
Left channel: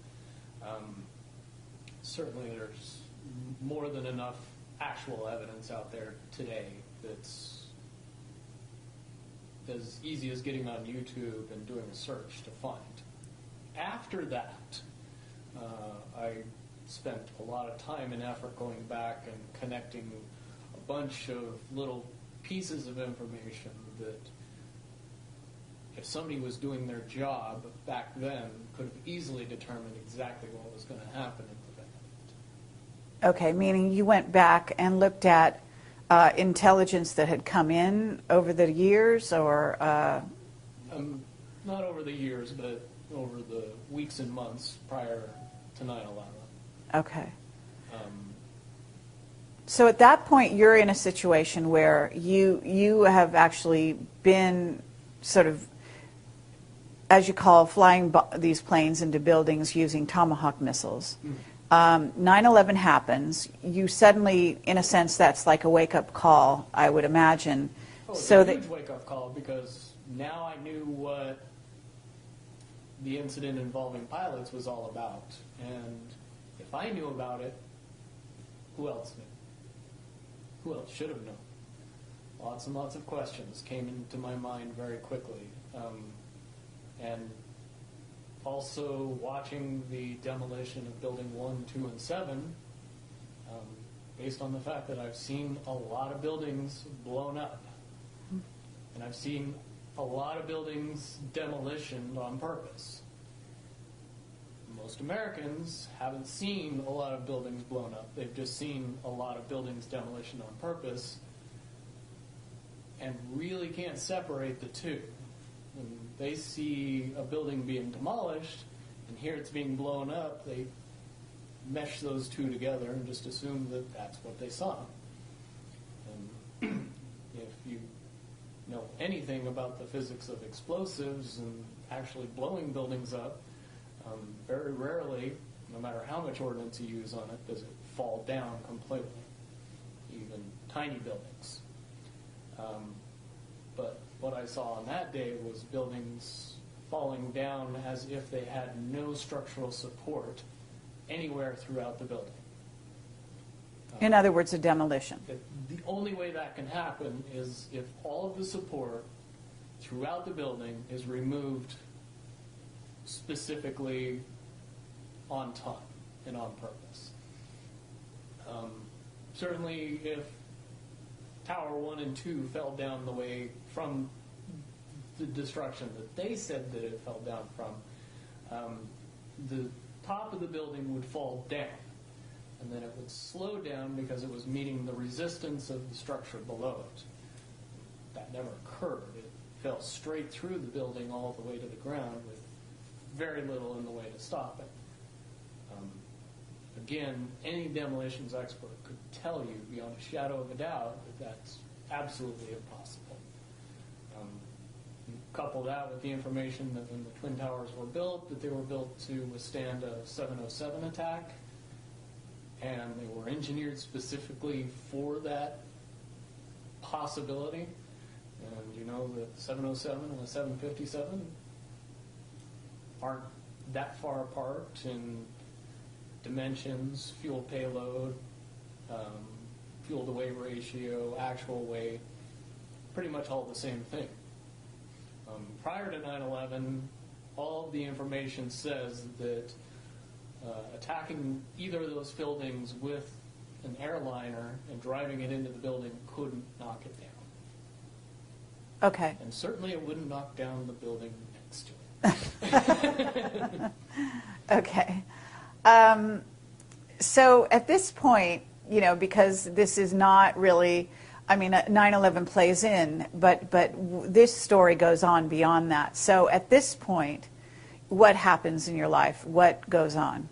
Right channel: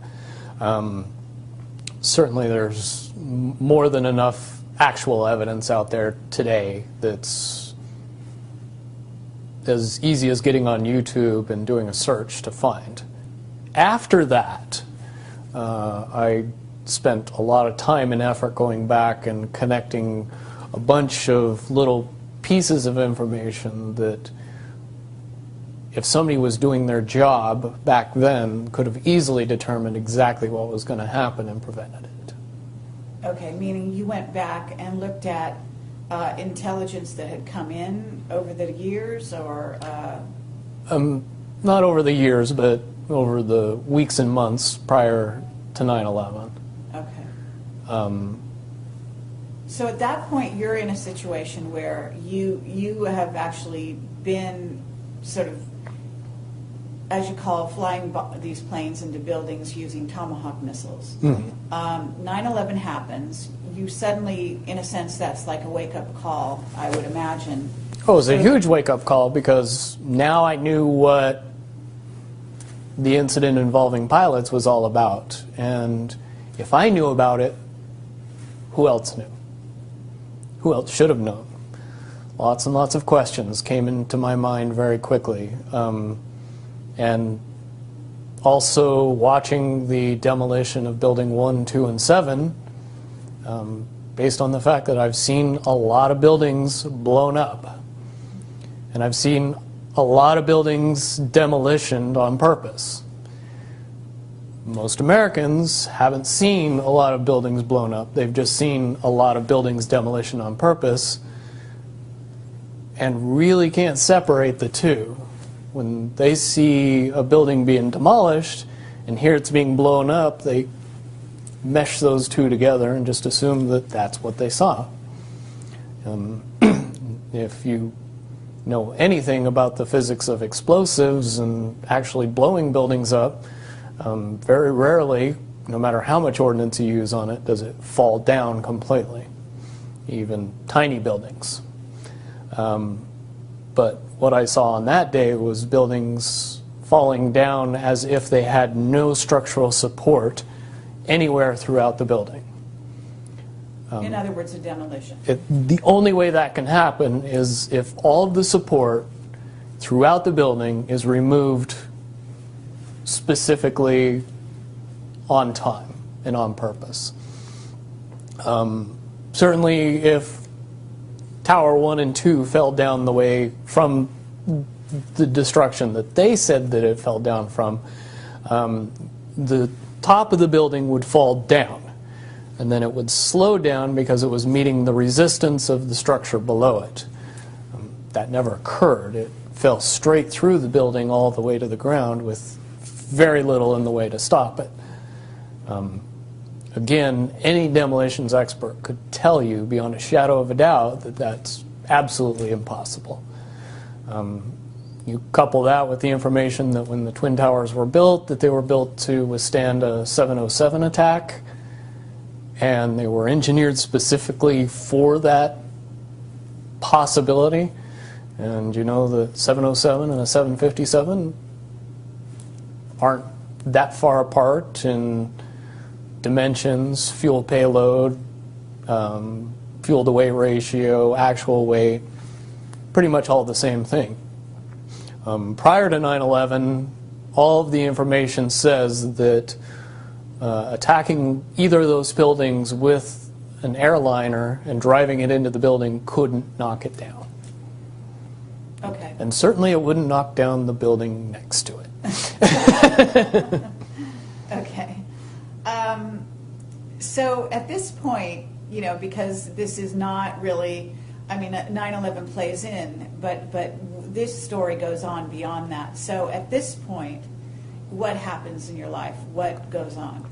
Certainly there's more than enough actual evidence out there today that's as easy as getting on YouTube and doing a search to find. After that, I spent a lot of time and effort going back and connecting a bunch of little pieces of information that, if somebody was doing their job back then, could have easily determined exactly what was going to happen and prevented it. Okay, meaning you went back and looked at intelligence that had come in over the years, or? Not over the years, but over the weeks and months prior to 9/11. Okay. So at that point, you're in a situation where you have actually been sort of, as you call, flying these planes into buildings using Tomahawk missiles. 9/11 happens. You suddenly, in a sense, that's like a wake-up call, I would imagine. Oh, it was a huge wake-up call, because now I knew what the incident involving pilots was all about. And if I knew about it, who else knew? Who else should have known? Lots and lots of questions came into my mind very quickly. And also watching the demolition of Building 1, 2, and 7, based on the fact that I've seen a lot of buildings blown up. And I've seen a lot of buildings demolitioned on purpose. Most Americans haven't seen a lot of buildings blown up. They've just seen a lot of buildings demolition on purpose, and really can't separate the two. When they see a building being demolished and hear it's being blown up, they mesh those two together and just assume that that's what they saw. If you know anything about the physics of explosives and actually blowing buildings up, very rarely, no matter how much ordnance you use on it, does it fall down completely, even tiny buildings. But what I saw on that day was buildings falling down as if they had no structural support anywhere throughout the building. In other words, a demolition. The only way that can happen is if all of the support throughout the building is removed specifically on time and on purpose. Certainly if Tower 1 and 2 fell down the way from the destruction that they said that it fell down from, the top of the building would fall down, and then it would slow down because it was meeting the resistance of the structure below it. That never occurred. It fell straight through the building all the way to the ground with very little in the way to stop it. Again, any demolitions expert could tell you beyond a shadow of a doubt that that's absolutely impossible. You couple that with the information that when the Twin Towers were built, that they were built to withstand a 707 attack, and they were engineered specifically for that possibility. And you know, the 707 and a 757 aren't that far apart in dimensions, fuel payload, fuel to weight ratio, actual weight, pretty much all the same thing. Prior to 9/11, all of the information says that attacking either of those buildings with an airliner and driving it into the building couldn't knock it down. Okay. And certainly it wouldn't knock down the building next to it. Okay. So at this point, you know, because this is not really, I mean, 9/11 plays in, but this story goes on beyond that. So at this point, what happens in your life? What goes on?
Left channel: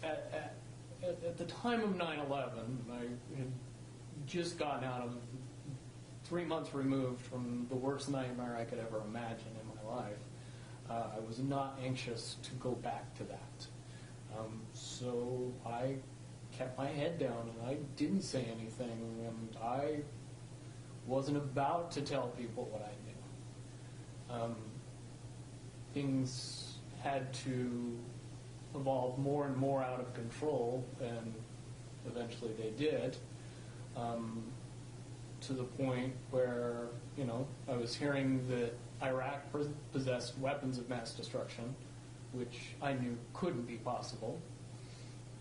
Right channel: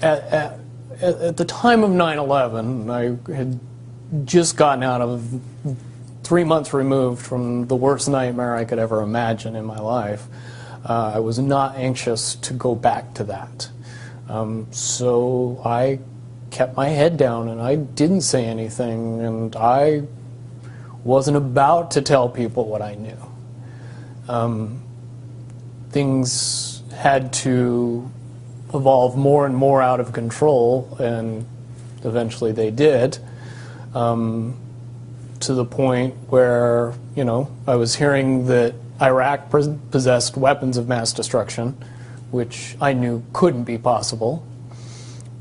At the time of 9/11, I had just gotten out of 3 months removed from the worst nightmare I could ever imagine in my life. I was not anxious to go back to that. So I kept my head down and I didn't say anything, and I wasn't about to tell people what I knew. Things had to evolve more and more out of control, and eventually they did, to the point where, you know, I was hearing that Iraq possessed weapons of mass destruction, which I knew couldn't be possible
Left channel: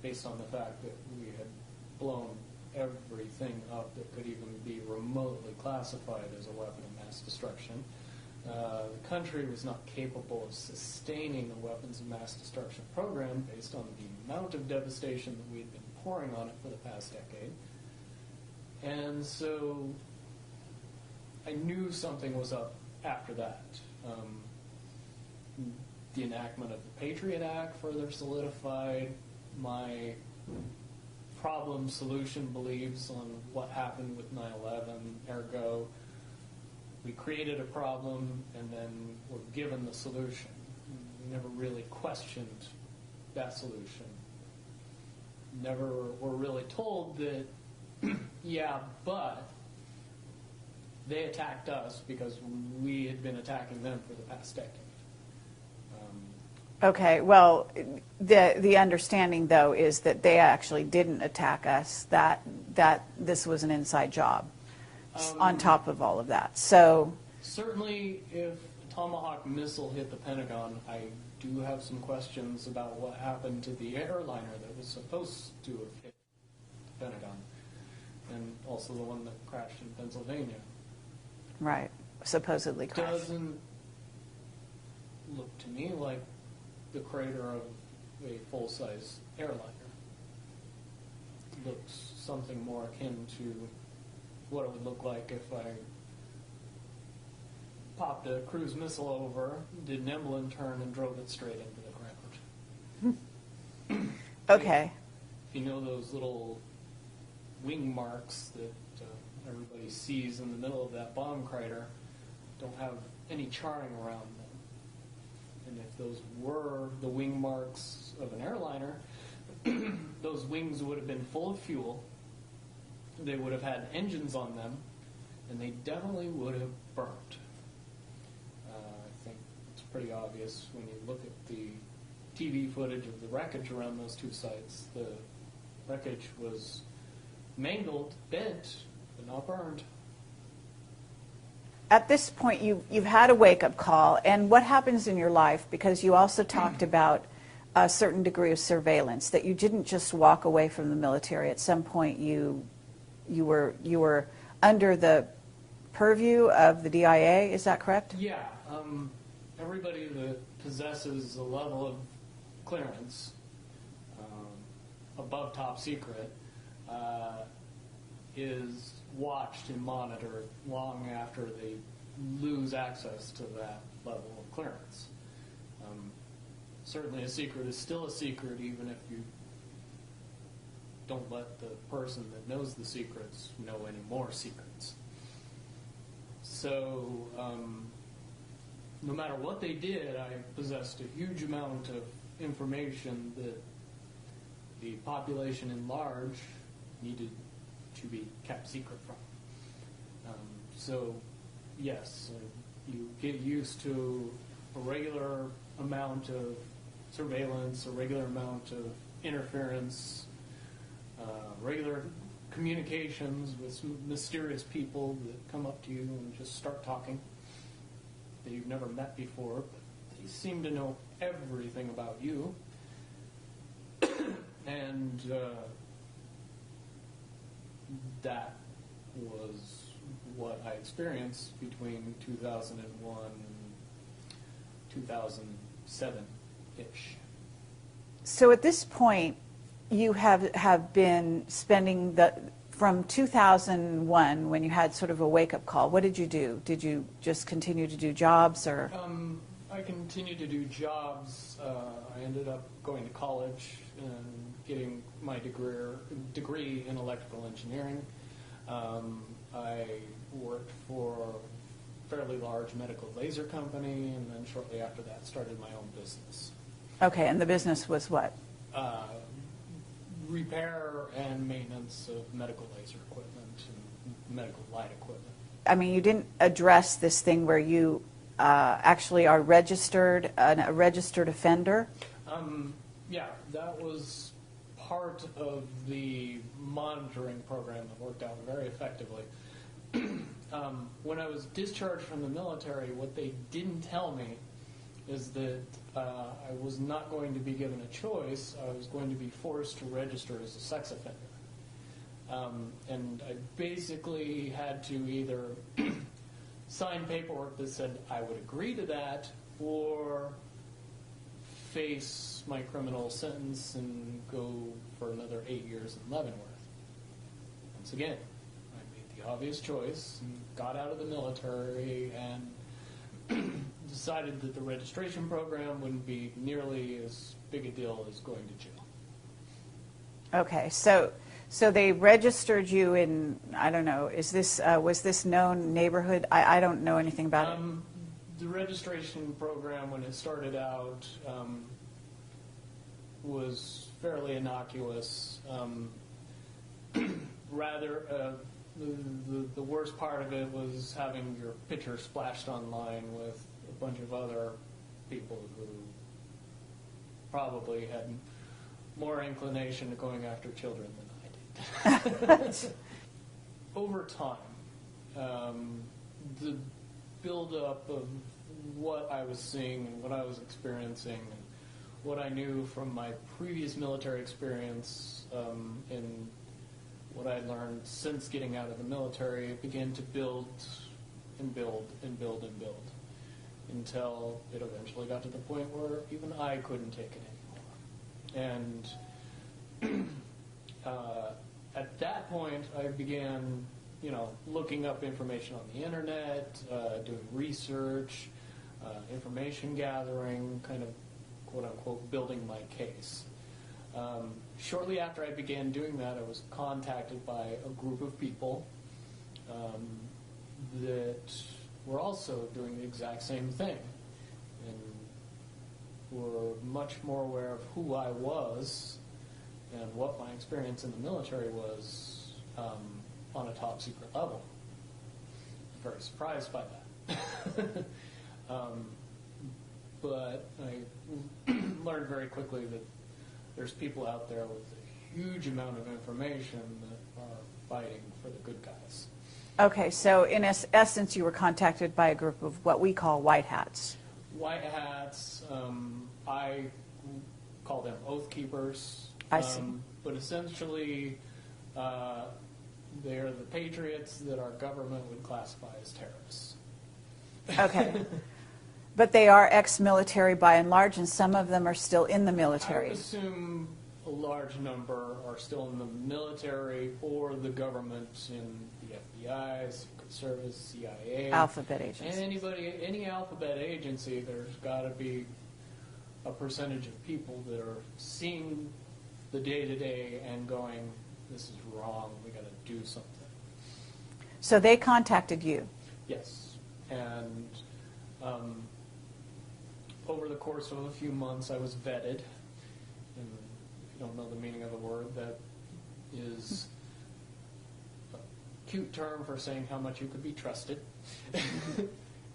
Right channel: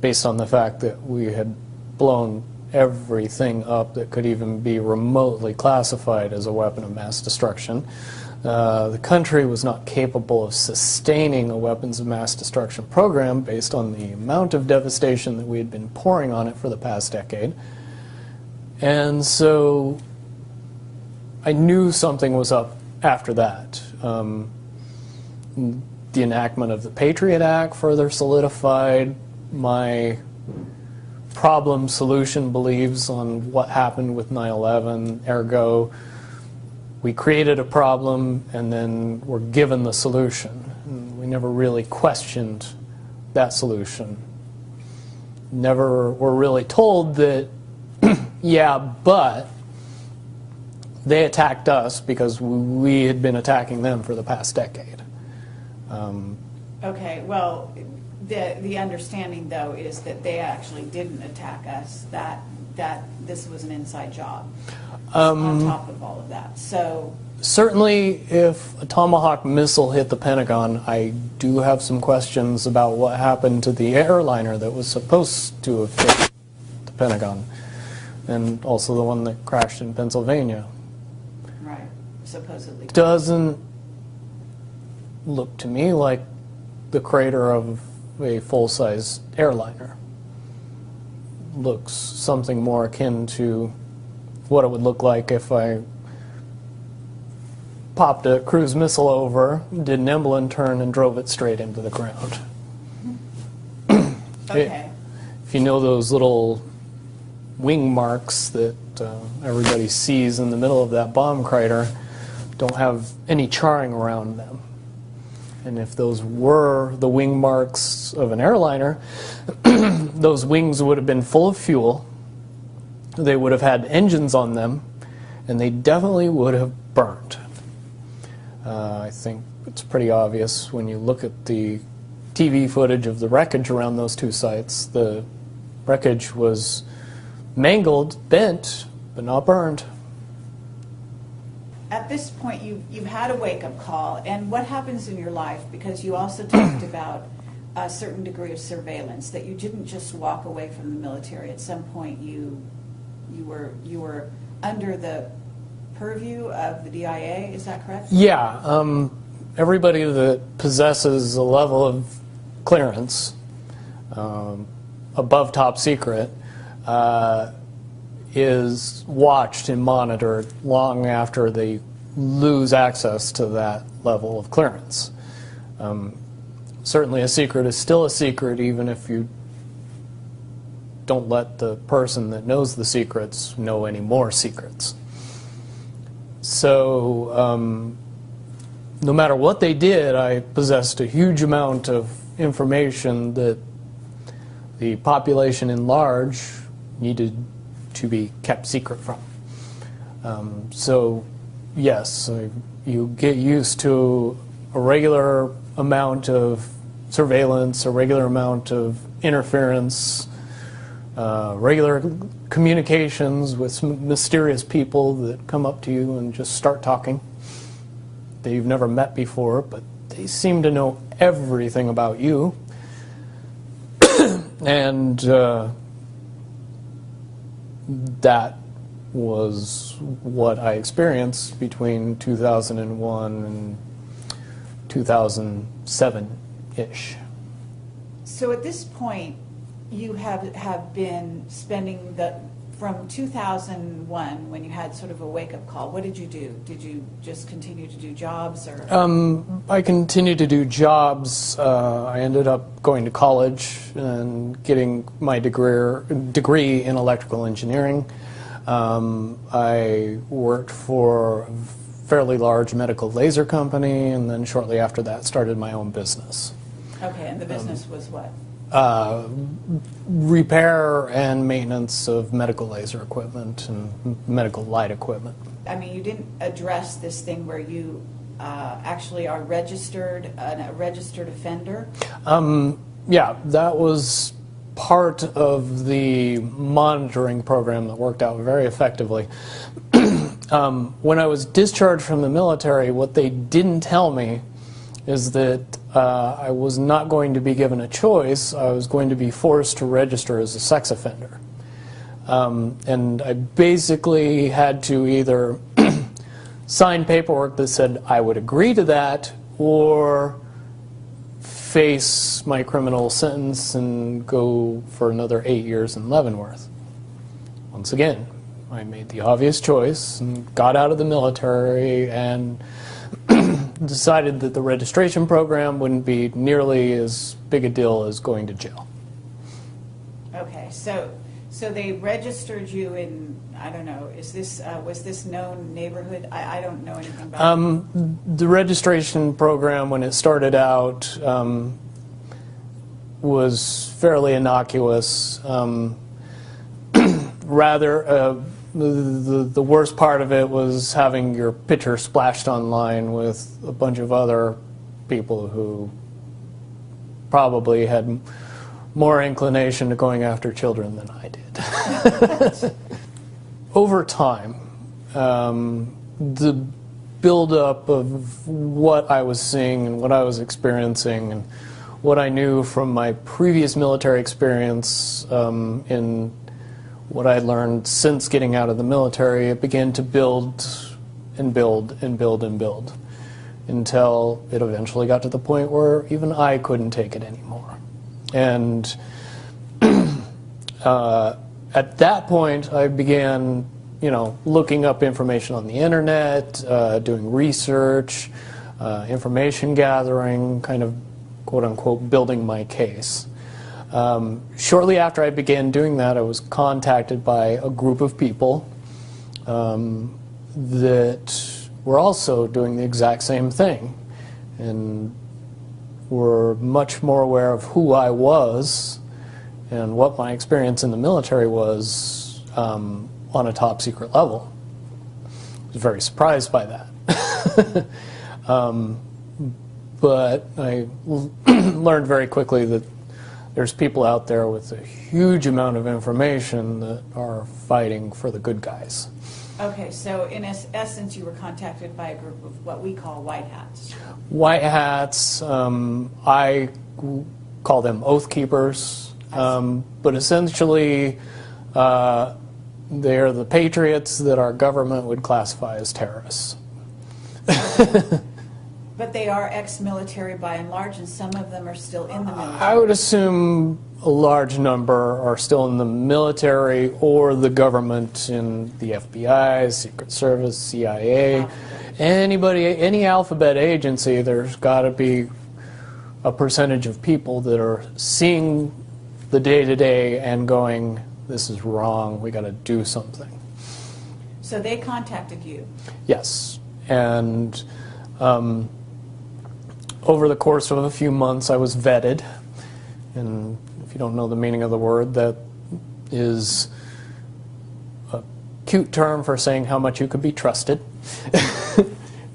based on the fact that we had blown everything up that could even be remotely classified as a weapon of mass destruction. The country was not capable of sustaining a weapons of mass destruction program based on the amount of devastation that we had been pouring on it for the past decade. And so I knew something was up after that. The enactment of the Patriot Act further solidified my problem-solution beliefs on what happened with 9/11. Ergo, we created a problem and then were given the solution. And we never really questioned that solution. Never were really told that, yeah, but they attacked us because we had been attacking them for the past decade. Okay, well, the understanding, though, is that they actually didn't attack us, that this was an inside job on top of all of that. So certainly, if a Tomahawk missile hit the Pentagon, I do have some questions about what happened to the airliner that was supposed to have hit the Pentagon, and also the one that crashed in Pennsylvania. right, supposedly. Doesn't look to me like the crater of a full-size airliner. Looks something more akin to what it would look like if I popped a cruise missile over, did an Emblem turn, and drove it straight into the ground. Okay. If you know those little wing marks that everybody sees in the middle of that bomb crater, don't have any charring around them. And if those were the wing marks of an airliner, those wings would have been full of fuel, they would have had engines on them, and they definitely would have burned. I think it's pretty obvious when you look at the TV footage of the wreckage around those two sites. The wreckage was mangled, bent, but not burned. At this point, you've had a wake-up call, and what happens in your life, because you also talked about a certain degree of surveillance, that you didn't just walk away from the military. At some point, you were under the purview of the DIA, is that correct? Yeah. Everybody that possesses a level of clearance above top secret is watched and monitored long after they lose access to that level of clearance. Certainly a secret is still a secret even if you don't let the person that knows the secrets know any more secrets. So no matter what they did, I possessed a huge amount of information that the population in large needed to be kept secret from. So yes, you get used to a regular amount of surveillance, a regular amount of interference, regular communications with some mysterious people that come up to you and just start talking that you've never met before, but they seem to know everything about you. And that was what I experienced between 2001 and 2007-ish. So at this point, you have been spending from 2001, when you had sort of a wake-up call, what did you do? Did you just continue to do jobs, or? I continued to do jobs. I ended up going to college and getting my degree in electrical engineering. I worked for a fairly large medical laser company, and then shortly after that started my own business. Okay, and the business was what? Repair and maintenance of medical laser equipment and medical light equipment. I mean, you didn't address this thing where you actually are a registered offender? Yeah, that was part of the monitoring program that worked out very effectively. When I was discharged from the military, what they didn't tell me is that I was not going to be given a choice. I was going to be forced to register as a sex offender. And I basically had to either sign paperwork that said I would agree to that, or face my criminal sentence and go for another 8 years in Leavenworth. Once again, I made the obvious choice and got out of the military and decided that the registration program wouldn't be nearly as big a deal as going to jail. Okay, so they registered you in, I don't know, is this was this known neighborhood? I don't know anything about it. The registration program, when it started out, was fairly innocuous. Rather, the worst part of it was having your picture splashed online with a bunch of other people who probably had more inclination to going after children than I did. Over time, the buildup of what I was seeing and what I was experiencing and what I knew from my previous military experience in what I had learned since getting out of the military, it began to build and build and build and build until it eventually got to the point where even I couldn't take it anymore. And at that point, I began, looking up information on the internet, doing research, information gathering, kind of quote-unquote building my case. Shortly after I began doing that, I was contacted by a group of people that were also doing the exact same thing and were much more aware of who I was and what my experience in the military was on a top secret level. I was very surprised by that. But I learned very quickly that there's people out there with a huge amount of information that are fighting for the good guys. Okay, so in essence, you were contacted by a group of what we call white hats. White hats, I call them oath keepers, but essentially they're the patriots that our government would classify as terrorists. Okay. But they are ex-military by and large, and some of them are still in the military. I would assume a large number are still in the military or the government in the FBI, Secret Service, CIA, any alphabet agency. There's got to be a percentage of people that are seeing the day-to-day and going, this is wrong, we got to do something. So they contacted you? Yes, and over the course of a few months, I was vetted, and if you don't know the meaning of the word, that is a cute term for saying how much you could be trusted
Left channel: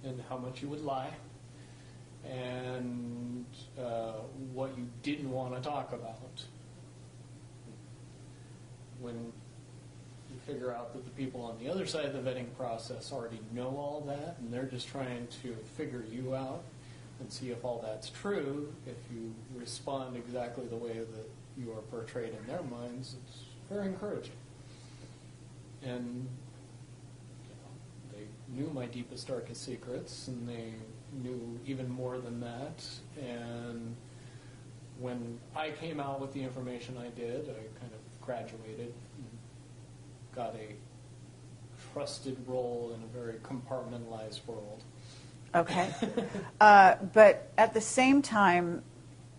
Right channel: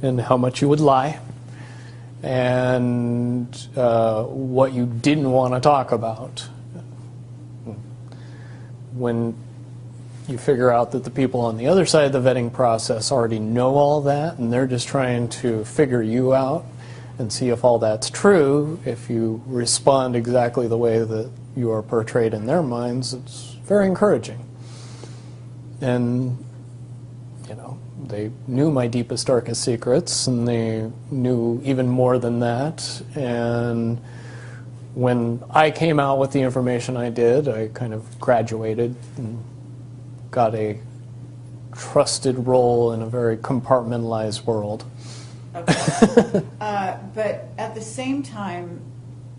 and how much you would lie and what you didn't want to talk about. When you figure out that the people on the other side of the vetting process already know all that and they're just trying to figure you out and see if all that's true, if you respond exactly the way that you are portrayed in their minds, it's very encouraging. And, they knew my deepest, darkest secrets, and they knew even more than that. And when I came out with the information I did, I kind of graduated and got a trusted role in a very compartmentalized world. Okay. But at the same time,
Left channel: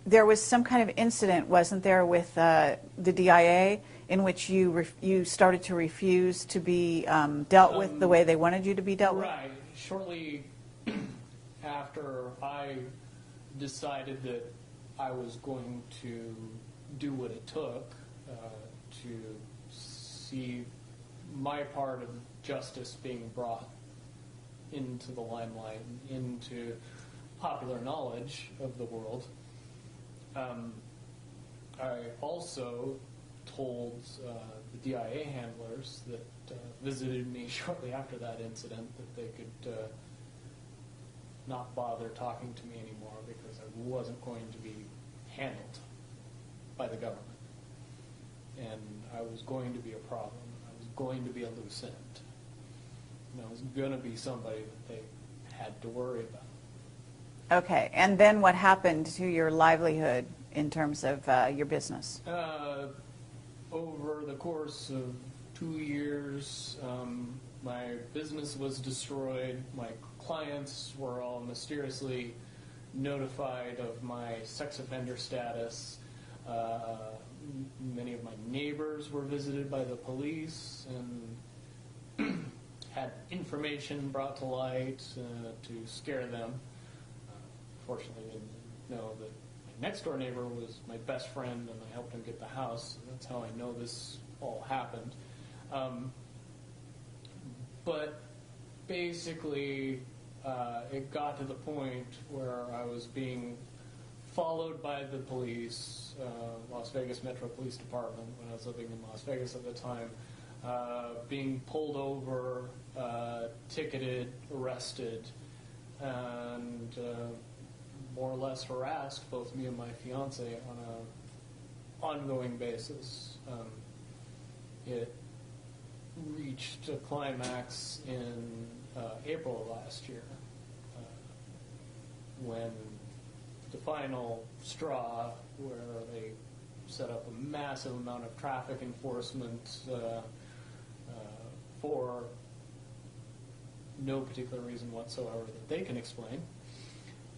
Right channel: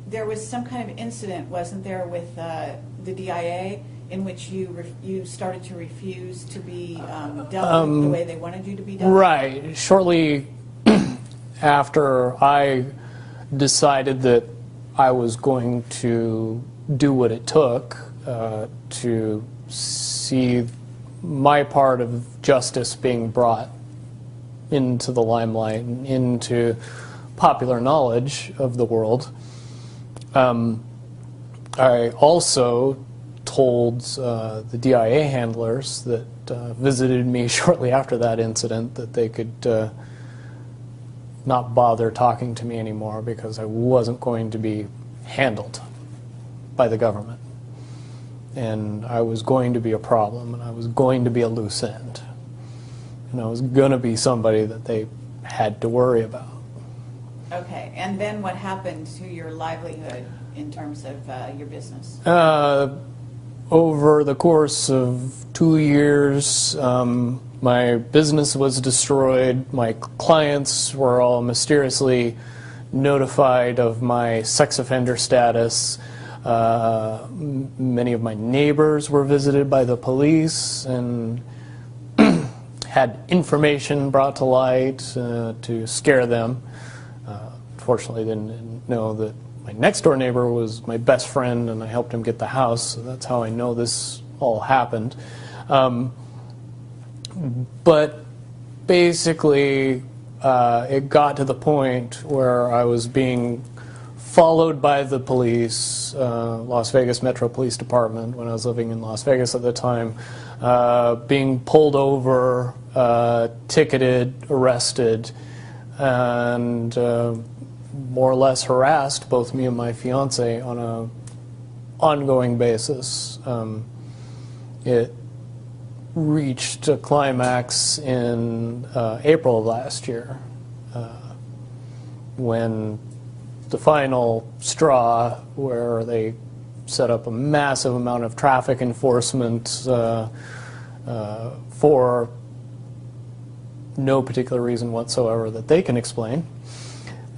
there was some kind of incident, wasn't there, with the DIA in which you started to refuse to be dealt with the way they wanted you to be dealt with? Right. Shortly after I decided that I was going to do what it took to see my part of justice being brought into the limelight and into popular knowledge of the world. I also told the DIA handlers that visited me shortly after that incident that they could not bother talking to me anymore because I wasn't going to be handled by the government. And I was going to be a problem, and I was going to be a loose end. And I was going to be somebody that they had to worry about. Okay, and then what happened to your livelihood in terms of your business? Over the course of 2 years, my business was destroyed. My clients were all mysteriously notified of my sex offender status. Many of my neighbors were visited by the police and had information brought to light to scare them. Fortunately, they didn't know that my next door neighbor was my best friend, and I helped him get the house, so that's how I know this all happened. But basically, it got to the point where I was being followed by the police, Las Vegas Metro Police Department, when I was living in Las Vegas at the time, being pulled over, ticketed, arrested, and more or less harassed, both me and my fiance, on an ongoing basis. It reached a climax in April of last year, when the final straw, where they set up a massive amount of traffic enforcement for no particular reason whatsoever that they can explain,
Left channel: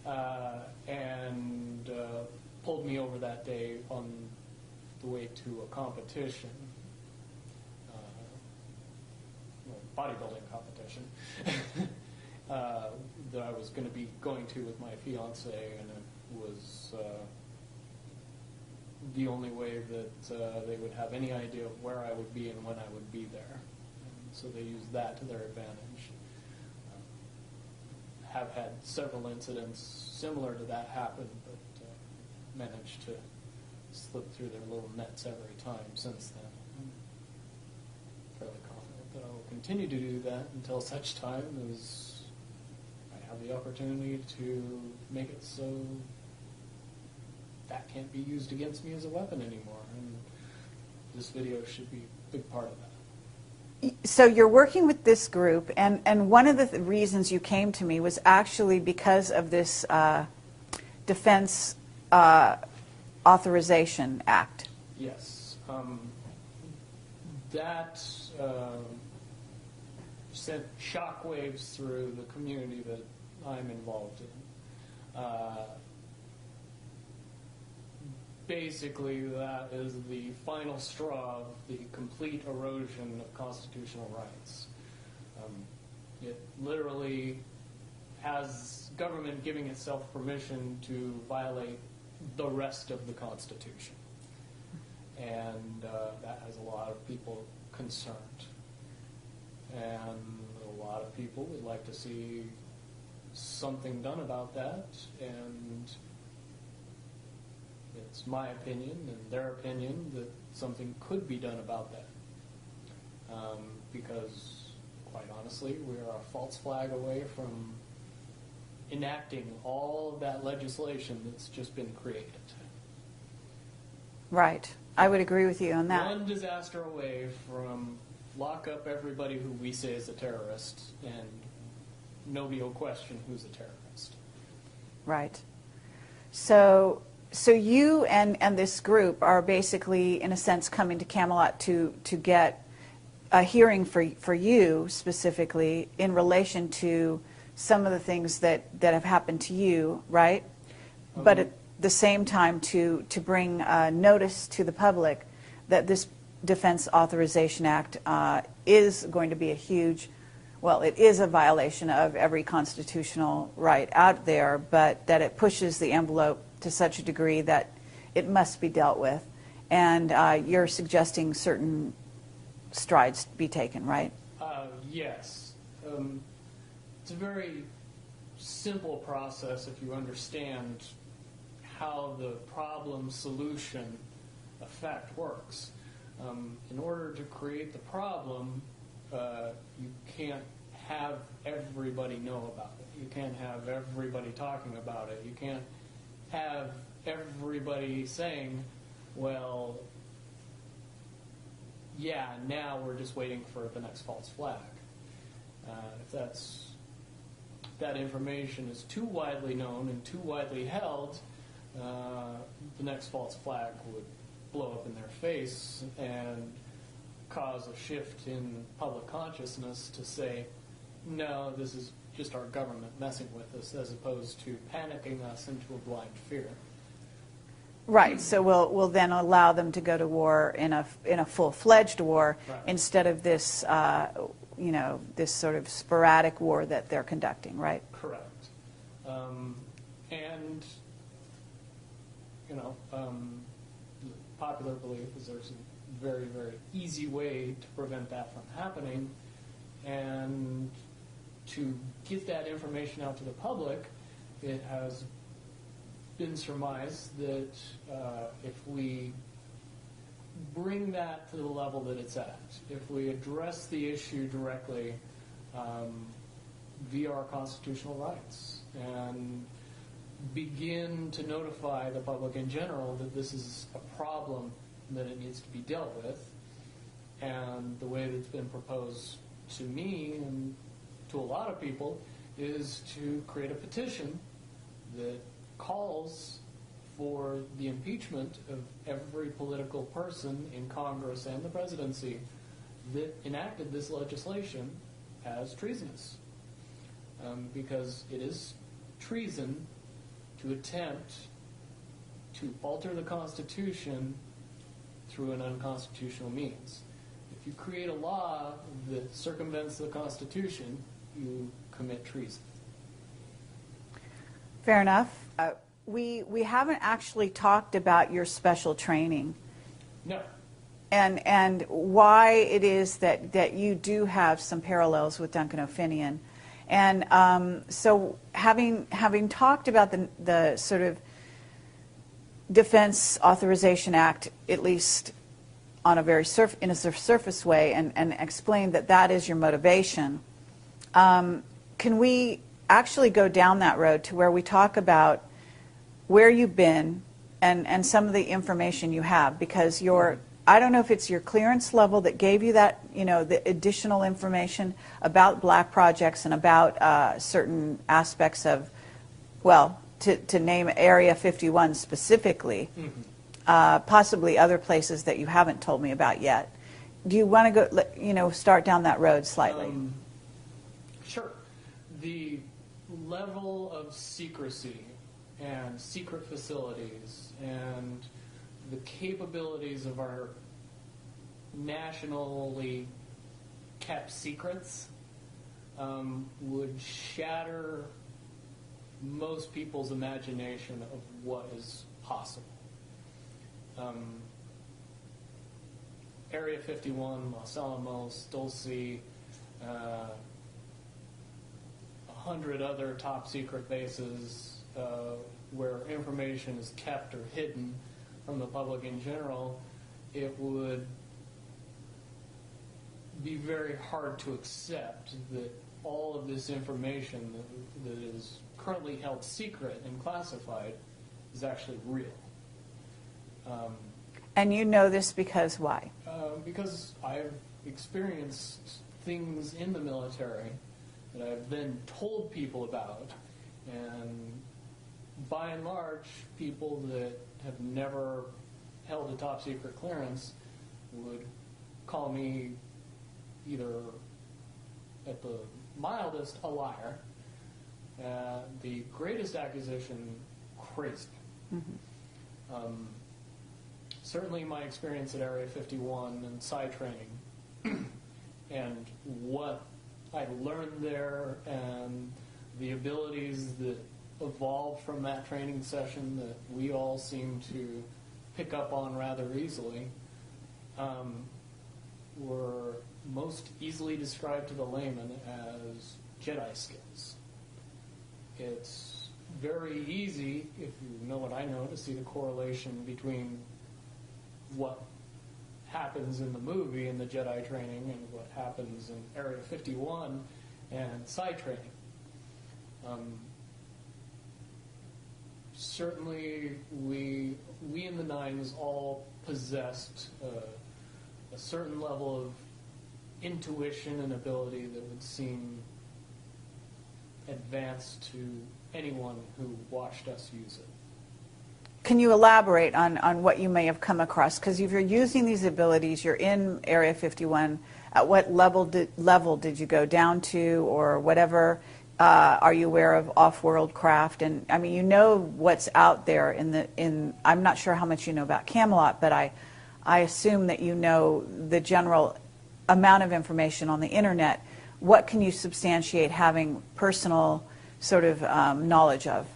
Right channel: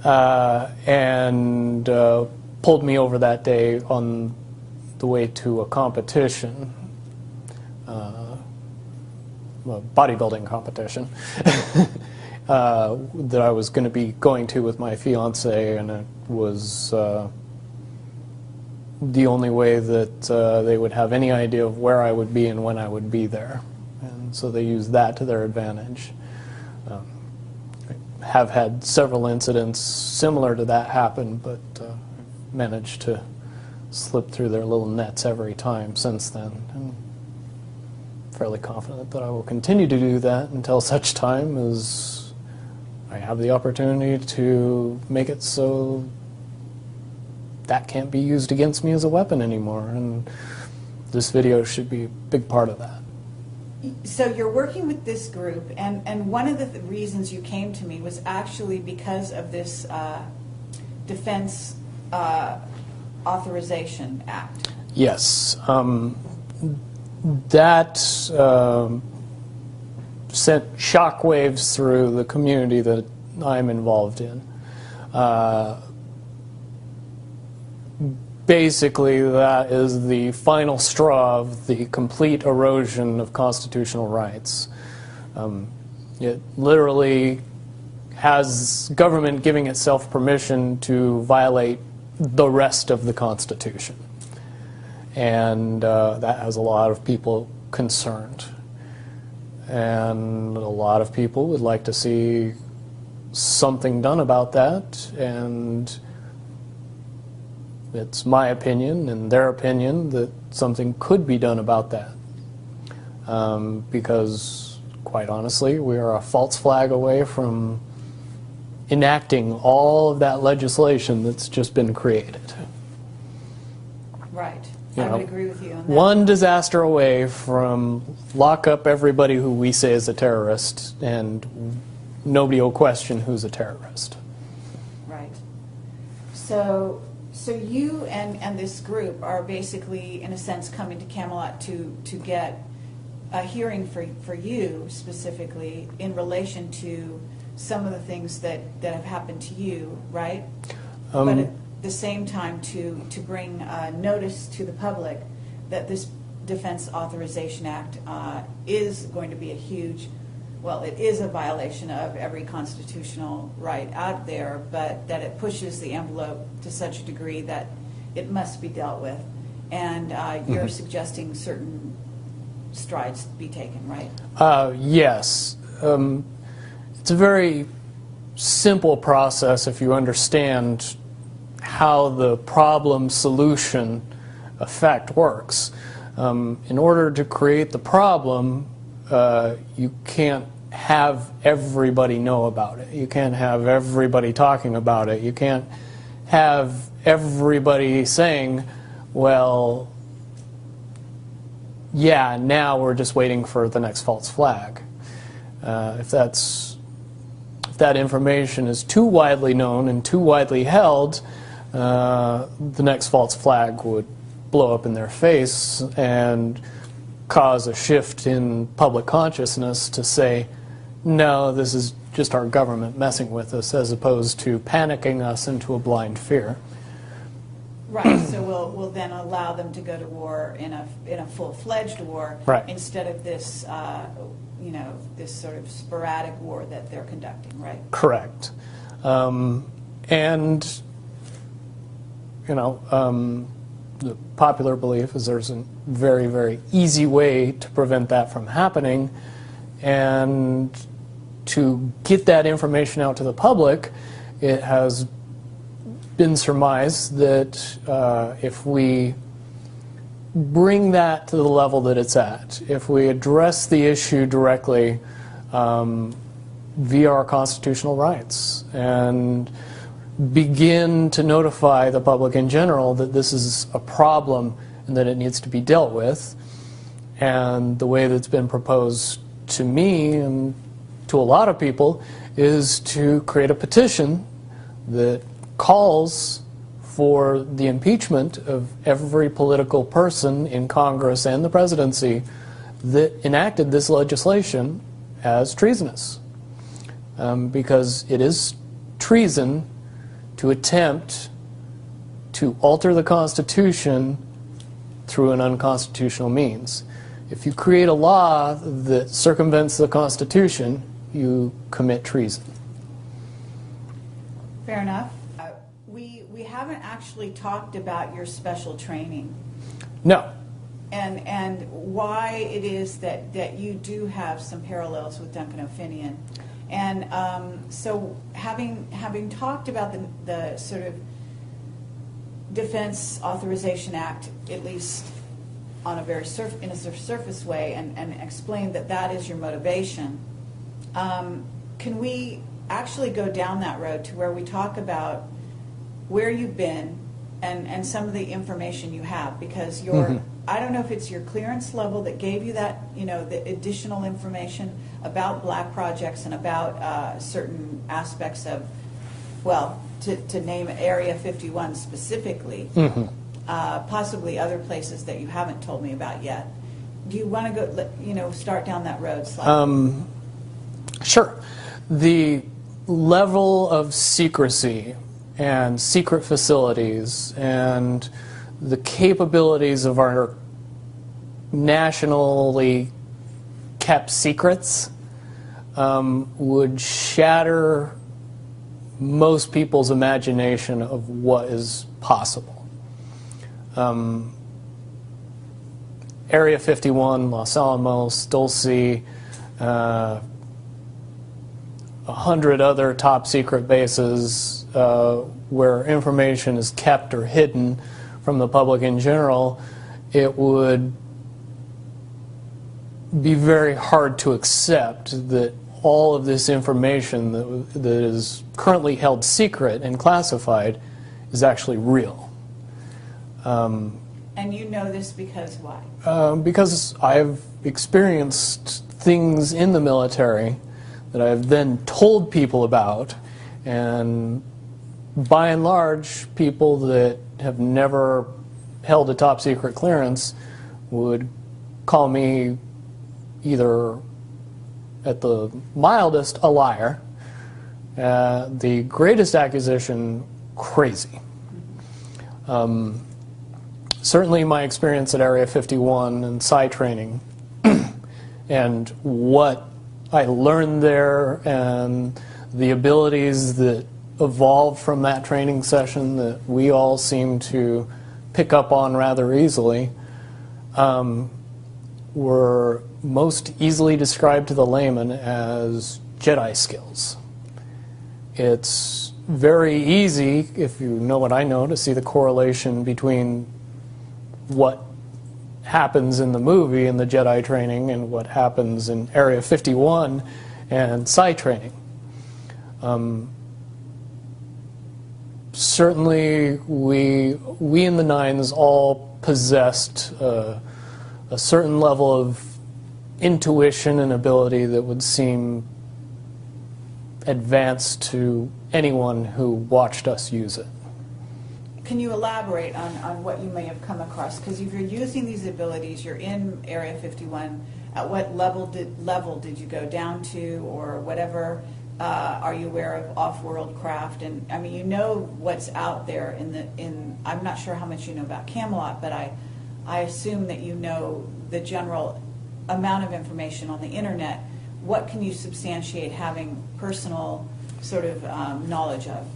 and pulled me over that day on the way to a competition, a bodybuilding competition, that I was going to be going to with my fiance, and it was the only way that they would have any idea of where I would be and when I would be there. And so they used that to their advantage. I have had several incidents similar to that happen, but managed to slip through their little nets every time since then. And fairly confident that I will continue to do that until such time as I have the opportunity to make it so that can't be used against me as a weapon anymore, and this video should be a big part of that. So you're working with this group, and one of the reasons you came to me was actually because of this Defense Authorization Act. Yes. That sent shockwaves through the community that I'm involved in. Basically, that is the final straw of the complete erosion of constitutional rights. It literally has government giving itself permission to violate the rest of the Constitution. And that has a lot of people concerned. And a lot of people would like to see something done about that, and it's my opinion and their opinion that something could be done about that. Because, quite honestly, we are a false flag away from enacting all of that legislation that's just been created. Right. I would agree with you on that. One disaster away from lock up everybody who we say is a terrorist, and nobody will question who's a terrorist. Right. So you and this group are basically, in a sense, coming to Camelot to get a hearing for you specifically in relation to some of the things that have happened to you, right? But at the same time to bring notice to the public that this Defense Authorization Act is going to be a huge, well, it is a violation of every constitutional right out there, but that it pushes the envelope to such a degree that it must be dealt with. And you're suggesting certain strides be taken, right? Yes. It's a very simple process if you understand how the problem-solution effect works. In order to create the problem, you can't have everybody know about it. You can't have everybody talking about it. You can't have everybody saying, well, yeah, now we're just waiting for the next false flag. If that information is too widely known and too widely held, the next false flag would blow up in their face and cause a shift in public consciousness to say, no, this is just our government messing with us, as opposed to panicking us into a blind fear. Right. So we'll then allow them to go to war in a full-fledged war, right, instead of this this sort of sporadic war that they're conducting. Right. Correct. And the popular belief is there's a very, very easy way to prevent that from happening, and to get that information out to the public, it has been surmised that if we bring that to the level that it's at, if we address the issue directly via our constitutional rights and begin to notify the public in general that this is a problem and that it needs to be dealt with, and the way that's been proposed to me and to a lot of people is to create a petition that calls for the impeachment of every political person in Congress and the presidency that enacted this legislation as treasonous. Because it is treason to attempt to alter the Constitution through an unconstitutional means. If you create a law that circumvents the Constitution, you commit treason. Fair enough. We haven't actually talked about your special training. No. And why it is that you do have some parallels with Duncan O'Finian. And so having talked about the sort of Defense Authorization Act, at least on a very surface way, and explain that is your motivation, can we actually go down that road to where we talk about where you've been and some of the information you have? Because your I don't know if it's your clearance level that gave you that, the additional information about black projects and about certain aspects of, well, to name Area 51 specifically, possibly other places that you haven't told me about yet. Do you want to go, start down that road slightly? Sure. The level of secrecy and secret facilities and the capabilities of our nationally kept secrets would shatter most people's imagination of what is possible. Area 51, Los Alamos, Dulce, 100 other top secret bases where information is kept or hidden from the public in general, it would be very hard to accept that all of this information that is currently held secret and classified is actually real. And you know this because why? Because I've experienced things in the military that I've then told people about, and by and large, people that have never held a top secret clearance would call me either, at the mildest, a liar, the greatest accusation, crazy. Certainly my experience at Area 51 and PSY training and what I learned there and the abilities that evolved from that training session that we all seem to pick up on rather easily were most easily described to the layman as Jedi skills. It's very easy, if you know what I know, to see the correlation between what happens in the movie in the Jedi training and what happens in Area 51 and psi training. Certainly, we in the Nines all possessed a certain level of intuition and ability that would seem advanced to anyone who watched us use it. Can you elaborate on what you may have come across? Because if you're using these abilities, you're in Area 51, at what level did you go down to, or whatever? Are you aware of off-world craft? And I mean, you know what's out there I'm not sure how much you know about Camelot, but I assume that you know the general amount of information on the internet. What can you substantiate having personal sort of knowledge of?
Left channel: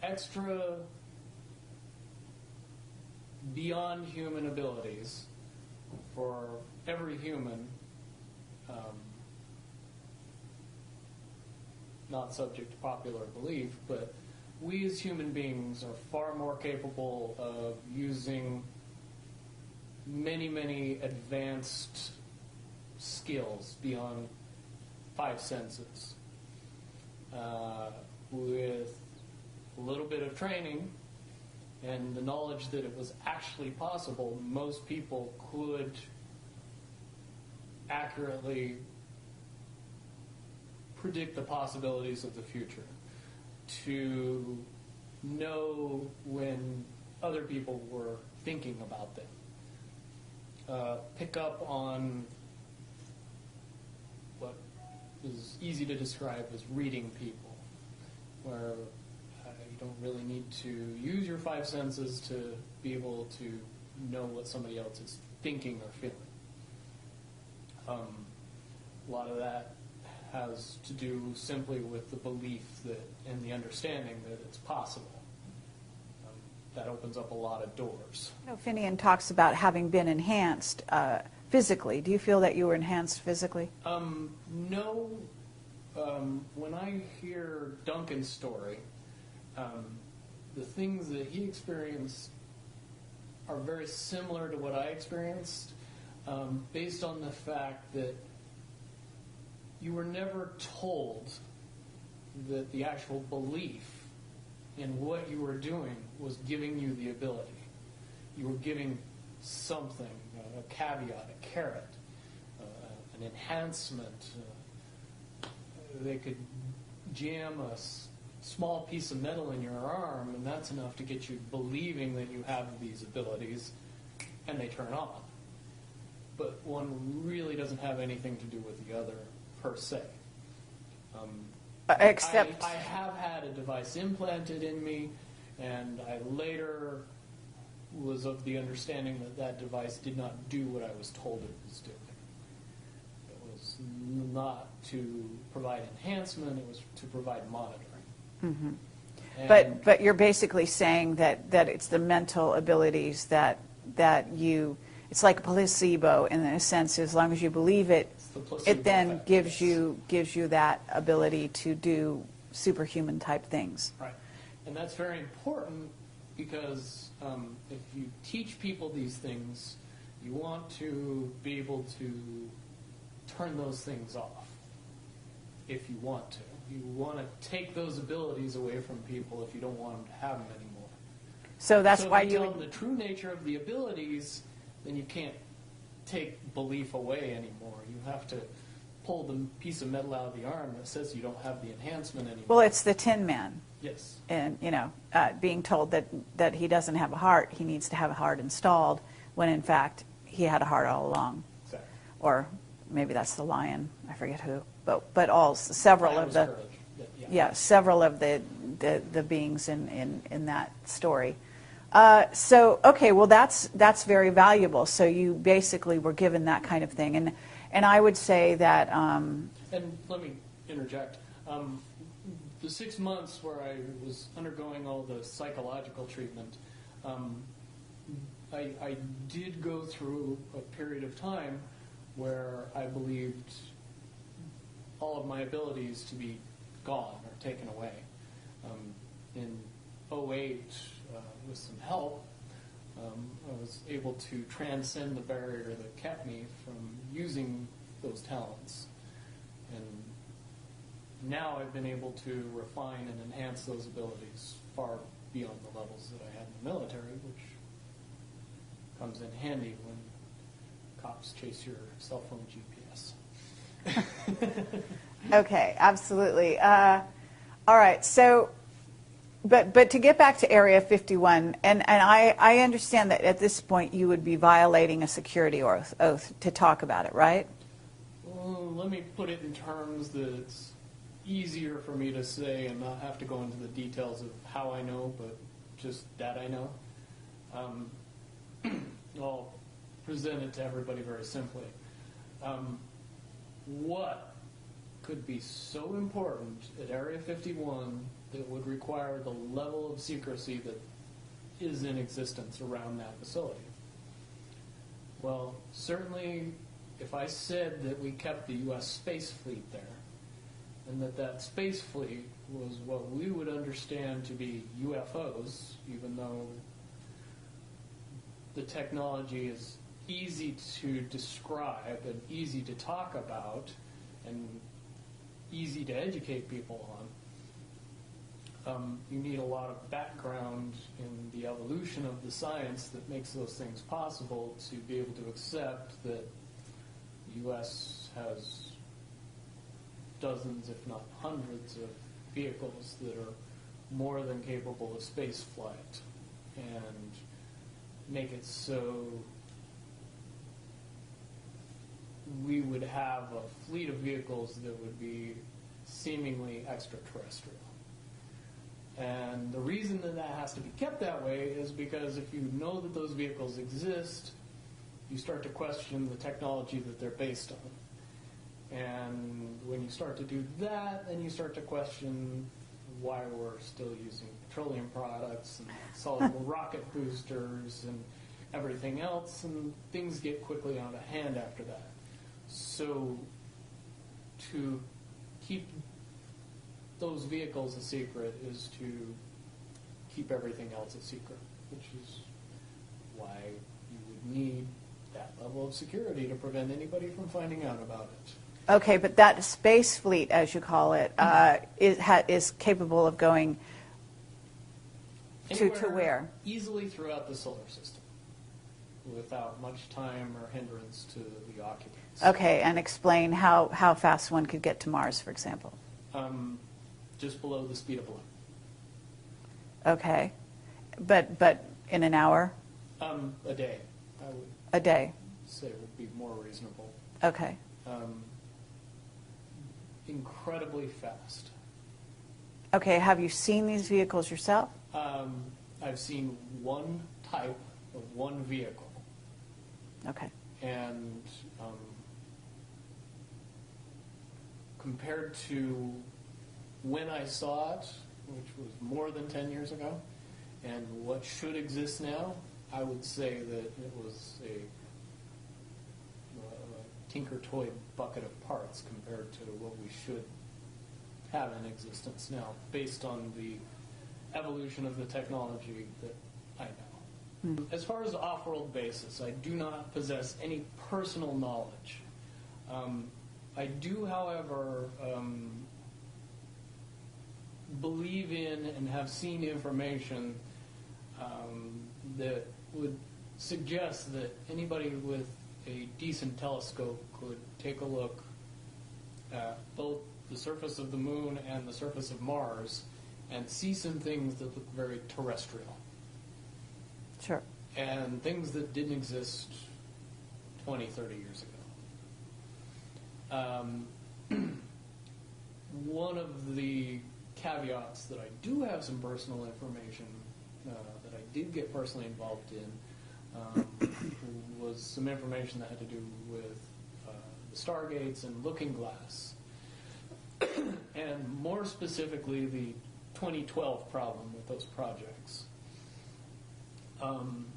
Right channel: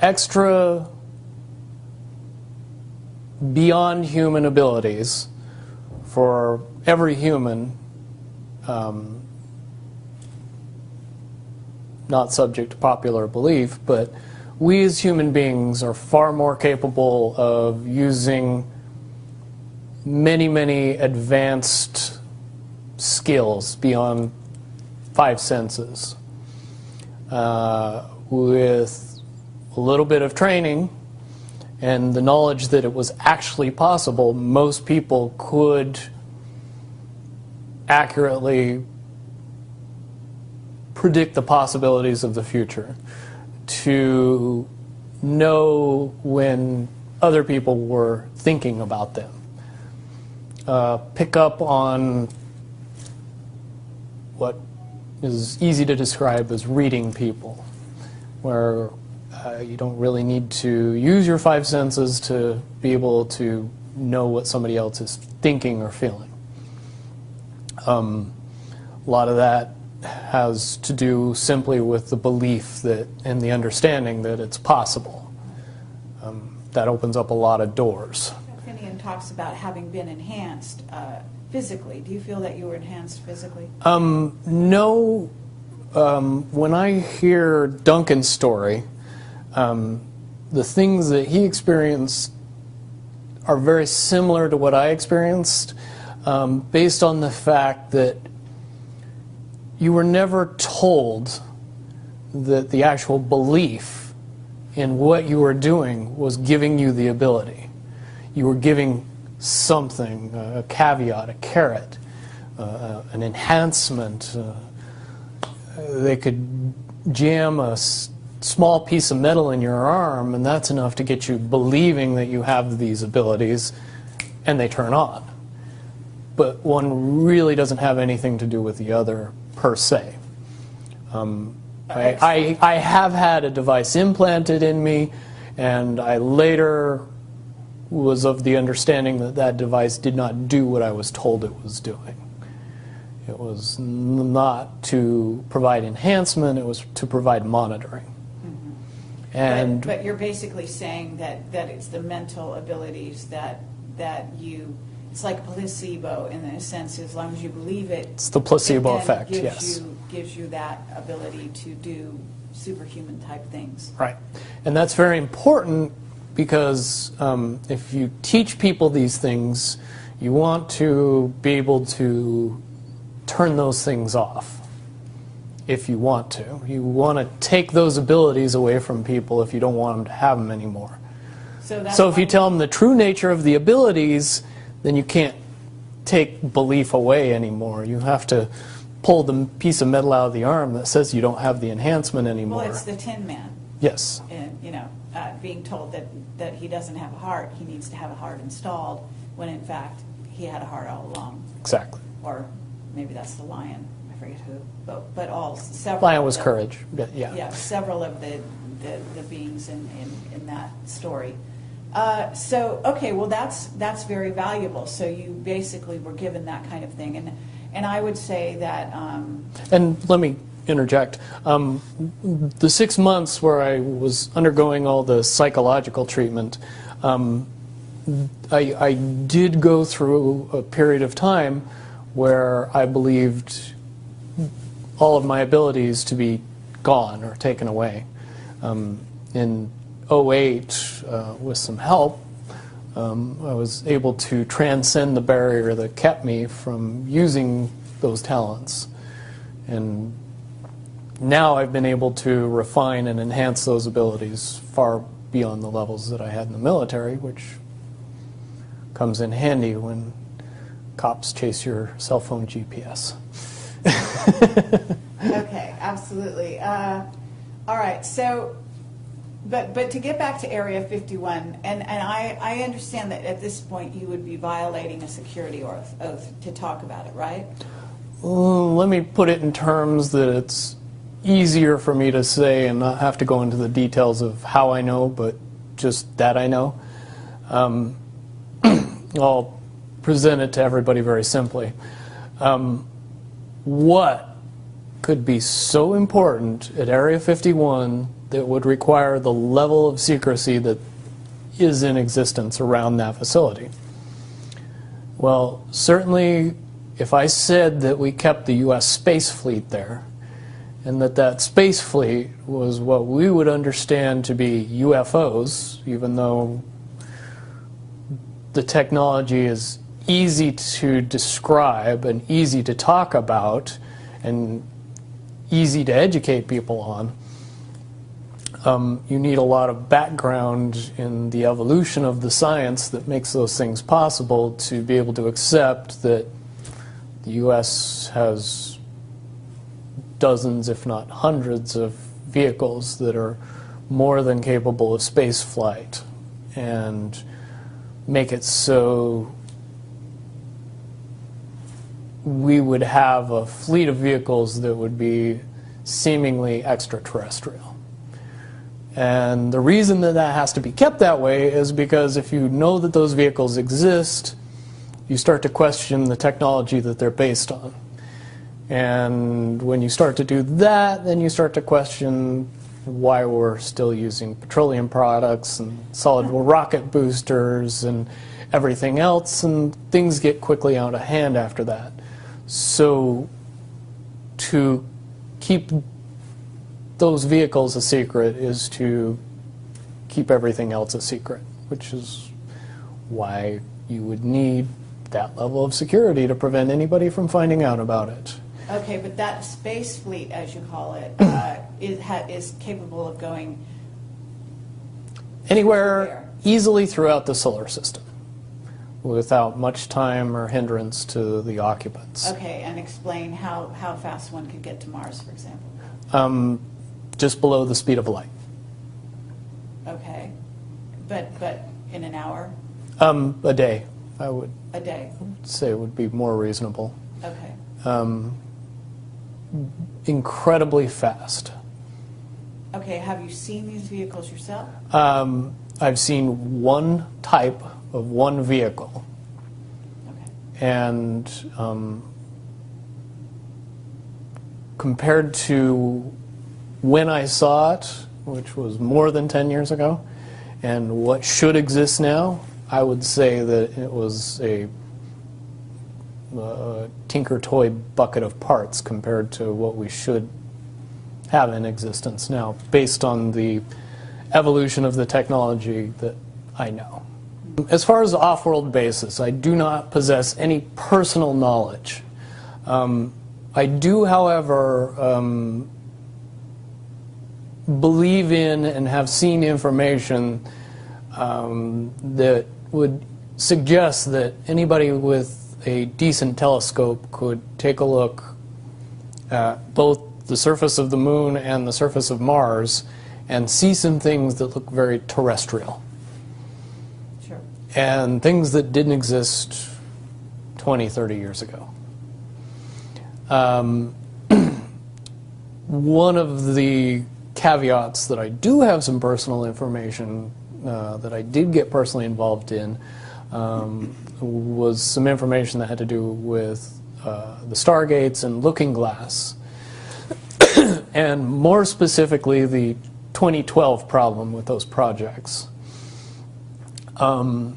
Extra beyond human abilities for every human, not subject to popular belief, but we as human beings are far more capable of using many, many advanced skills beyond 5 senses. With a little bit of training and the knowledge that it was actually possible, most people could accurately predict the possibilities of the future, to know when other people were thinking about them, pick up on what is easy to describe as reading people, where you don't really need to use your 5 senses to be able to know what somebody else is thinking or feeling. A lot of that has to do simply with the belief that and the understanding that it's possible. That opens up a lot of doors. Finian talks about having been enhanced physically. Do you feel that you were enhanced physically? No. When I hear Duncan's story, the things that he experienced are very similar to what I experienced, based on the fact that you were never told that the actual belief in what you were doing was giving you the ability. You were giving something, a caveat, a carrot, an enhancement. They could jam a small piece of metal in your arm, and that's enough to get you believing that you have these abilities, and they turn on. But one really doesn't have anything to do with the other, per se. I have had a device implanted in me, and I later was of the understanding that that device did not do what I was told it was doing. It was not to provide enhancement, it was to provide monitoring. Mm-hmm. And but you're basically saying that it's the mental abilities that you, it's like placebo in a sense. As long as you believe it, it's the placebo it then effect, gives yes. gives you that ability to do superhuman type things. Right. And that's very important because if you teach people these things, you want to be able to turn those things off if you want to. You want to take those abilities away from people if you don't want them to have them anymore. So if you tell them the true nature of the abilities, then you can't take belief away anymore. You have to pull the piece of metal out of the arm that says you don't have the enhancement anymore. Well, it's the Tin Man. Yes. And, being told that he doesn't have a heart, he needs to have a heart installed, when in fact he had a heart all along. Exactly. Or maybe that's the lion. I forget who. But several. Lion was courage. Yeah. Yeah, several of the beings in that story. Okay, well that's very valuable. So you basically were given that kind of thing, and I would say that. And let me interject. The 6 months where I was undergoing all the psychological treatment, I did go through a period of time where I believed all of my abilities to be gone or taken away. In 2008, with some help, I was able to transcend the barrier that kept me from using those talents. And now I've been able to refine and enhance those abilities far beyond the levels that I had in the military, which comes in handy when cops chase your cell phone GPS. Okay, absolutely. All right, so, but to get back to Area 51, and I understand that at this point you would be violating a security oath to talk about it, right? Let me put it in terms that it's easier for me to say and not have to go into the details of how I know, but just that I know. I'll present it to everybody very simply. What could be so important at Area 51 that would require the level of secrecy that is in existence around that facility? Well, certainly if I said that we kept the U.S. space fleet there, and that space fleet was what we would understand to be UFOs, even though the technology is easy to describe and easy to talk about and easy to educate people on, you need a lot of background in the evolution of the science that makes those things possible to be able to accept that the U.S. has dozens, if not hundreds, of vehicles that are more than capable of space flight, and make it so we would have a fleet of vehicles that would be seemingly extraterrestrial. And the reason that that has to be kept that way is because if you know that those vehicles exist, you start to question the technology that they're based on. And when you start to do that, then you start to question why we're still using petroleum products and solid rocket boosters and everything else, and things get quickly out of hand after that. So to keep those vehicles a secret is to keep everything else a secret, which is why you would need that level of security to prevent anybody from finding out about it. Okay, but that space fleet, as you call it, is capable of going anywhere easily throughout the solar system without much time or hindrance to the occupants. Okay, and explain how fast one could get to Mars, for example. Just below the speed of light. Okay, but in an hour? A day, I would A day. say would be more reasonable. Okay. Incredibly fast. Okay, have you seen these vehicles yourself? I've seen one type of one vehicle. Okay. And compared to when I saw it, which was more than 10 years ago, and what should exist now, I would say that it was a tinker toy bucket of parts compared to what we should have in existence now, based on the evolution of the technology that I know. As far as the off-world basis, I do not possess any personal knowledge. I do, however, believe in and have seen information that would suggest that anybody with a decent telescope could take a look at both the surface of the moon and the surface of Mars and see some things that look very terrestrial. Sure. And things that didn't exist 20, 30 years ago. One of the caveats that I do have some personal information that I did get personally involved in was some information that had to do with the Stargates and Looking Glass, and more specifically the 2012 problem with those projects. I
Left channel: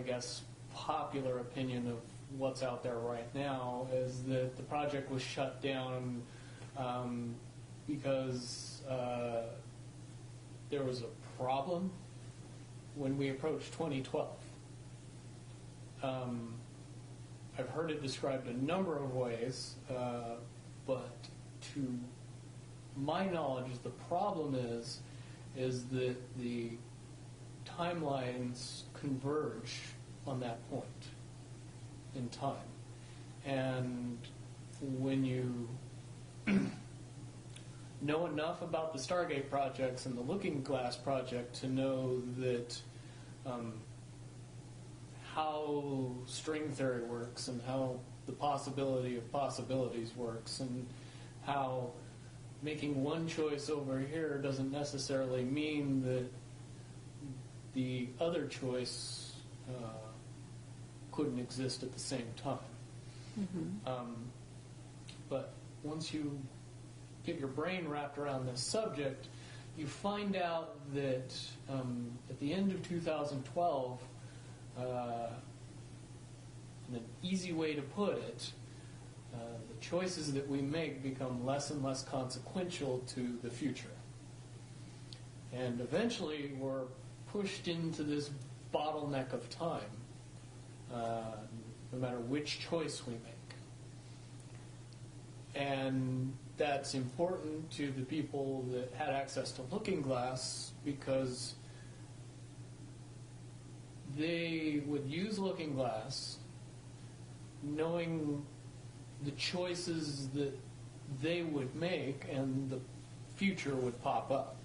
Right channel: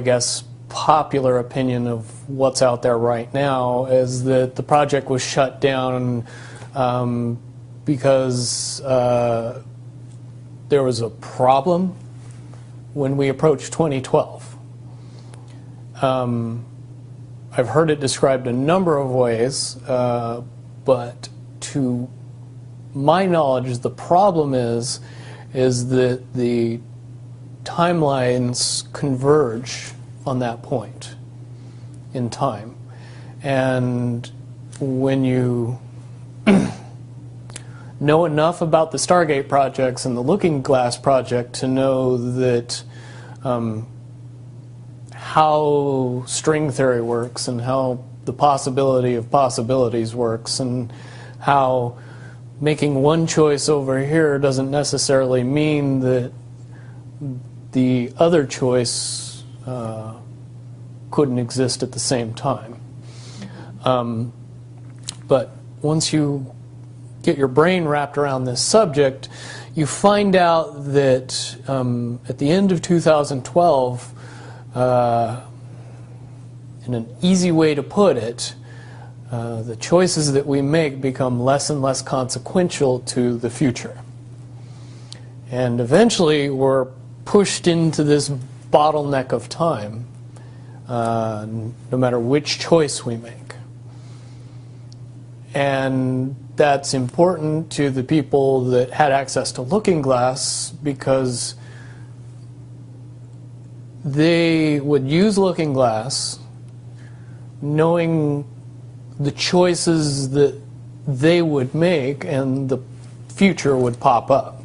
guess, popular opinion of what's out there right now is that the project was shut down because there was a problem when we approached 2012. I've heard it described a number of ways, but to my knowledge, the problem is that the timelines converge on that point in time. And when you know enough about the Stargate projects and the Looking Glass project to know that how string theory works and how the possibility of possibilities works and how making one choice over here doesn't necessarily mean that the other choice couldn't exist at the same time. But once you get your brain wrapped around this subject, you find out that at the end of 2012, in an easy way to put it, the choices that we make become less and less consequential to the future. And eventually we're pushed into this bottleneck of time, no matter which choice we make. And that's important to the people that had access to Looking Glass because they would use Looking Glass knowing the choices that they would make and the future would pop up.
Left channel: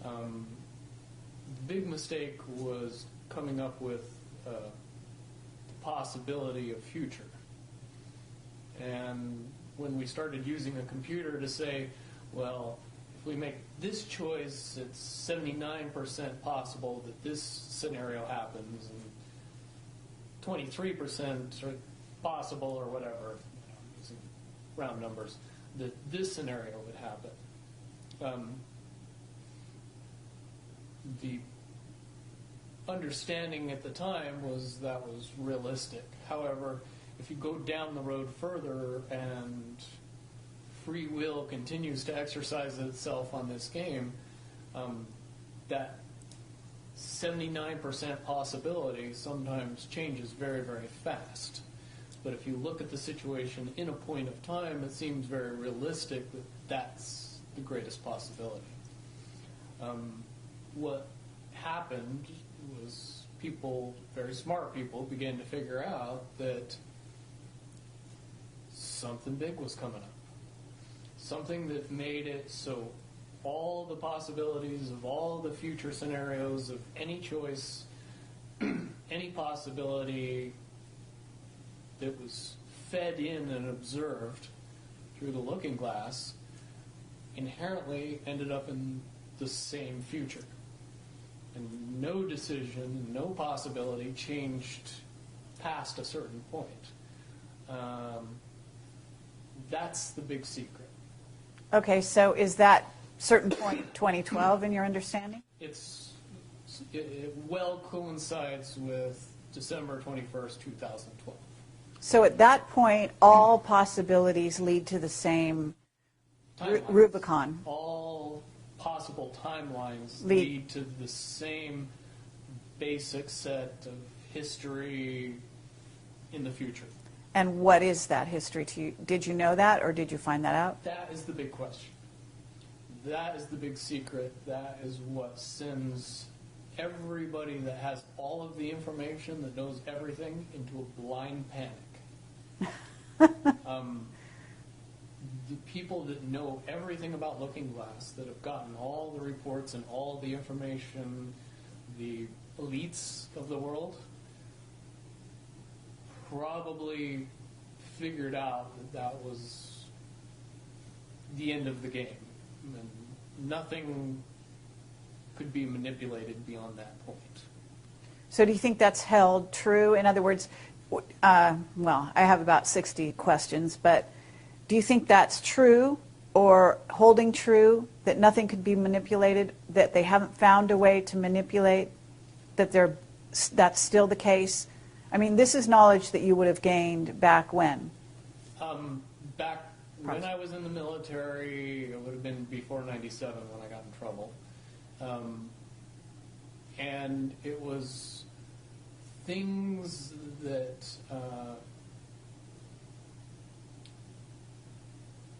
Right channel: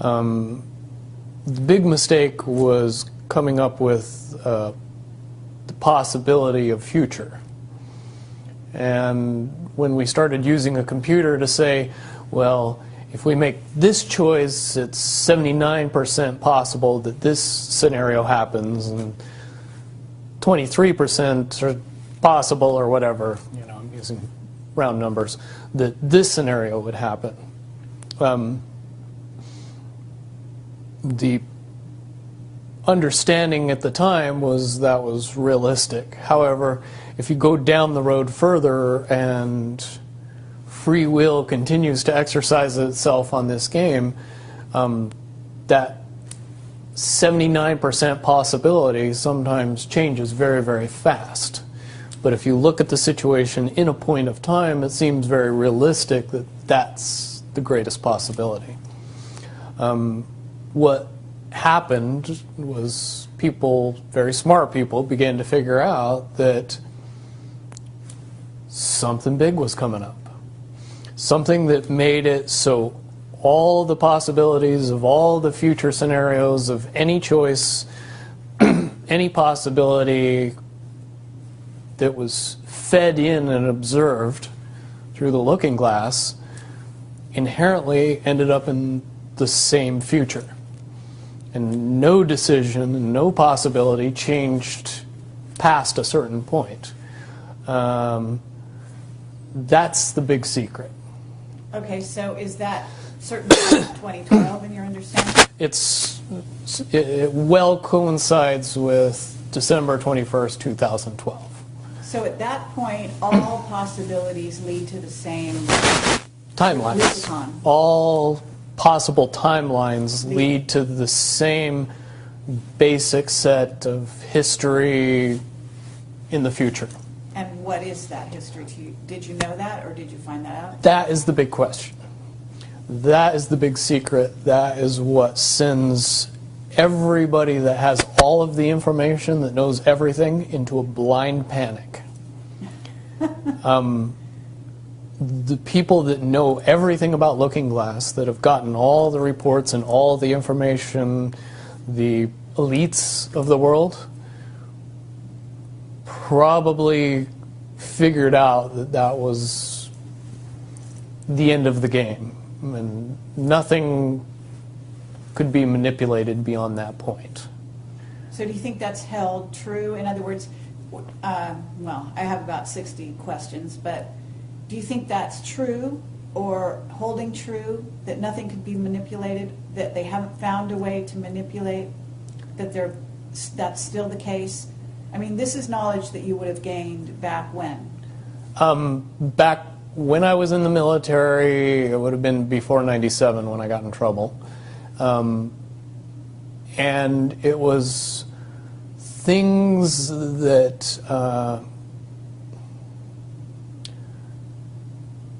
The big mistake was coming up with the possibility of future. And when we started using a computer to say, well, if we make this choice, it's 79% possible that this scenario happens, and 23% are possible, or whatever, you know, I'm using round numbers, that this scenario would happen. The understanding at the time was that was realistic. However, if you go down the road further and free will continues to exercise itself on this game, that 79% possibility sometimes changes very, very fast. But if you look at the situation in a point of time, it seems very realistic that that's the greatest possibility. What happened was people, very smart people, began to figure out that something big was coming up. Something that made it so all the possibilities of all the future scenarios of any choice, any possibility that was fed in and observed through the Looking Glass inherently ended up in the same future. And no decision and no possibility changed past a certain point. That's the big secret. Okay, so is that certainly 2012 in your understanding? It well coincides with December 21st, 2012. So at that point, all possibilities lead to the same Timelines. Rubicon. All possible timelines lead to the same basic set of history in the future. And what is that history to you? Did you know that, or did you find that out? That is the big question. That is the big secret. That is what sends everybody that has all of the information, that knows everything, into a blind panic. The people that know everything about Looking Glass, that have gotten all the reports and all the information, the elites of the world, probably figured out that that was the end of the game, and nothing could be manipulated beyond that point. So do you think that's held true? In other words, well, I have about 60 questions, but do you think that's true or holding true, that nothing can be manipulated, that they haven't found a way to manipulate, that that's still the case? I mean, this is knowledge that you would have gained back when? Back when I was in the military, it would have been before '97 when I got in trouble. And it was things that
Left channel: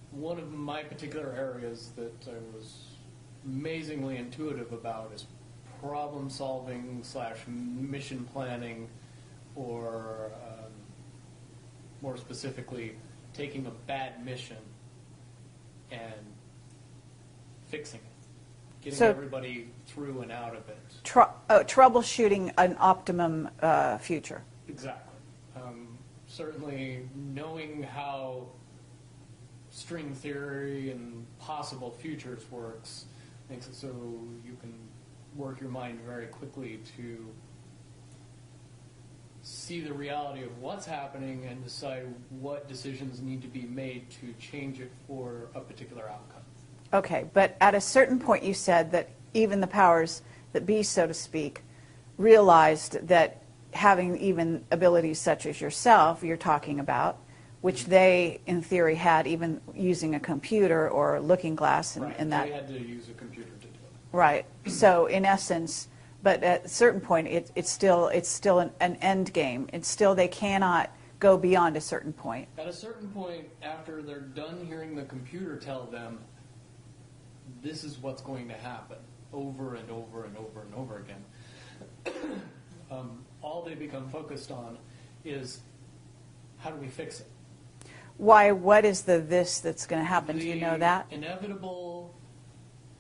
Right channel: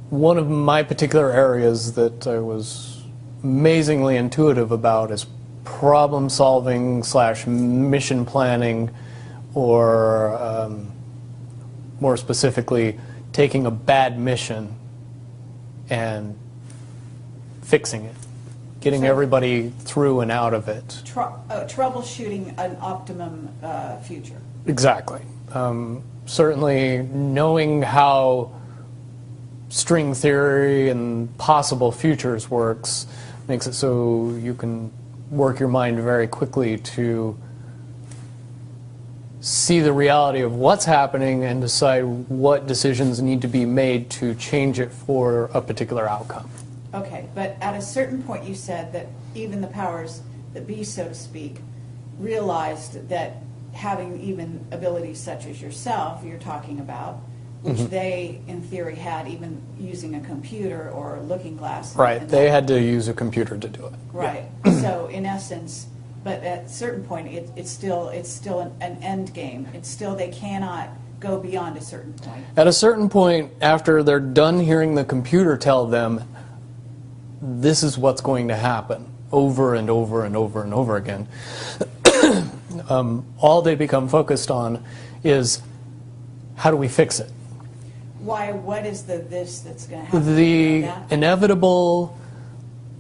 one of my particular areas that I was amazingly intuitive about is problem solving / mission planning, or more specifically, taking a bad mission and fixing it, getting So- everybody through and out of it. Troubleshooting an optimum future. Exactly. Certainly knowing how string theory and possible futures works makes it so you can work your mind very quickly to see the reality of what's happening and decide what decisions need to be made to change it for a particular outcome. Okay, but at a certain point you said that even the powers that be, so to speak, realized that having even abilities such as yourself, you're talking about, which they, in theory, had even using a computer or a looking glass. Right, and they that. had to use a computer to do it. Right. So in essence, but at a certain point, it's still an end game. It's still, they cannot go beyond a certain point. At a certain point, after they're done hearing the computer tell them, this is what's going to happen, over and over and over and over again, all they become focused on is, how do we fix it? Why? What is this that's going to happen? Do you know The that? inevitable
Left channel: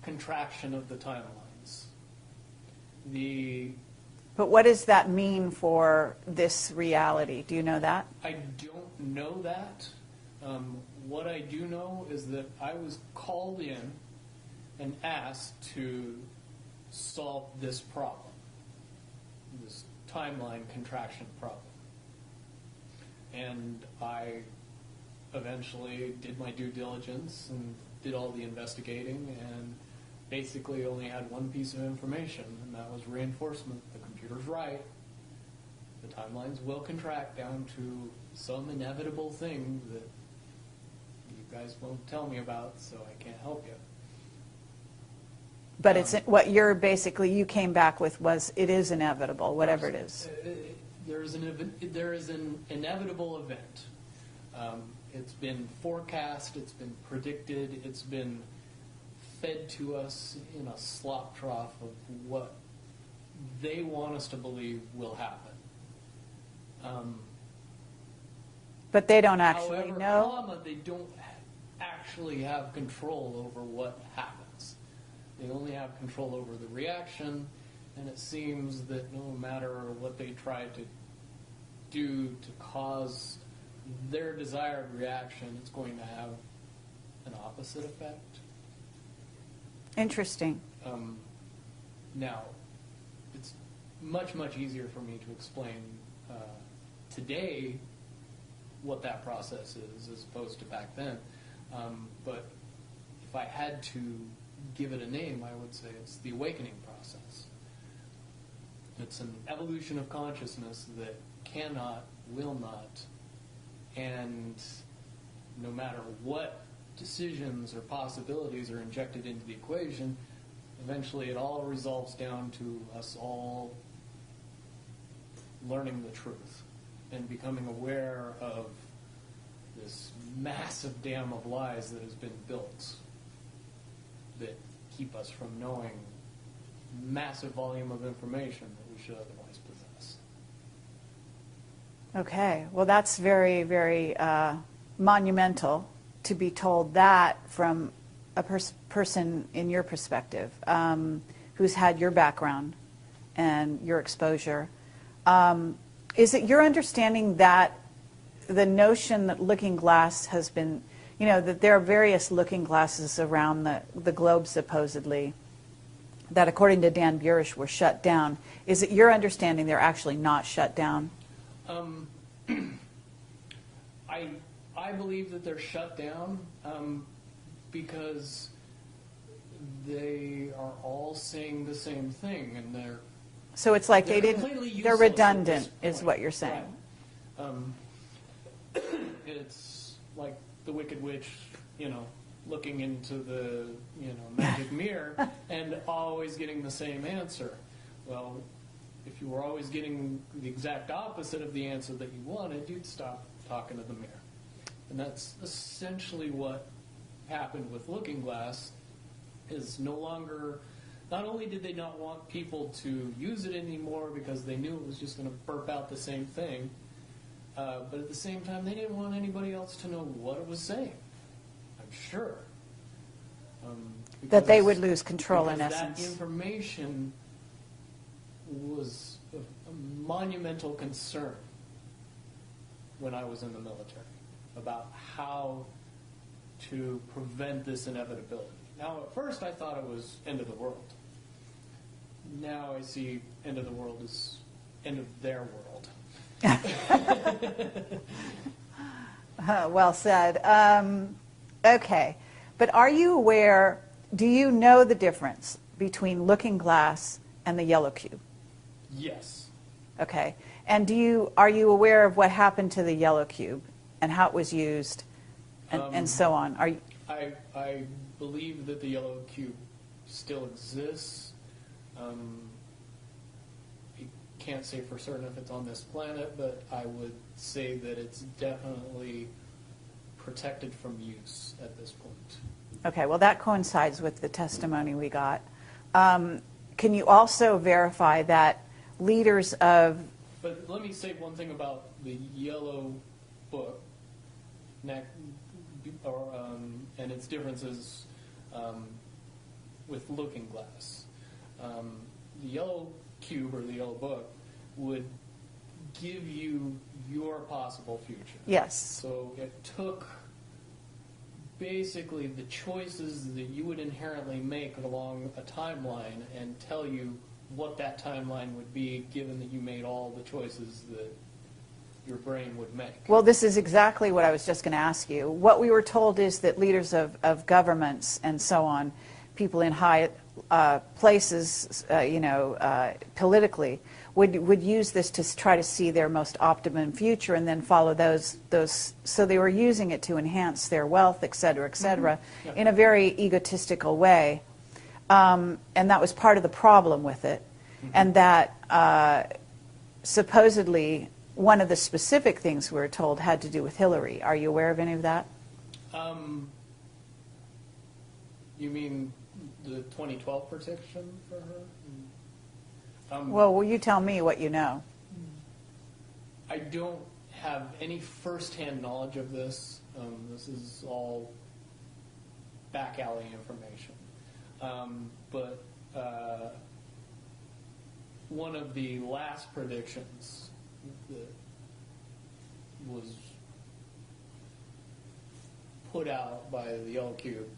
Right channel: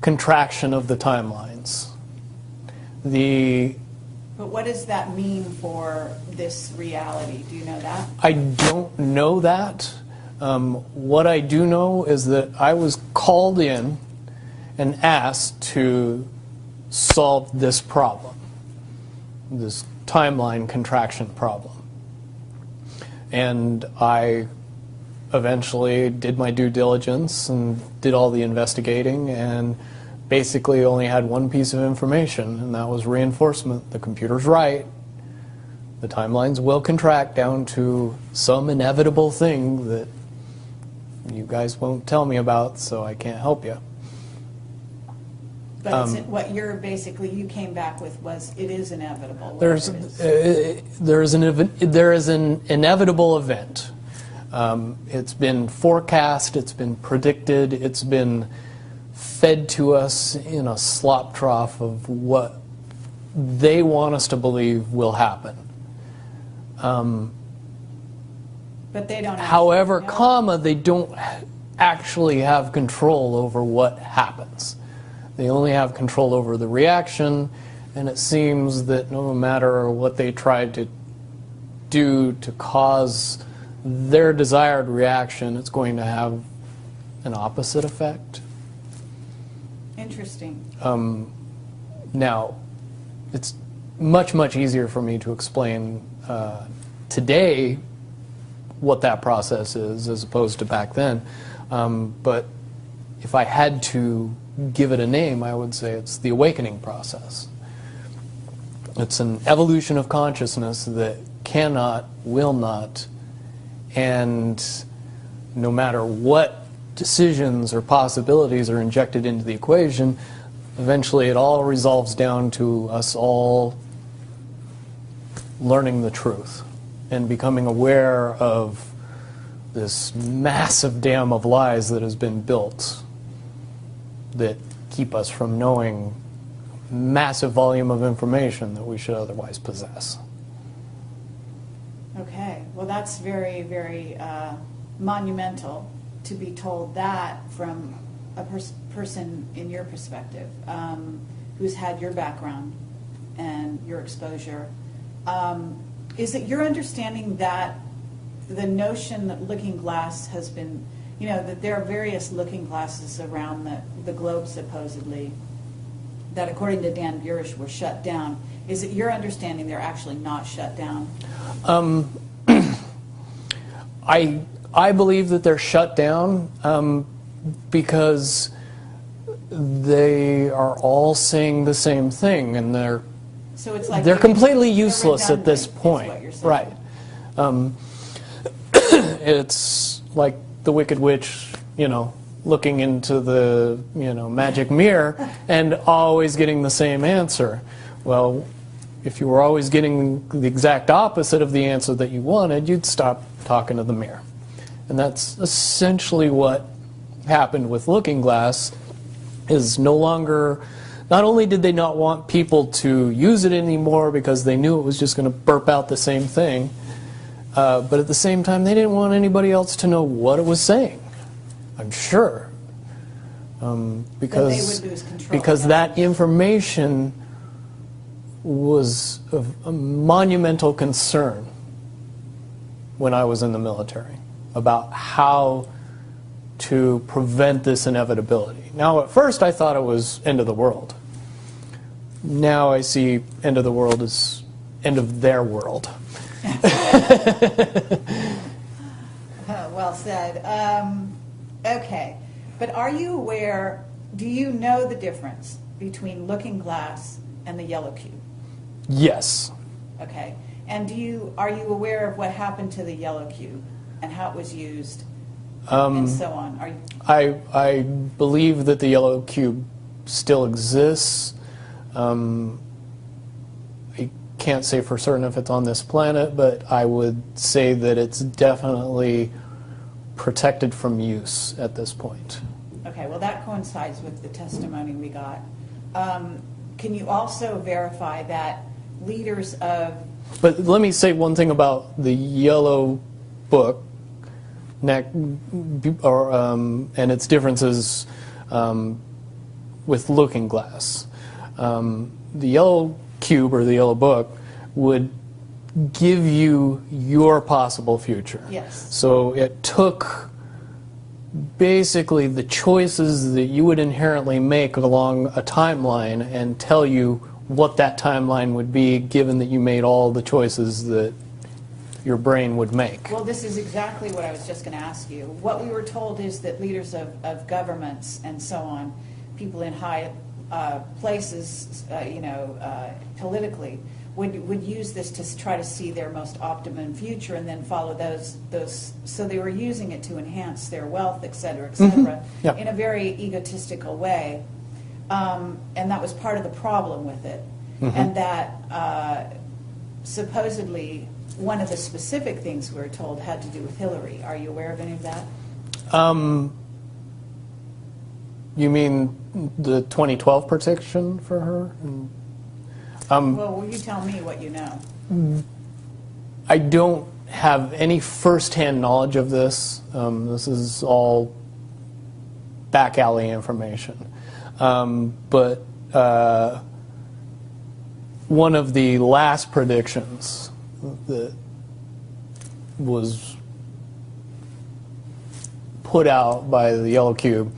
contraction of the timelines. But what does that mean for this reality? Do you know that? I don't know that. What I do know is that I was called in and asked to solve this problem, this timeline contraction problem. And I eventually did my due diligence and did all the investigating, and basically only had one piece of information, and that was reinforcement. The computer's right. The timelines will contract down to some inevitable thing that you guys won't tell me about, so I can't help you. But it's, what you're basically, you came back with was, it is inevitable, whatever it is. There is an inevitable event. It's been forecast, it's been predicted, it's been fed to us in a slop trough of what they want us to believe will happen. But they don't actually However, know. they don't actually have control over what happens. They only have control over the reaction, and it seems that no matter what they try to do to cause their desired reaction, it's going to have an opposite effect. Interesting. Now, it's much, much easier for me to explain today what that process is as opposed to back then. But if I had to give it a name, I would say it's the awakening process. It's an evolution of consciousness that cannot, will not, and no matter what decisions or possibilities are injected into the equation, eventually it all resolves down to us all learning the truth and becoming aware of this massive dam of lies that has been built that keep us from knowing massive volume of information that we should otherwise possess. Okay. Well, that's very, very monumental to be told that from a person in your perspective, who's had your background and your exposure. Is it your understanding that the notion that Looking Glass has been, you know, that there are various looking glasses around the globe supposedly, that according to Dan Burish were shut down. Is it your understanding they're actually not shut down? I believe that they're shut down because they are all saying the same thing, and they're So it's like they're maybe completely they're useless at this redundant, point. is what you're saying. Right. It's like the Wicked Witch, you know, looking into the magic mirror and always getting the same answer. Well, if you were always getting the exact opposite of the answer that you wanted, you'd stop talking to the mirror. And that's essentially what happened with Looking Glass. Is no longer, not only did they not want people to use it anymore because they knew it was just going to burp out the same thing, but at the same time they didn't want anybody else to know what it was saying, I'm sure. Because that they would lose control. Because that information was of a monumental concern when I was in the military about how to prevent this inevitability. Now, at first I thought it was end of the world. Now I see end of the world as end of their world. Well said. Okay, but are you aware, do you know the difference between Looking Glass and the Yellow Cube? Yes. Okay, and are you aware of what happened to the Yellow Cube and how it was used and so on? I believe that the Yellow Cube still exists. I can't say for certain if it's on this planet, but I would say that it's definitely protected from use at this point. Okay, well that coincides with the testimony we got. Can you also verify that leaders of... But let me say one thing about the Yellow Book and its differences with Looking Glass. The Yellow Cube or the Yellow Book would give you your possible future. Yes. So it took basically the choices that you would inherently make along a timeline and tell you what that timeline would be, given that you made all the choices that your brain would make. Well, this is exactly what I was just going to ask you. What we were told is that leaders of governments and so on, people in high places, politically, would use this to try to see their most optimum future and then follow those. So they were using it to enhance their wealth, et cetera, Yeah. in a very egotistical way. And that was part of the problem with it. And that supposedly one of the specific things we were told had to do with Hillary. Are you aware of any of that? You mean the 2012 prediction for her? Well, will you tell me what you know? I don't have any first-hand knowledge of this. This is all back alley information. But one of the last predictions that was put out by the Yellow Cube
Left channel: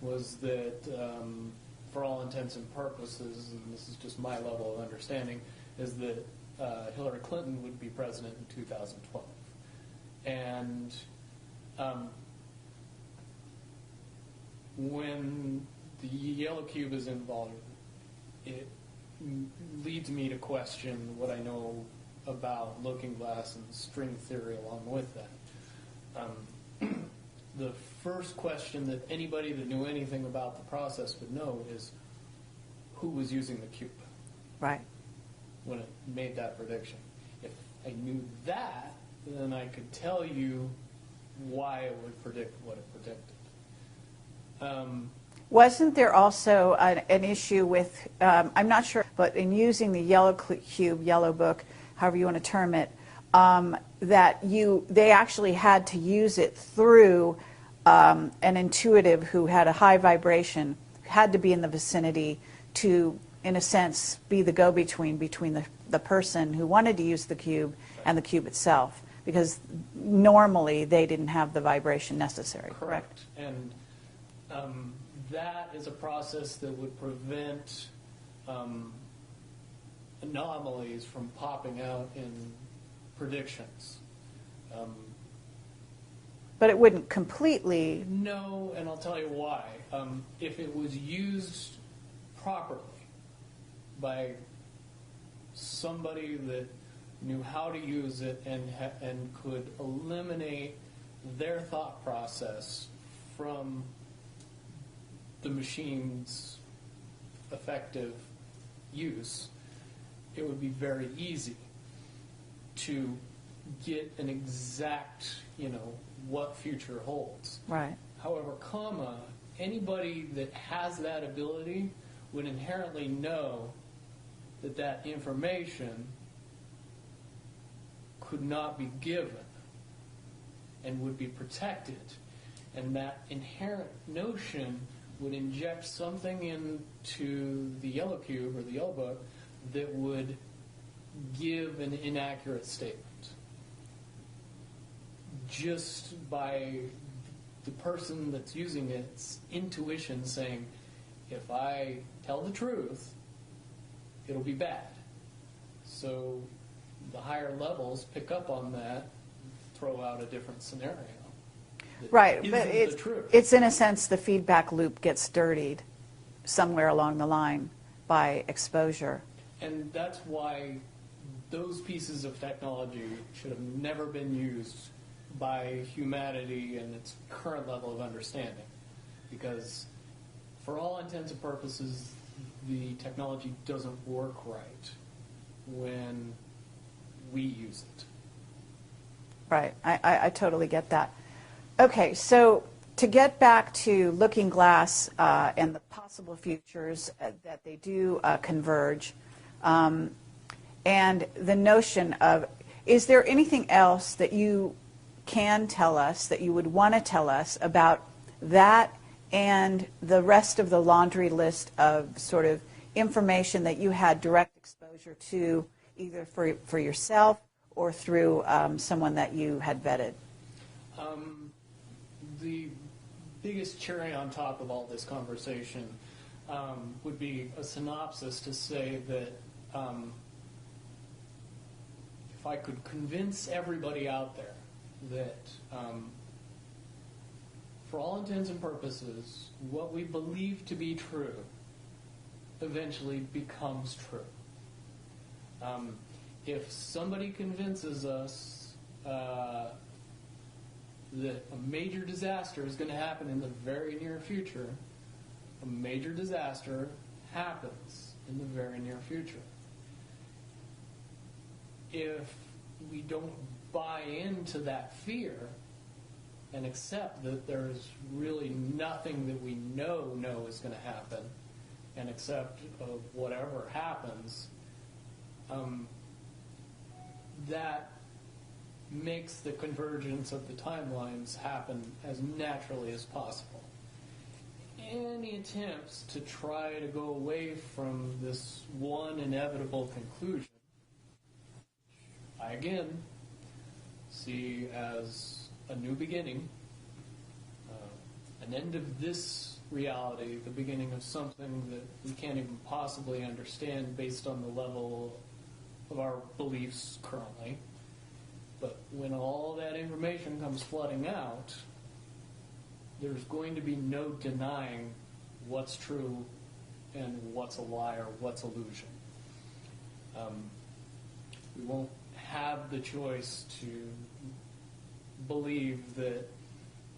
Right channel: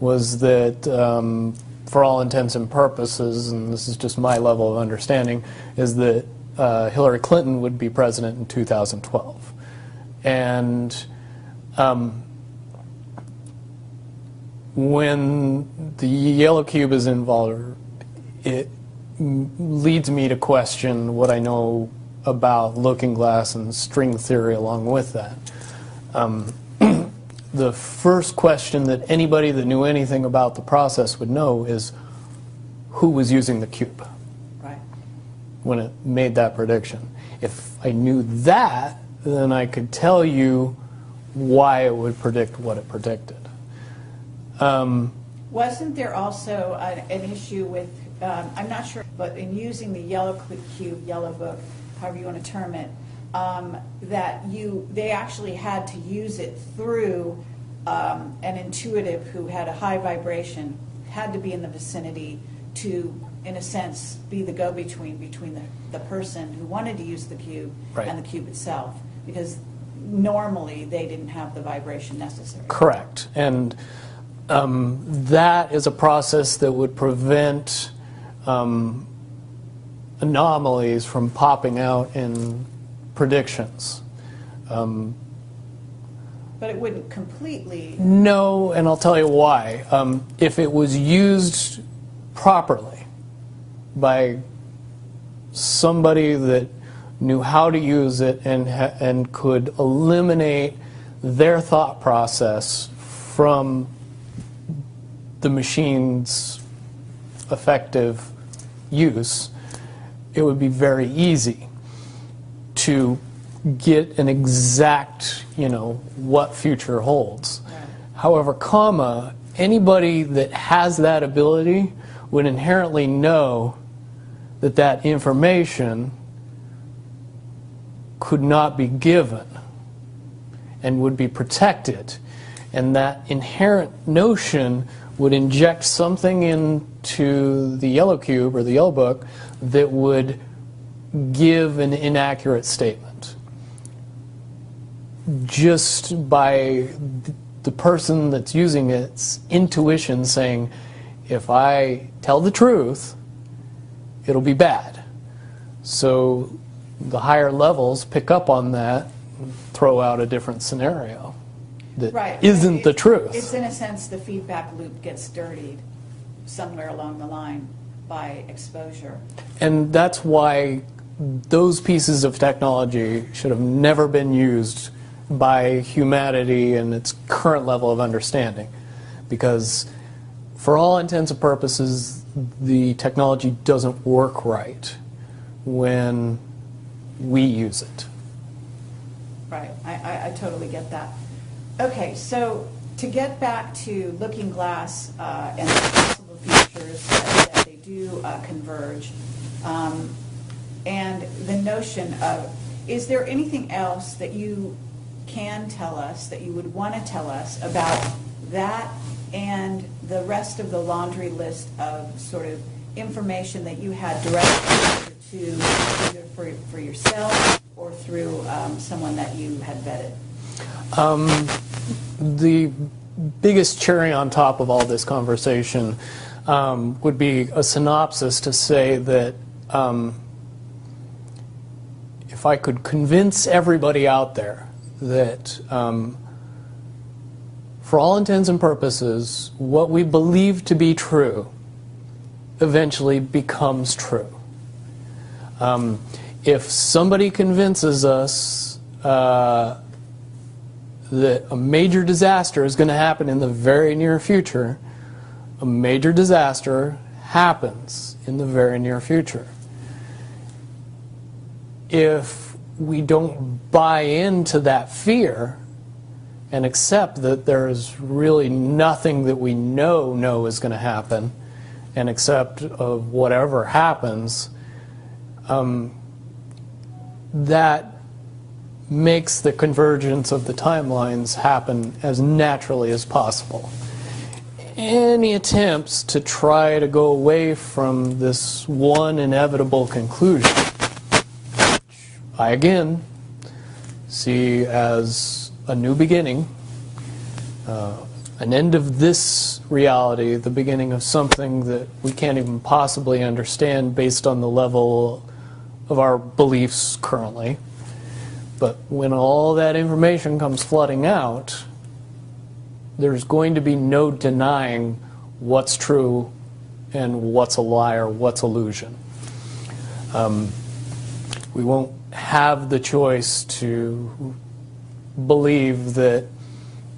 was that, for all intents and purposes, and this is just my level of understanding, is that Hillary Clinton would be president in 2012. And when the Yellow Cube is involved, it leads me to question what I know about Looking Glass and string theory along with that. The first question that anybody that knew anything about the process would know is who was using the cube Right. when it made that prediction. If I knew that, then I could tell you why it would predict what it predicted. Wasn't there also an issue with, I'm not sure, but in using the Yellow Cube, Yellow Book, however you want to term it, that they actually had to use it through an intuitive who had a high vibration, had to be in the vicinity to, in a sense, be the go-between between the person who wanted to use the cube Right. and the cube itself, because normally they didn't have the vibration necessary. Correct. And that is a process that would prevent anomalies from popping out in predictions. But it wouldn't completely... No, and I'll tell you why. If it was used properly by somebody that knew how to use it and could eliminate their thought process from the machine's effective use, it would be very easy to get an exact, what future holds. Right. However, anybody that has that ability would inherently know that that information could not be given and would be protected. And that inherent notion would inject something into the yellow cube or the yellow book that would give an inaccurate statement. Just by the person that's using its intuition saying, if I tell the truth, it'll be bad. So the higher levels pick up on that and throw out a different scenario that Right. isn't the truth. It's in a sense the feedback loop gets dirtied somewhere along the line by exposure. And that's why those pieces of technology should have never been used by humanity in its current level of understanding. Because for all intents and purposes, the technology doesn't work right when we use it. Right. I totally get that. Okay, so to get back to Looking Glass and the possible futures that they do converge, and the notion of, is there anything else that you can tell us, that you would want to tell us about that and the rest of the laundry list of sort of information that you had direct exposure to, either for yourself or through someone that you had vetted? The biggest cherry on top of all this conversation would be a synopsis to say that if I could convince everybody out there that for all intents and purposes, what we believe to be true eventually becomes true. If somebody convinces us that a major disaster is going to happen in the very near future, a major disaster happens in the very near future. If we don't buy into that fear and accept that there is really nothing that we know is going to happen, and accept of whatever happens, that makes the convergence of the timelines happen as naturally as possible. Any attempts to try to go away from this one inevitable conclusion, which I again see as a new beginning, an end of this reality, the beginning of something that we can't even possibly understand based on the level of our beliefs currently. But when all that information comes flooding out, there's going to be no denying what's true and what's a lie or what's illusion. We won't have the choice to believe that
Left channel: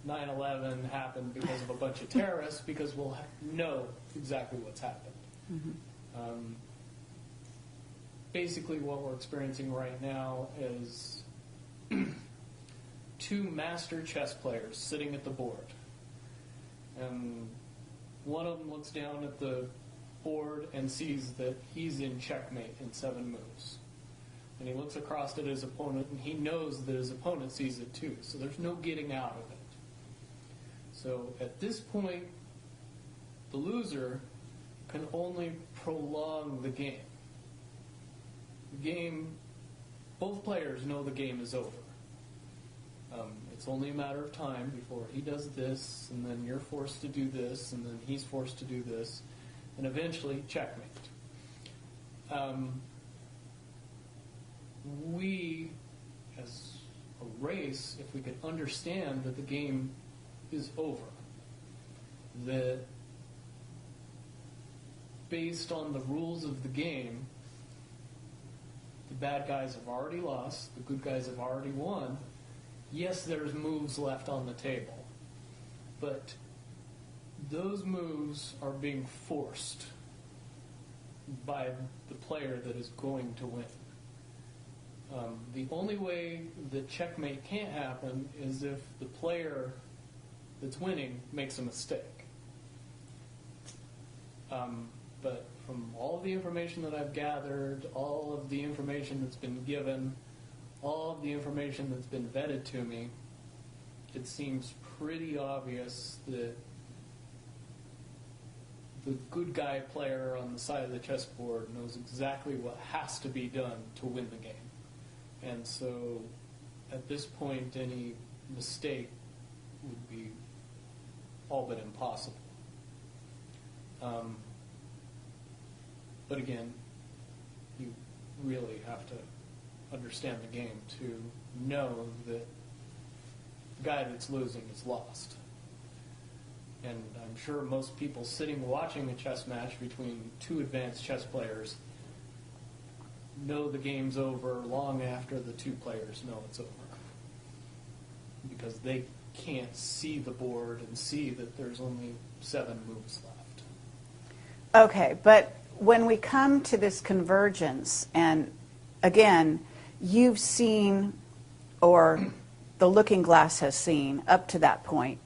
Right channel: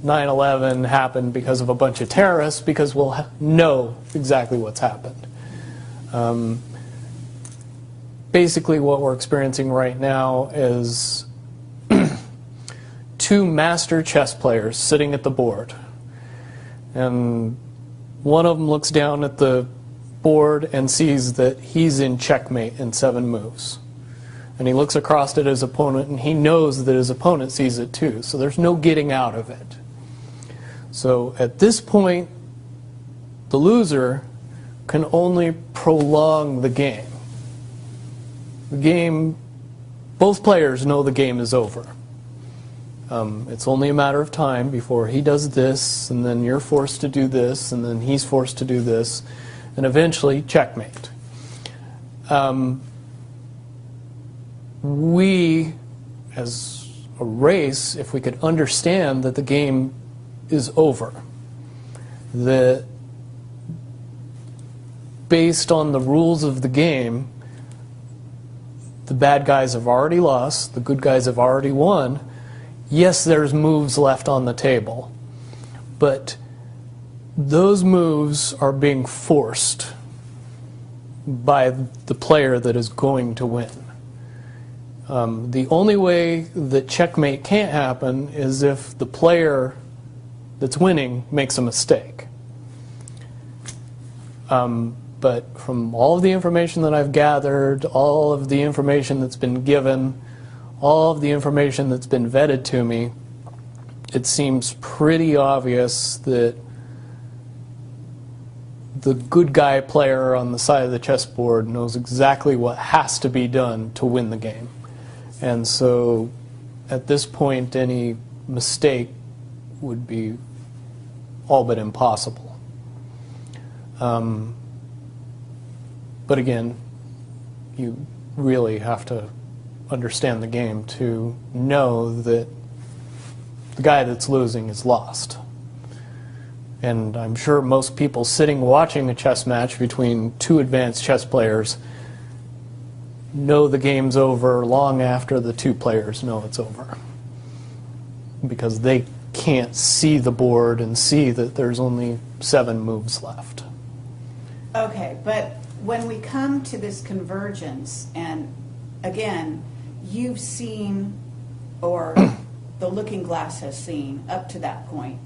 9/11 happened because of a bunch of terrorists, because we'll know exactly what's happened. Basically what we're experiencing right now is two master chess players sitting at the board. And one of them looks down at the board and sees that he's in checkmate in 7 moves. And he looks across at his opponent and he knows that his opponent sees it too. So there's no getting out of it. So at this point, the loser can only prolong the game. The game, both players know the game is over. It's only a matter of time before he does this, and then you're forced to do this, and then he's forced to do this, and eventually checkmate. We, as a race, if we could understand that the game is over, that based on the rules of the game, the bad guys have already lost, the good guys have already won. Yes, there's moves left on the table, but those moves are being forced by the player that is going to win. The only way that checkmate can't happen is if the player that's winning makes a mistake. But from all of the information that I've gathered, all of the information that's been given, all of the information that's been vetted to me, it seems pretty obvious that the good guy player on the side of the chessboard knows exactly what has to be done to win the game. And so at this point, any mistake would be all but impossible. But again, you really have to understand the game to know that the guy that's losing is lost. And I'm sure most people sitting watching a chess match between two advanced chess players know the game's over long after the two players know it's over, because they can't see the board and see that there's only 7 moves left. Okay, but when we come to this convergence, and again, you've seen, or the looking glass has seen, up to that point.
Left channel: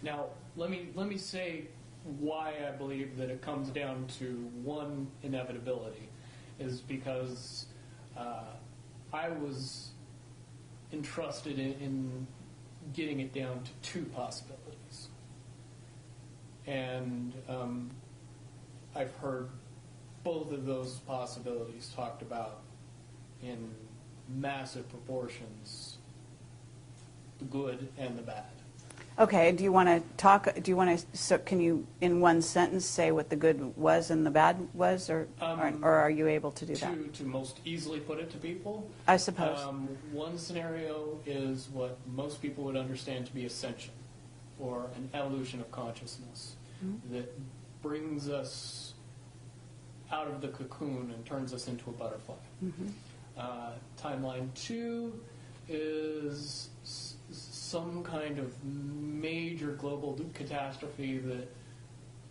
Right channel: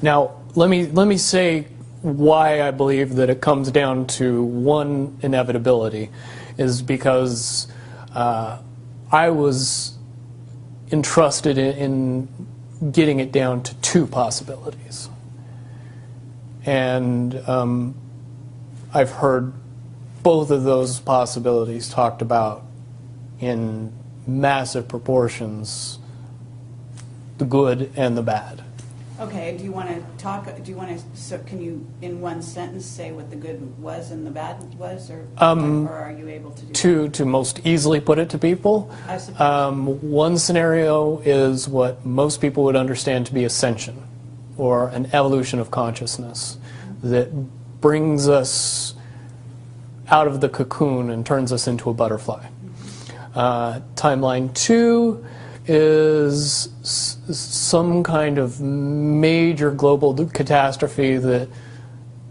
Now, let me say why I believe that it comes down to one inevitability, is because I was entrusted in getting it down to 2 possibilities. And I've heard both of those possibilities talked about in massive proportions, the good and the bad. Okay, do you want to talk, so can you, in one sentence, say what the good was and the bad was, or are you able to do that? To most easily put it to people, I suppose. one scenario is what most people would understand to be ascension, or an evolution of consciousness that brings us out of the cocoon and turns us into a butterfly. Timeline 2 is some kind of major global catastrophe that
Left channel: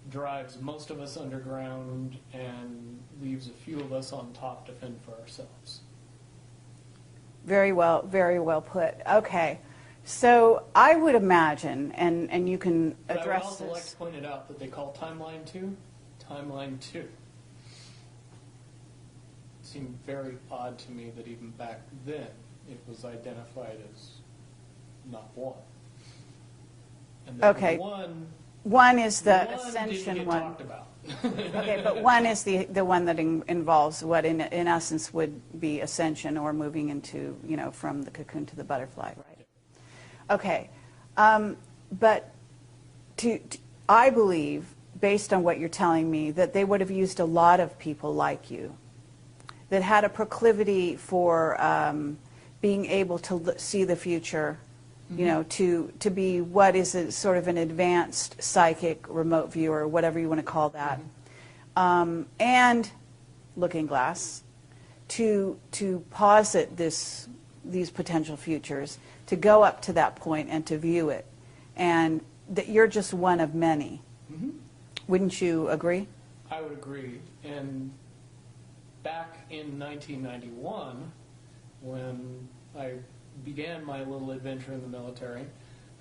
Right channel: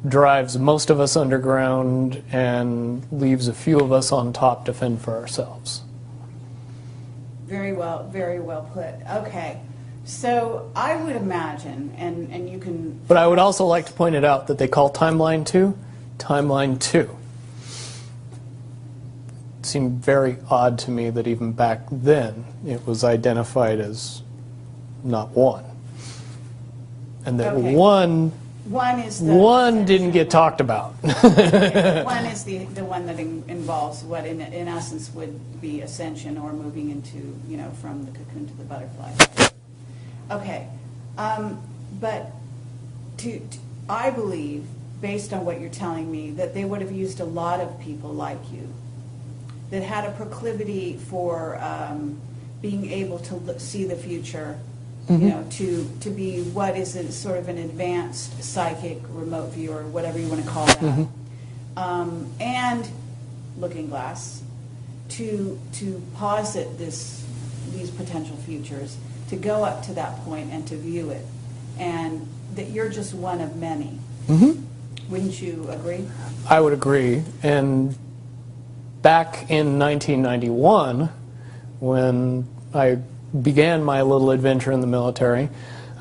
drives most of us underground and leaves a few of us on top to fend for ourselves. Very well put. Okay, so I would imagine, and you can... But I would also like to point it out that they call Timeline 2 Timeline 2. It seemed very odd to me that even back then it was identified as not 1. And that Okay. one is the didn't ascension get one. talked about. Okay, but 1 is the one that involves what in essence would be ascension, or moving into, from the cocoon to the butterfly. Okay, but I believe, based on what you're telling me, that they would have used a lot of people like you that had a proclivity for being able to see the future, to be what is a sort of an advanced psychic remote viewer, whatever you want to call that, and looking glass, to posit these potential futures, to go up to that point and to view it, and that you're just one of many. Wouldn't you agree? I would agree. And back in 1991, when I began my little adventure in the military,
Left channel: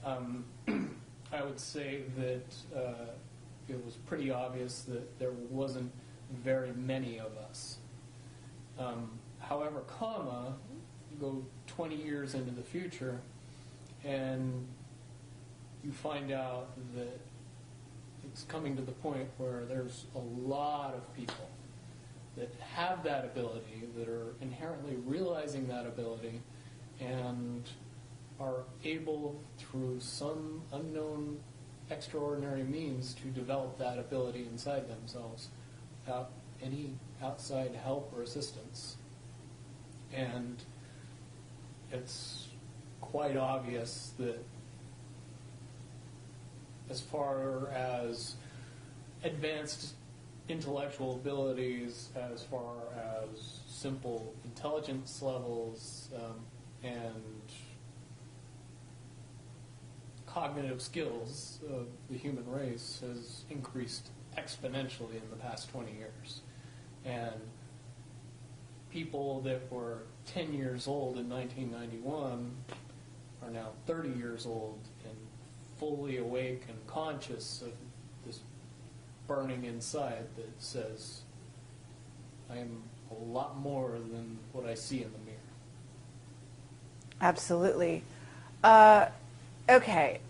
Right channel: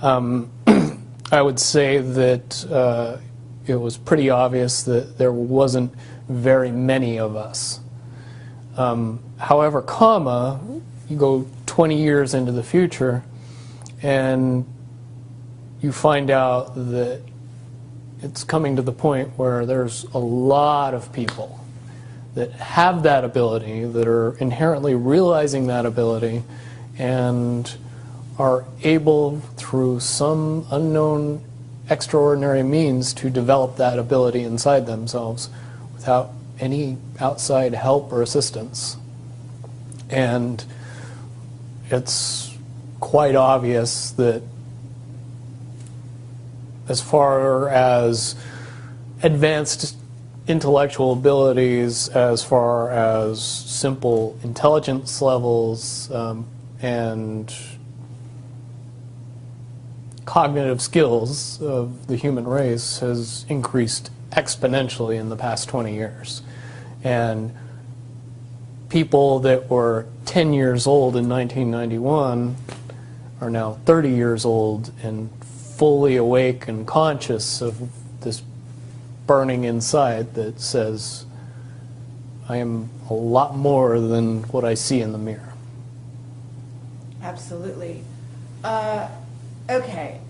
I would say that it was pretty obvious that there wasn't very many of us. However, you go 20 years into the future, and you find out that it's coming to the point where there's a lot of people that have that ability, that are inherently realizing that ability, and are able, through some unknown extraordinary means, to develop that ability inside themselves without any outside help or assistance. And it's quite obvious that as far as advanced intellectual abilities, as far as simple intelligence levels, and cognitive skills of the human race has increased exponentially in the past 20 years. And people that were 10 years old in 1991 are now 30 years old and fully awake and conscious of this burning inside that says, I am a lot more than what I see in the mirror. Absolutely. Okay.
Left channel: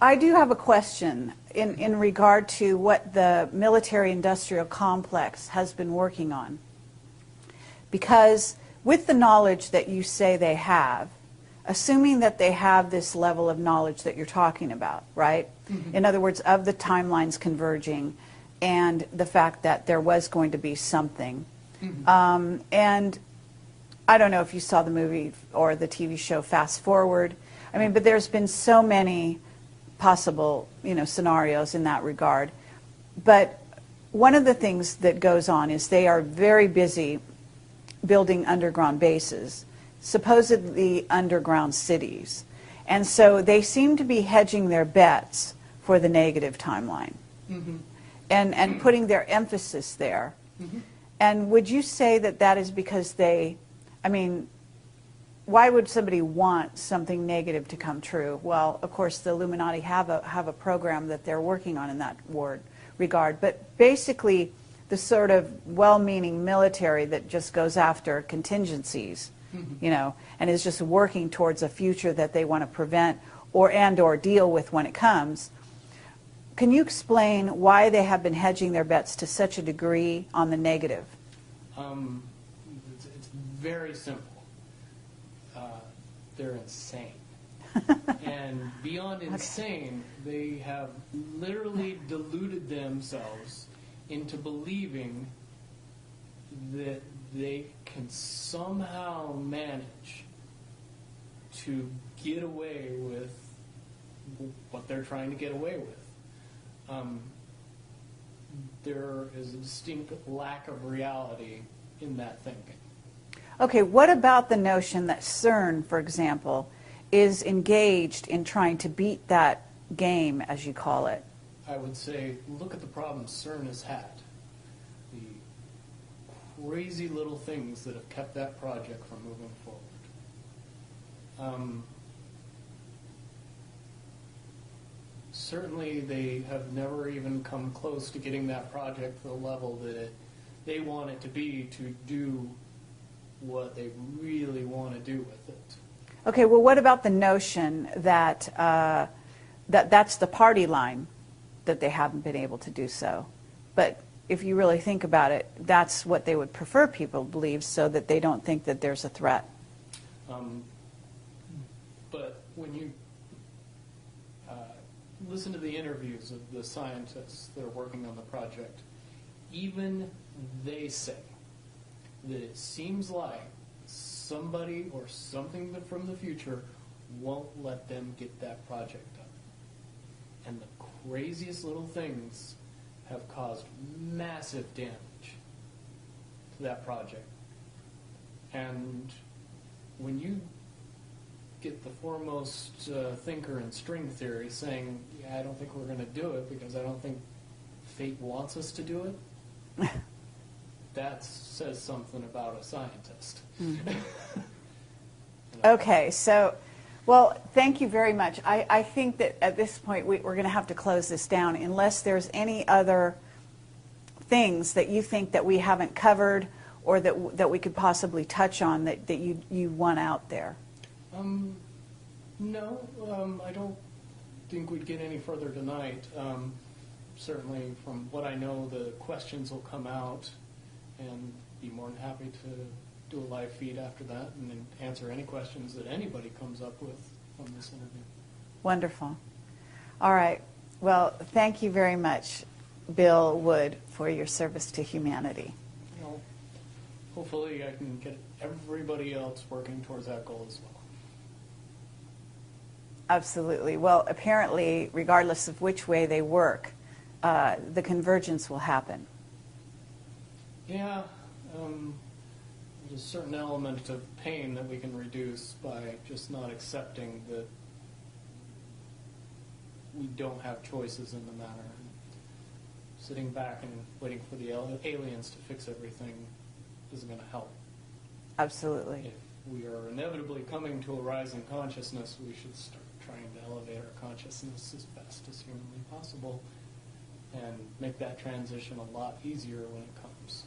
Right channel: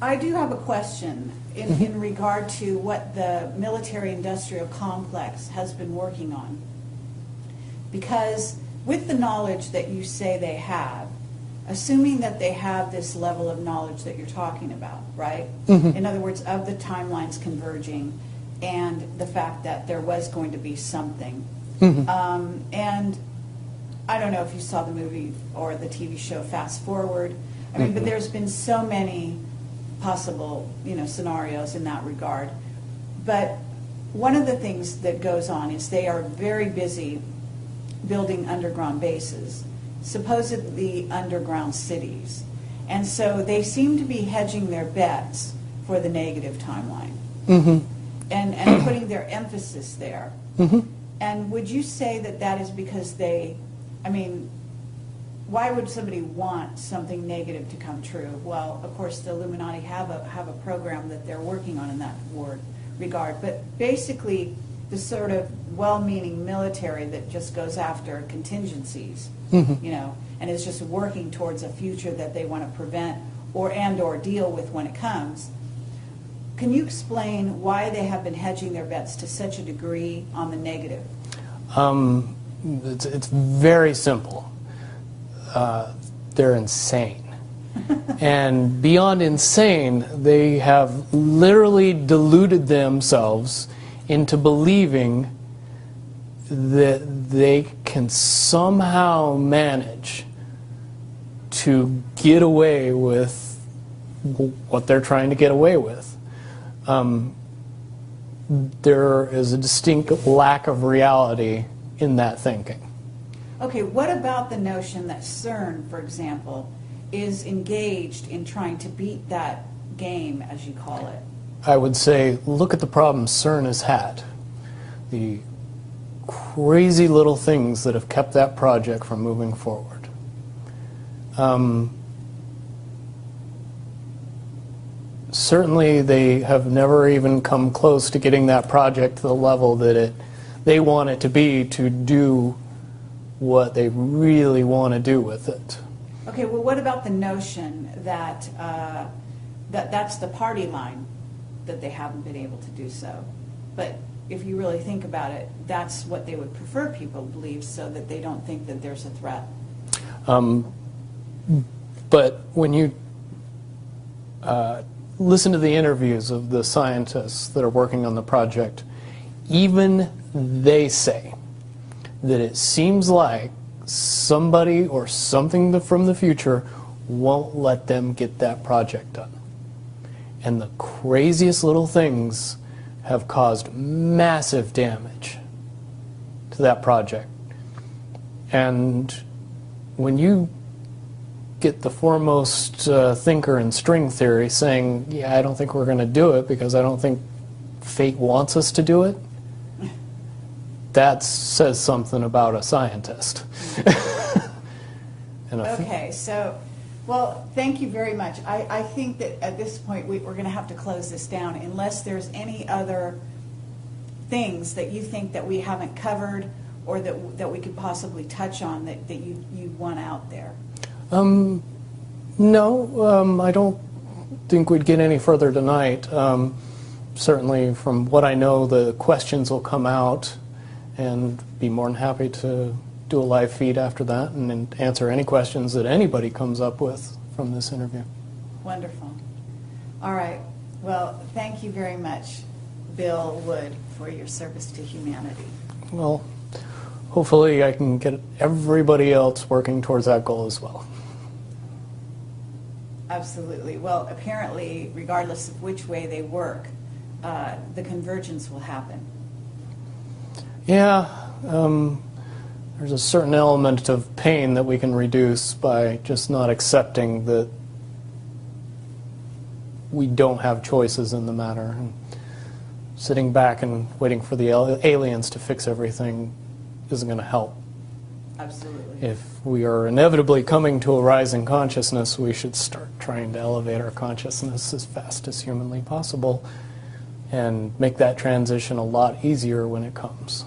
I do have a question in regard to what the military-industrial complex has been working on. Because with the knowledge that you say they have, assuming that they have this level of knowledge that you're talking about, right? In other words, of the timelines converging and the fact that there was going to be something. And I don't know if you saw the movie or the TV show Fast Forward. I mean, but there's been so many possible, scenarios in that regard. But one of the things that goes on is they are very busy building underground bases, supposedly underground cities. And so they seem to be hedging their bets for the negative timeline and putting their emphasis there. And would you say that that is because why would somebody want something negative to come true? Well, of course, the Illuminati have a program that they're working on in that regard. But basically, the sort of well-meaning military that just goes after contingencies, and is just working towards a future that they want to prevent or deal with when it comes. Can you explain why they have been hedging their bets to such a degree on the negative? It's very simple. They're insane. And beyond insane, they have literally deluded themselves into believing that they can somehow manage to get away with what they're trying to get away with. There is a distinct lack of reality in that thinking. Okay, what about the notion that CERN, for example, is engaged in trying to beat that game, as you call it? I would say, look at the problems CERN has had. The crazy little things that have kept that project from moving forward. Certainly they have never even come close to getting that project to the level that they want it to be to do what they really want to do with it. Okay, well, what about the notion that that's the party line, that they haven't been able to do so? But if you really think about it, that's what they would prefer people believe, so that they don't think that there's a threat. But when you listen to the interviews of the scientists that are working on the project, even they say that it seems like somebody or something from the future won't let them get that project done. And the craziest little things have caused massive damage to that project. And when you get the foremost thinker in string theory saying, yeah, I don't think we're going to do it because I don't think fate wants us to do it, that says something about a scientist. Okay, so, well, thank you very much. I think that at this point we're going to have to close this down unless there's any other things that you think that we haven't covered or that we could possibly touch on that you want out there. No, I don't think we'd get any further tonight. Certainly, from what I know, the questions will come out, and be more than happy to do a live feed after that and answer any questions that anybody comes up with from this interview. Wonderful. All right. Well, thank you very much, Bill Wood, for your service to humanity. Well, hopefully I can get everybody else working towards that goal as well. Absolutely. Well, apparently, regardless of which way they work, the convergence will happen. Yeah, there's a certain element of pain that we can reduce by just not accepting that we don't have choices in the matter. And sitting back and waiting for the aliens to fix everything isn't going to help. Absolutely. If we are inevitably coming to a rising consciousness, we should start trying to elevate our consciousness as fast as humanly possible and make that transition a lot easier when it comes.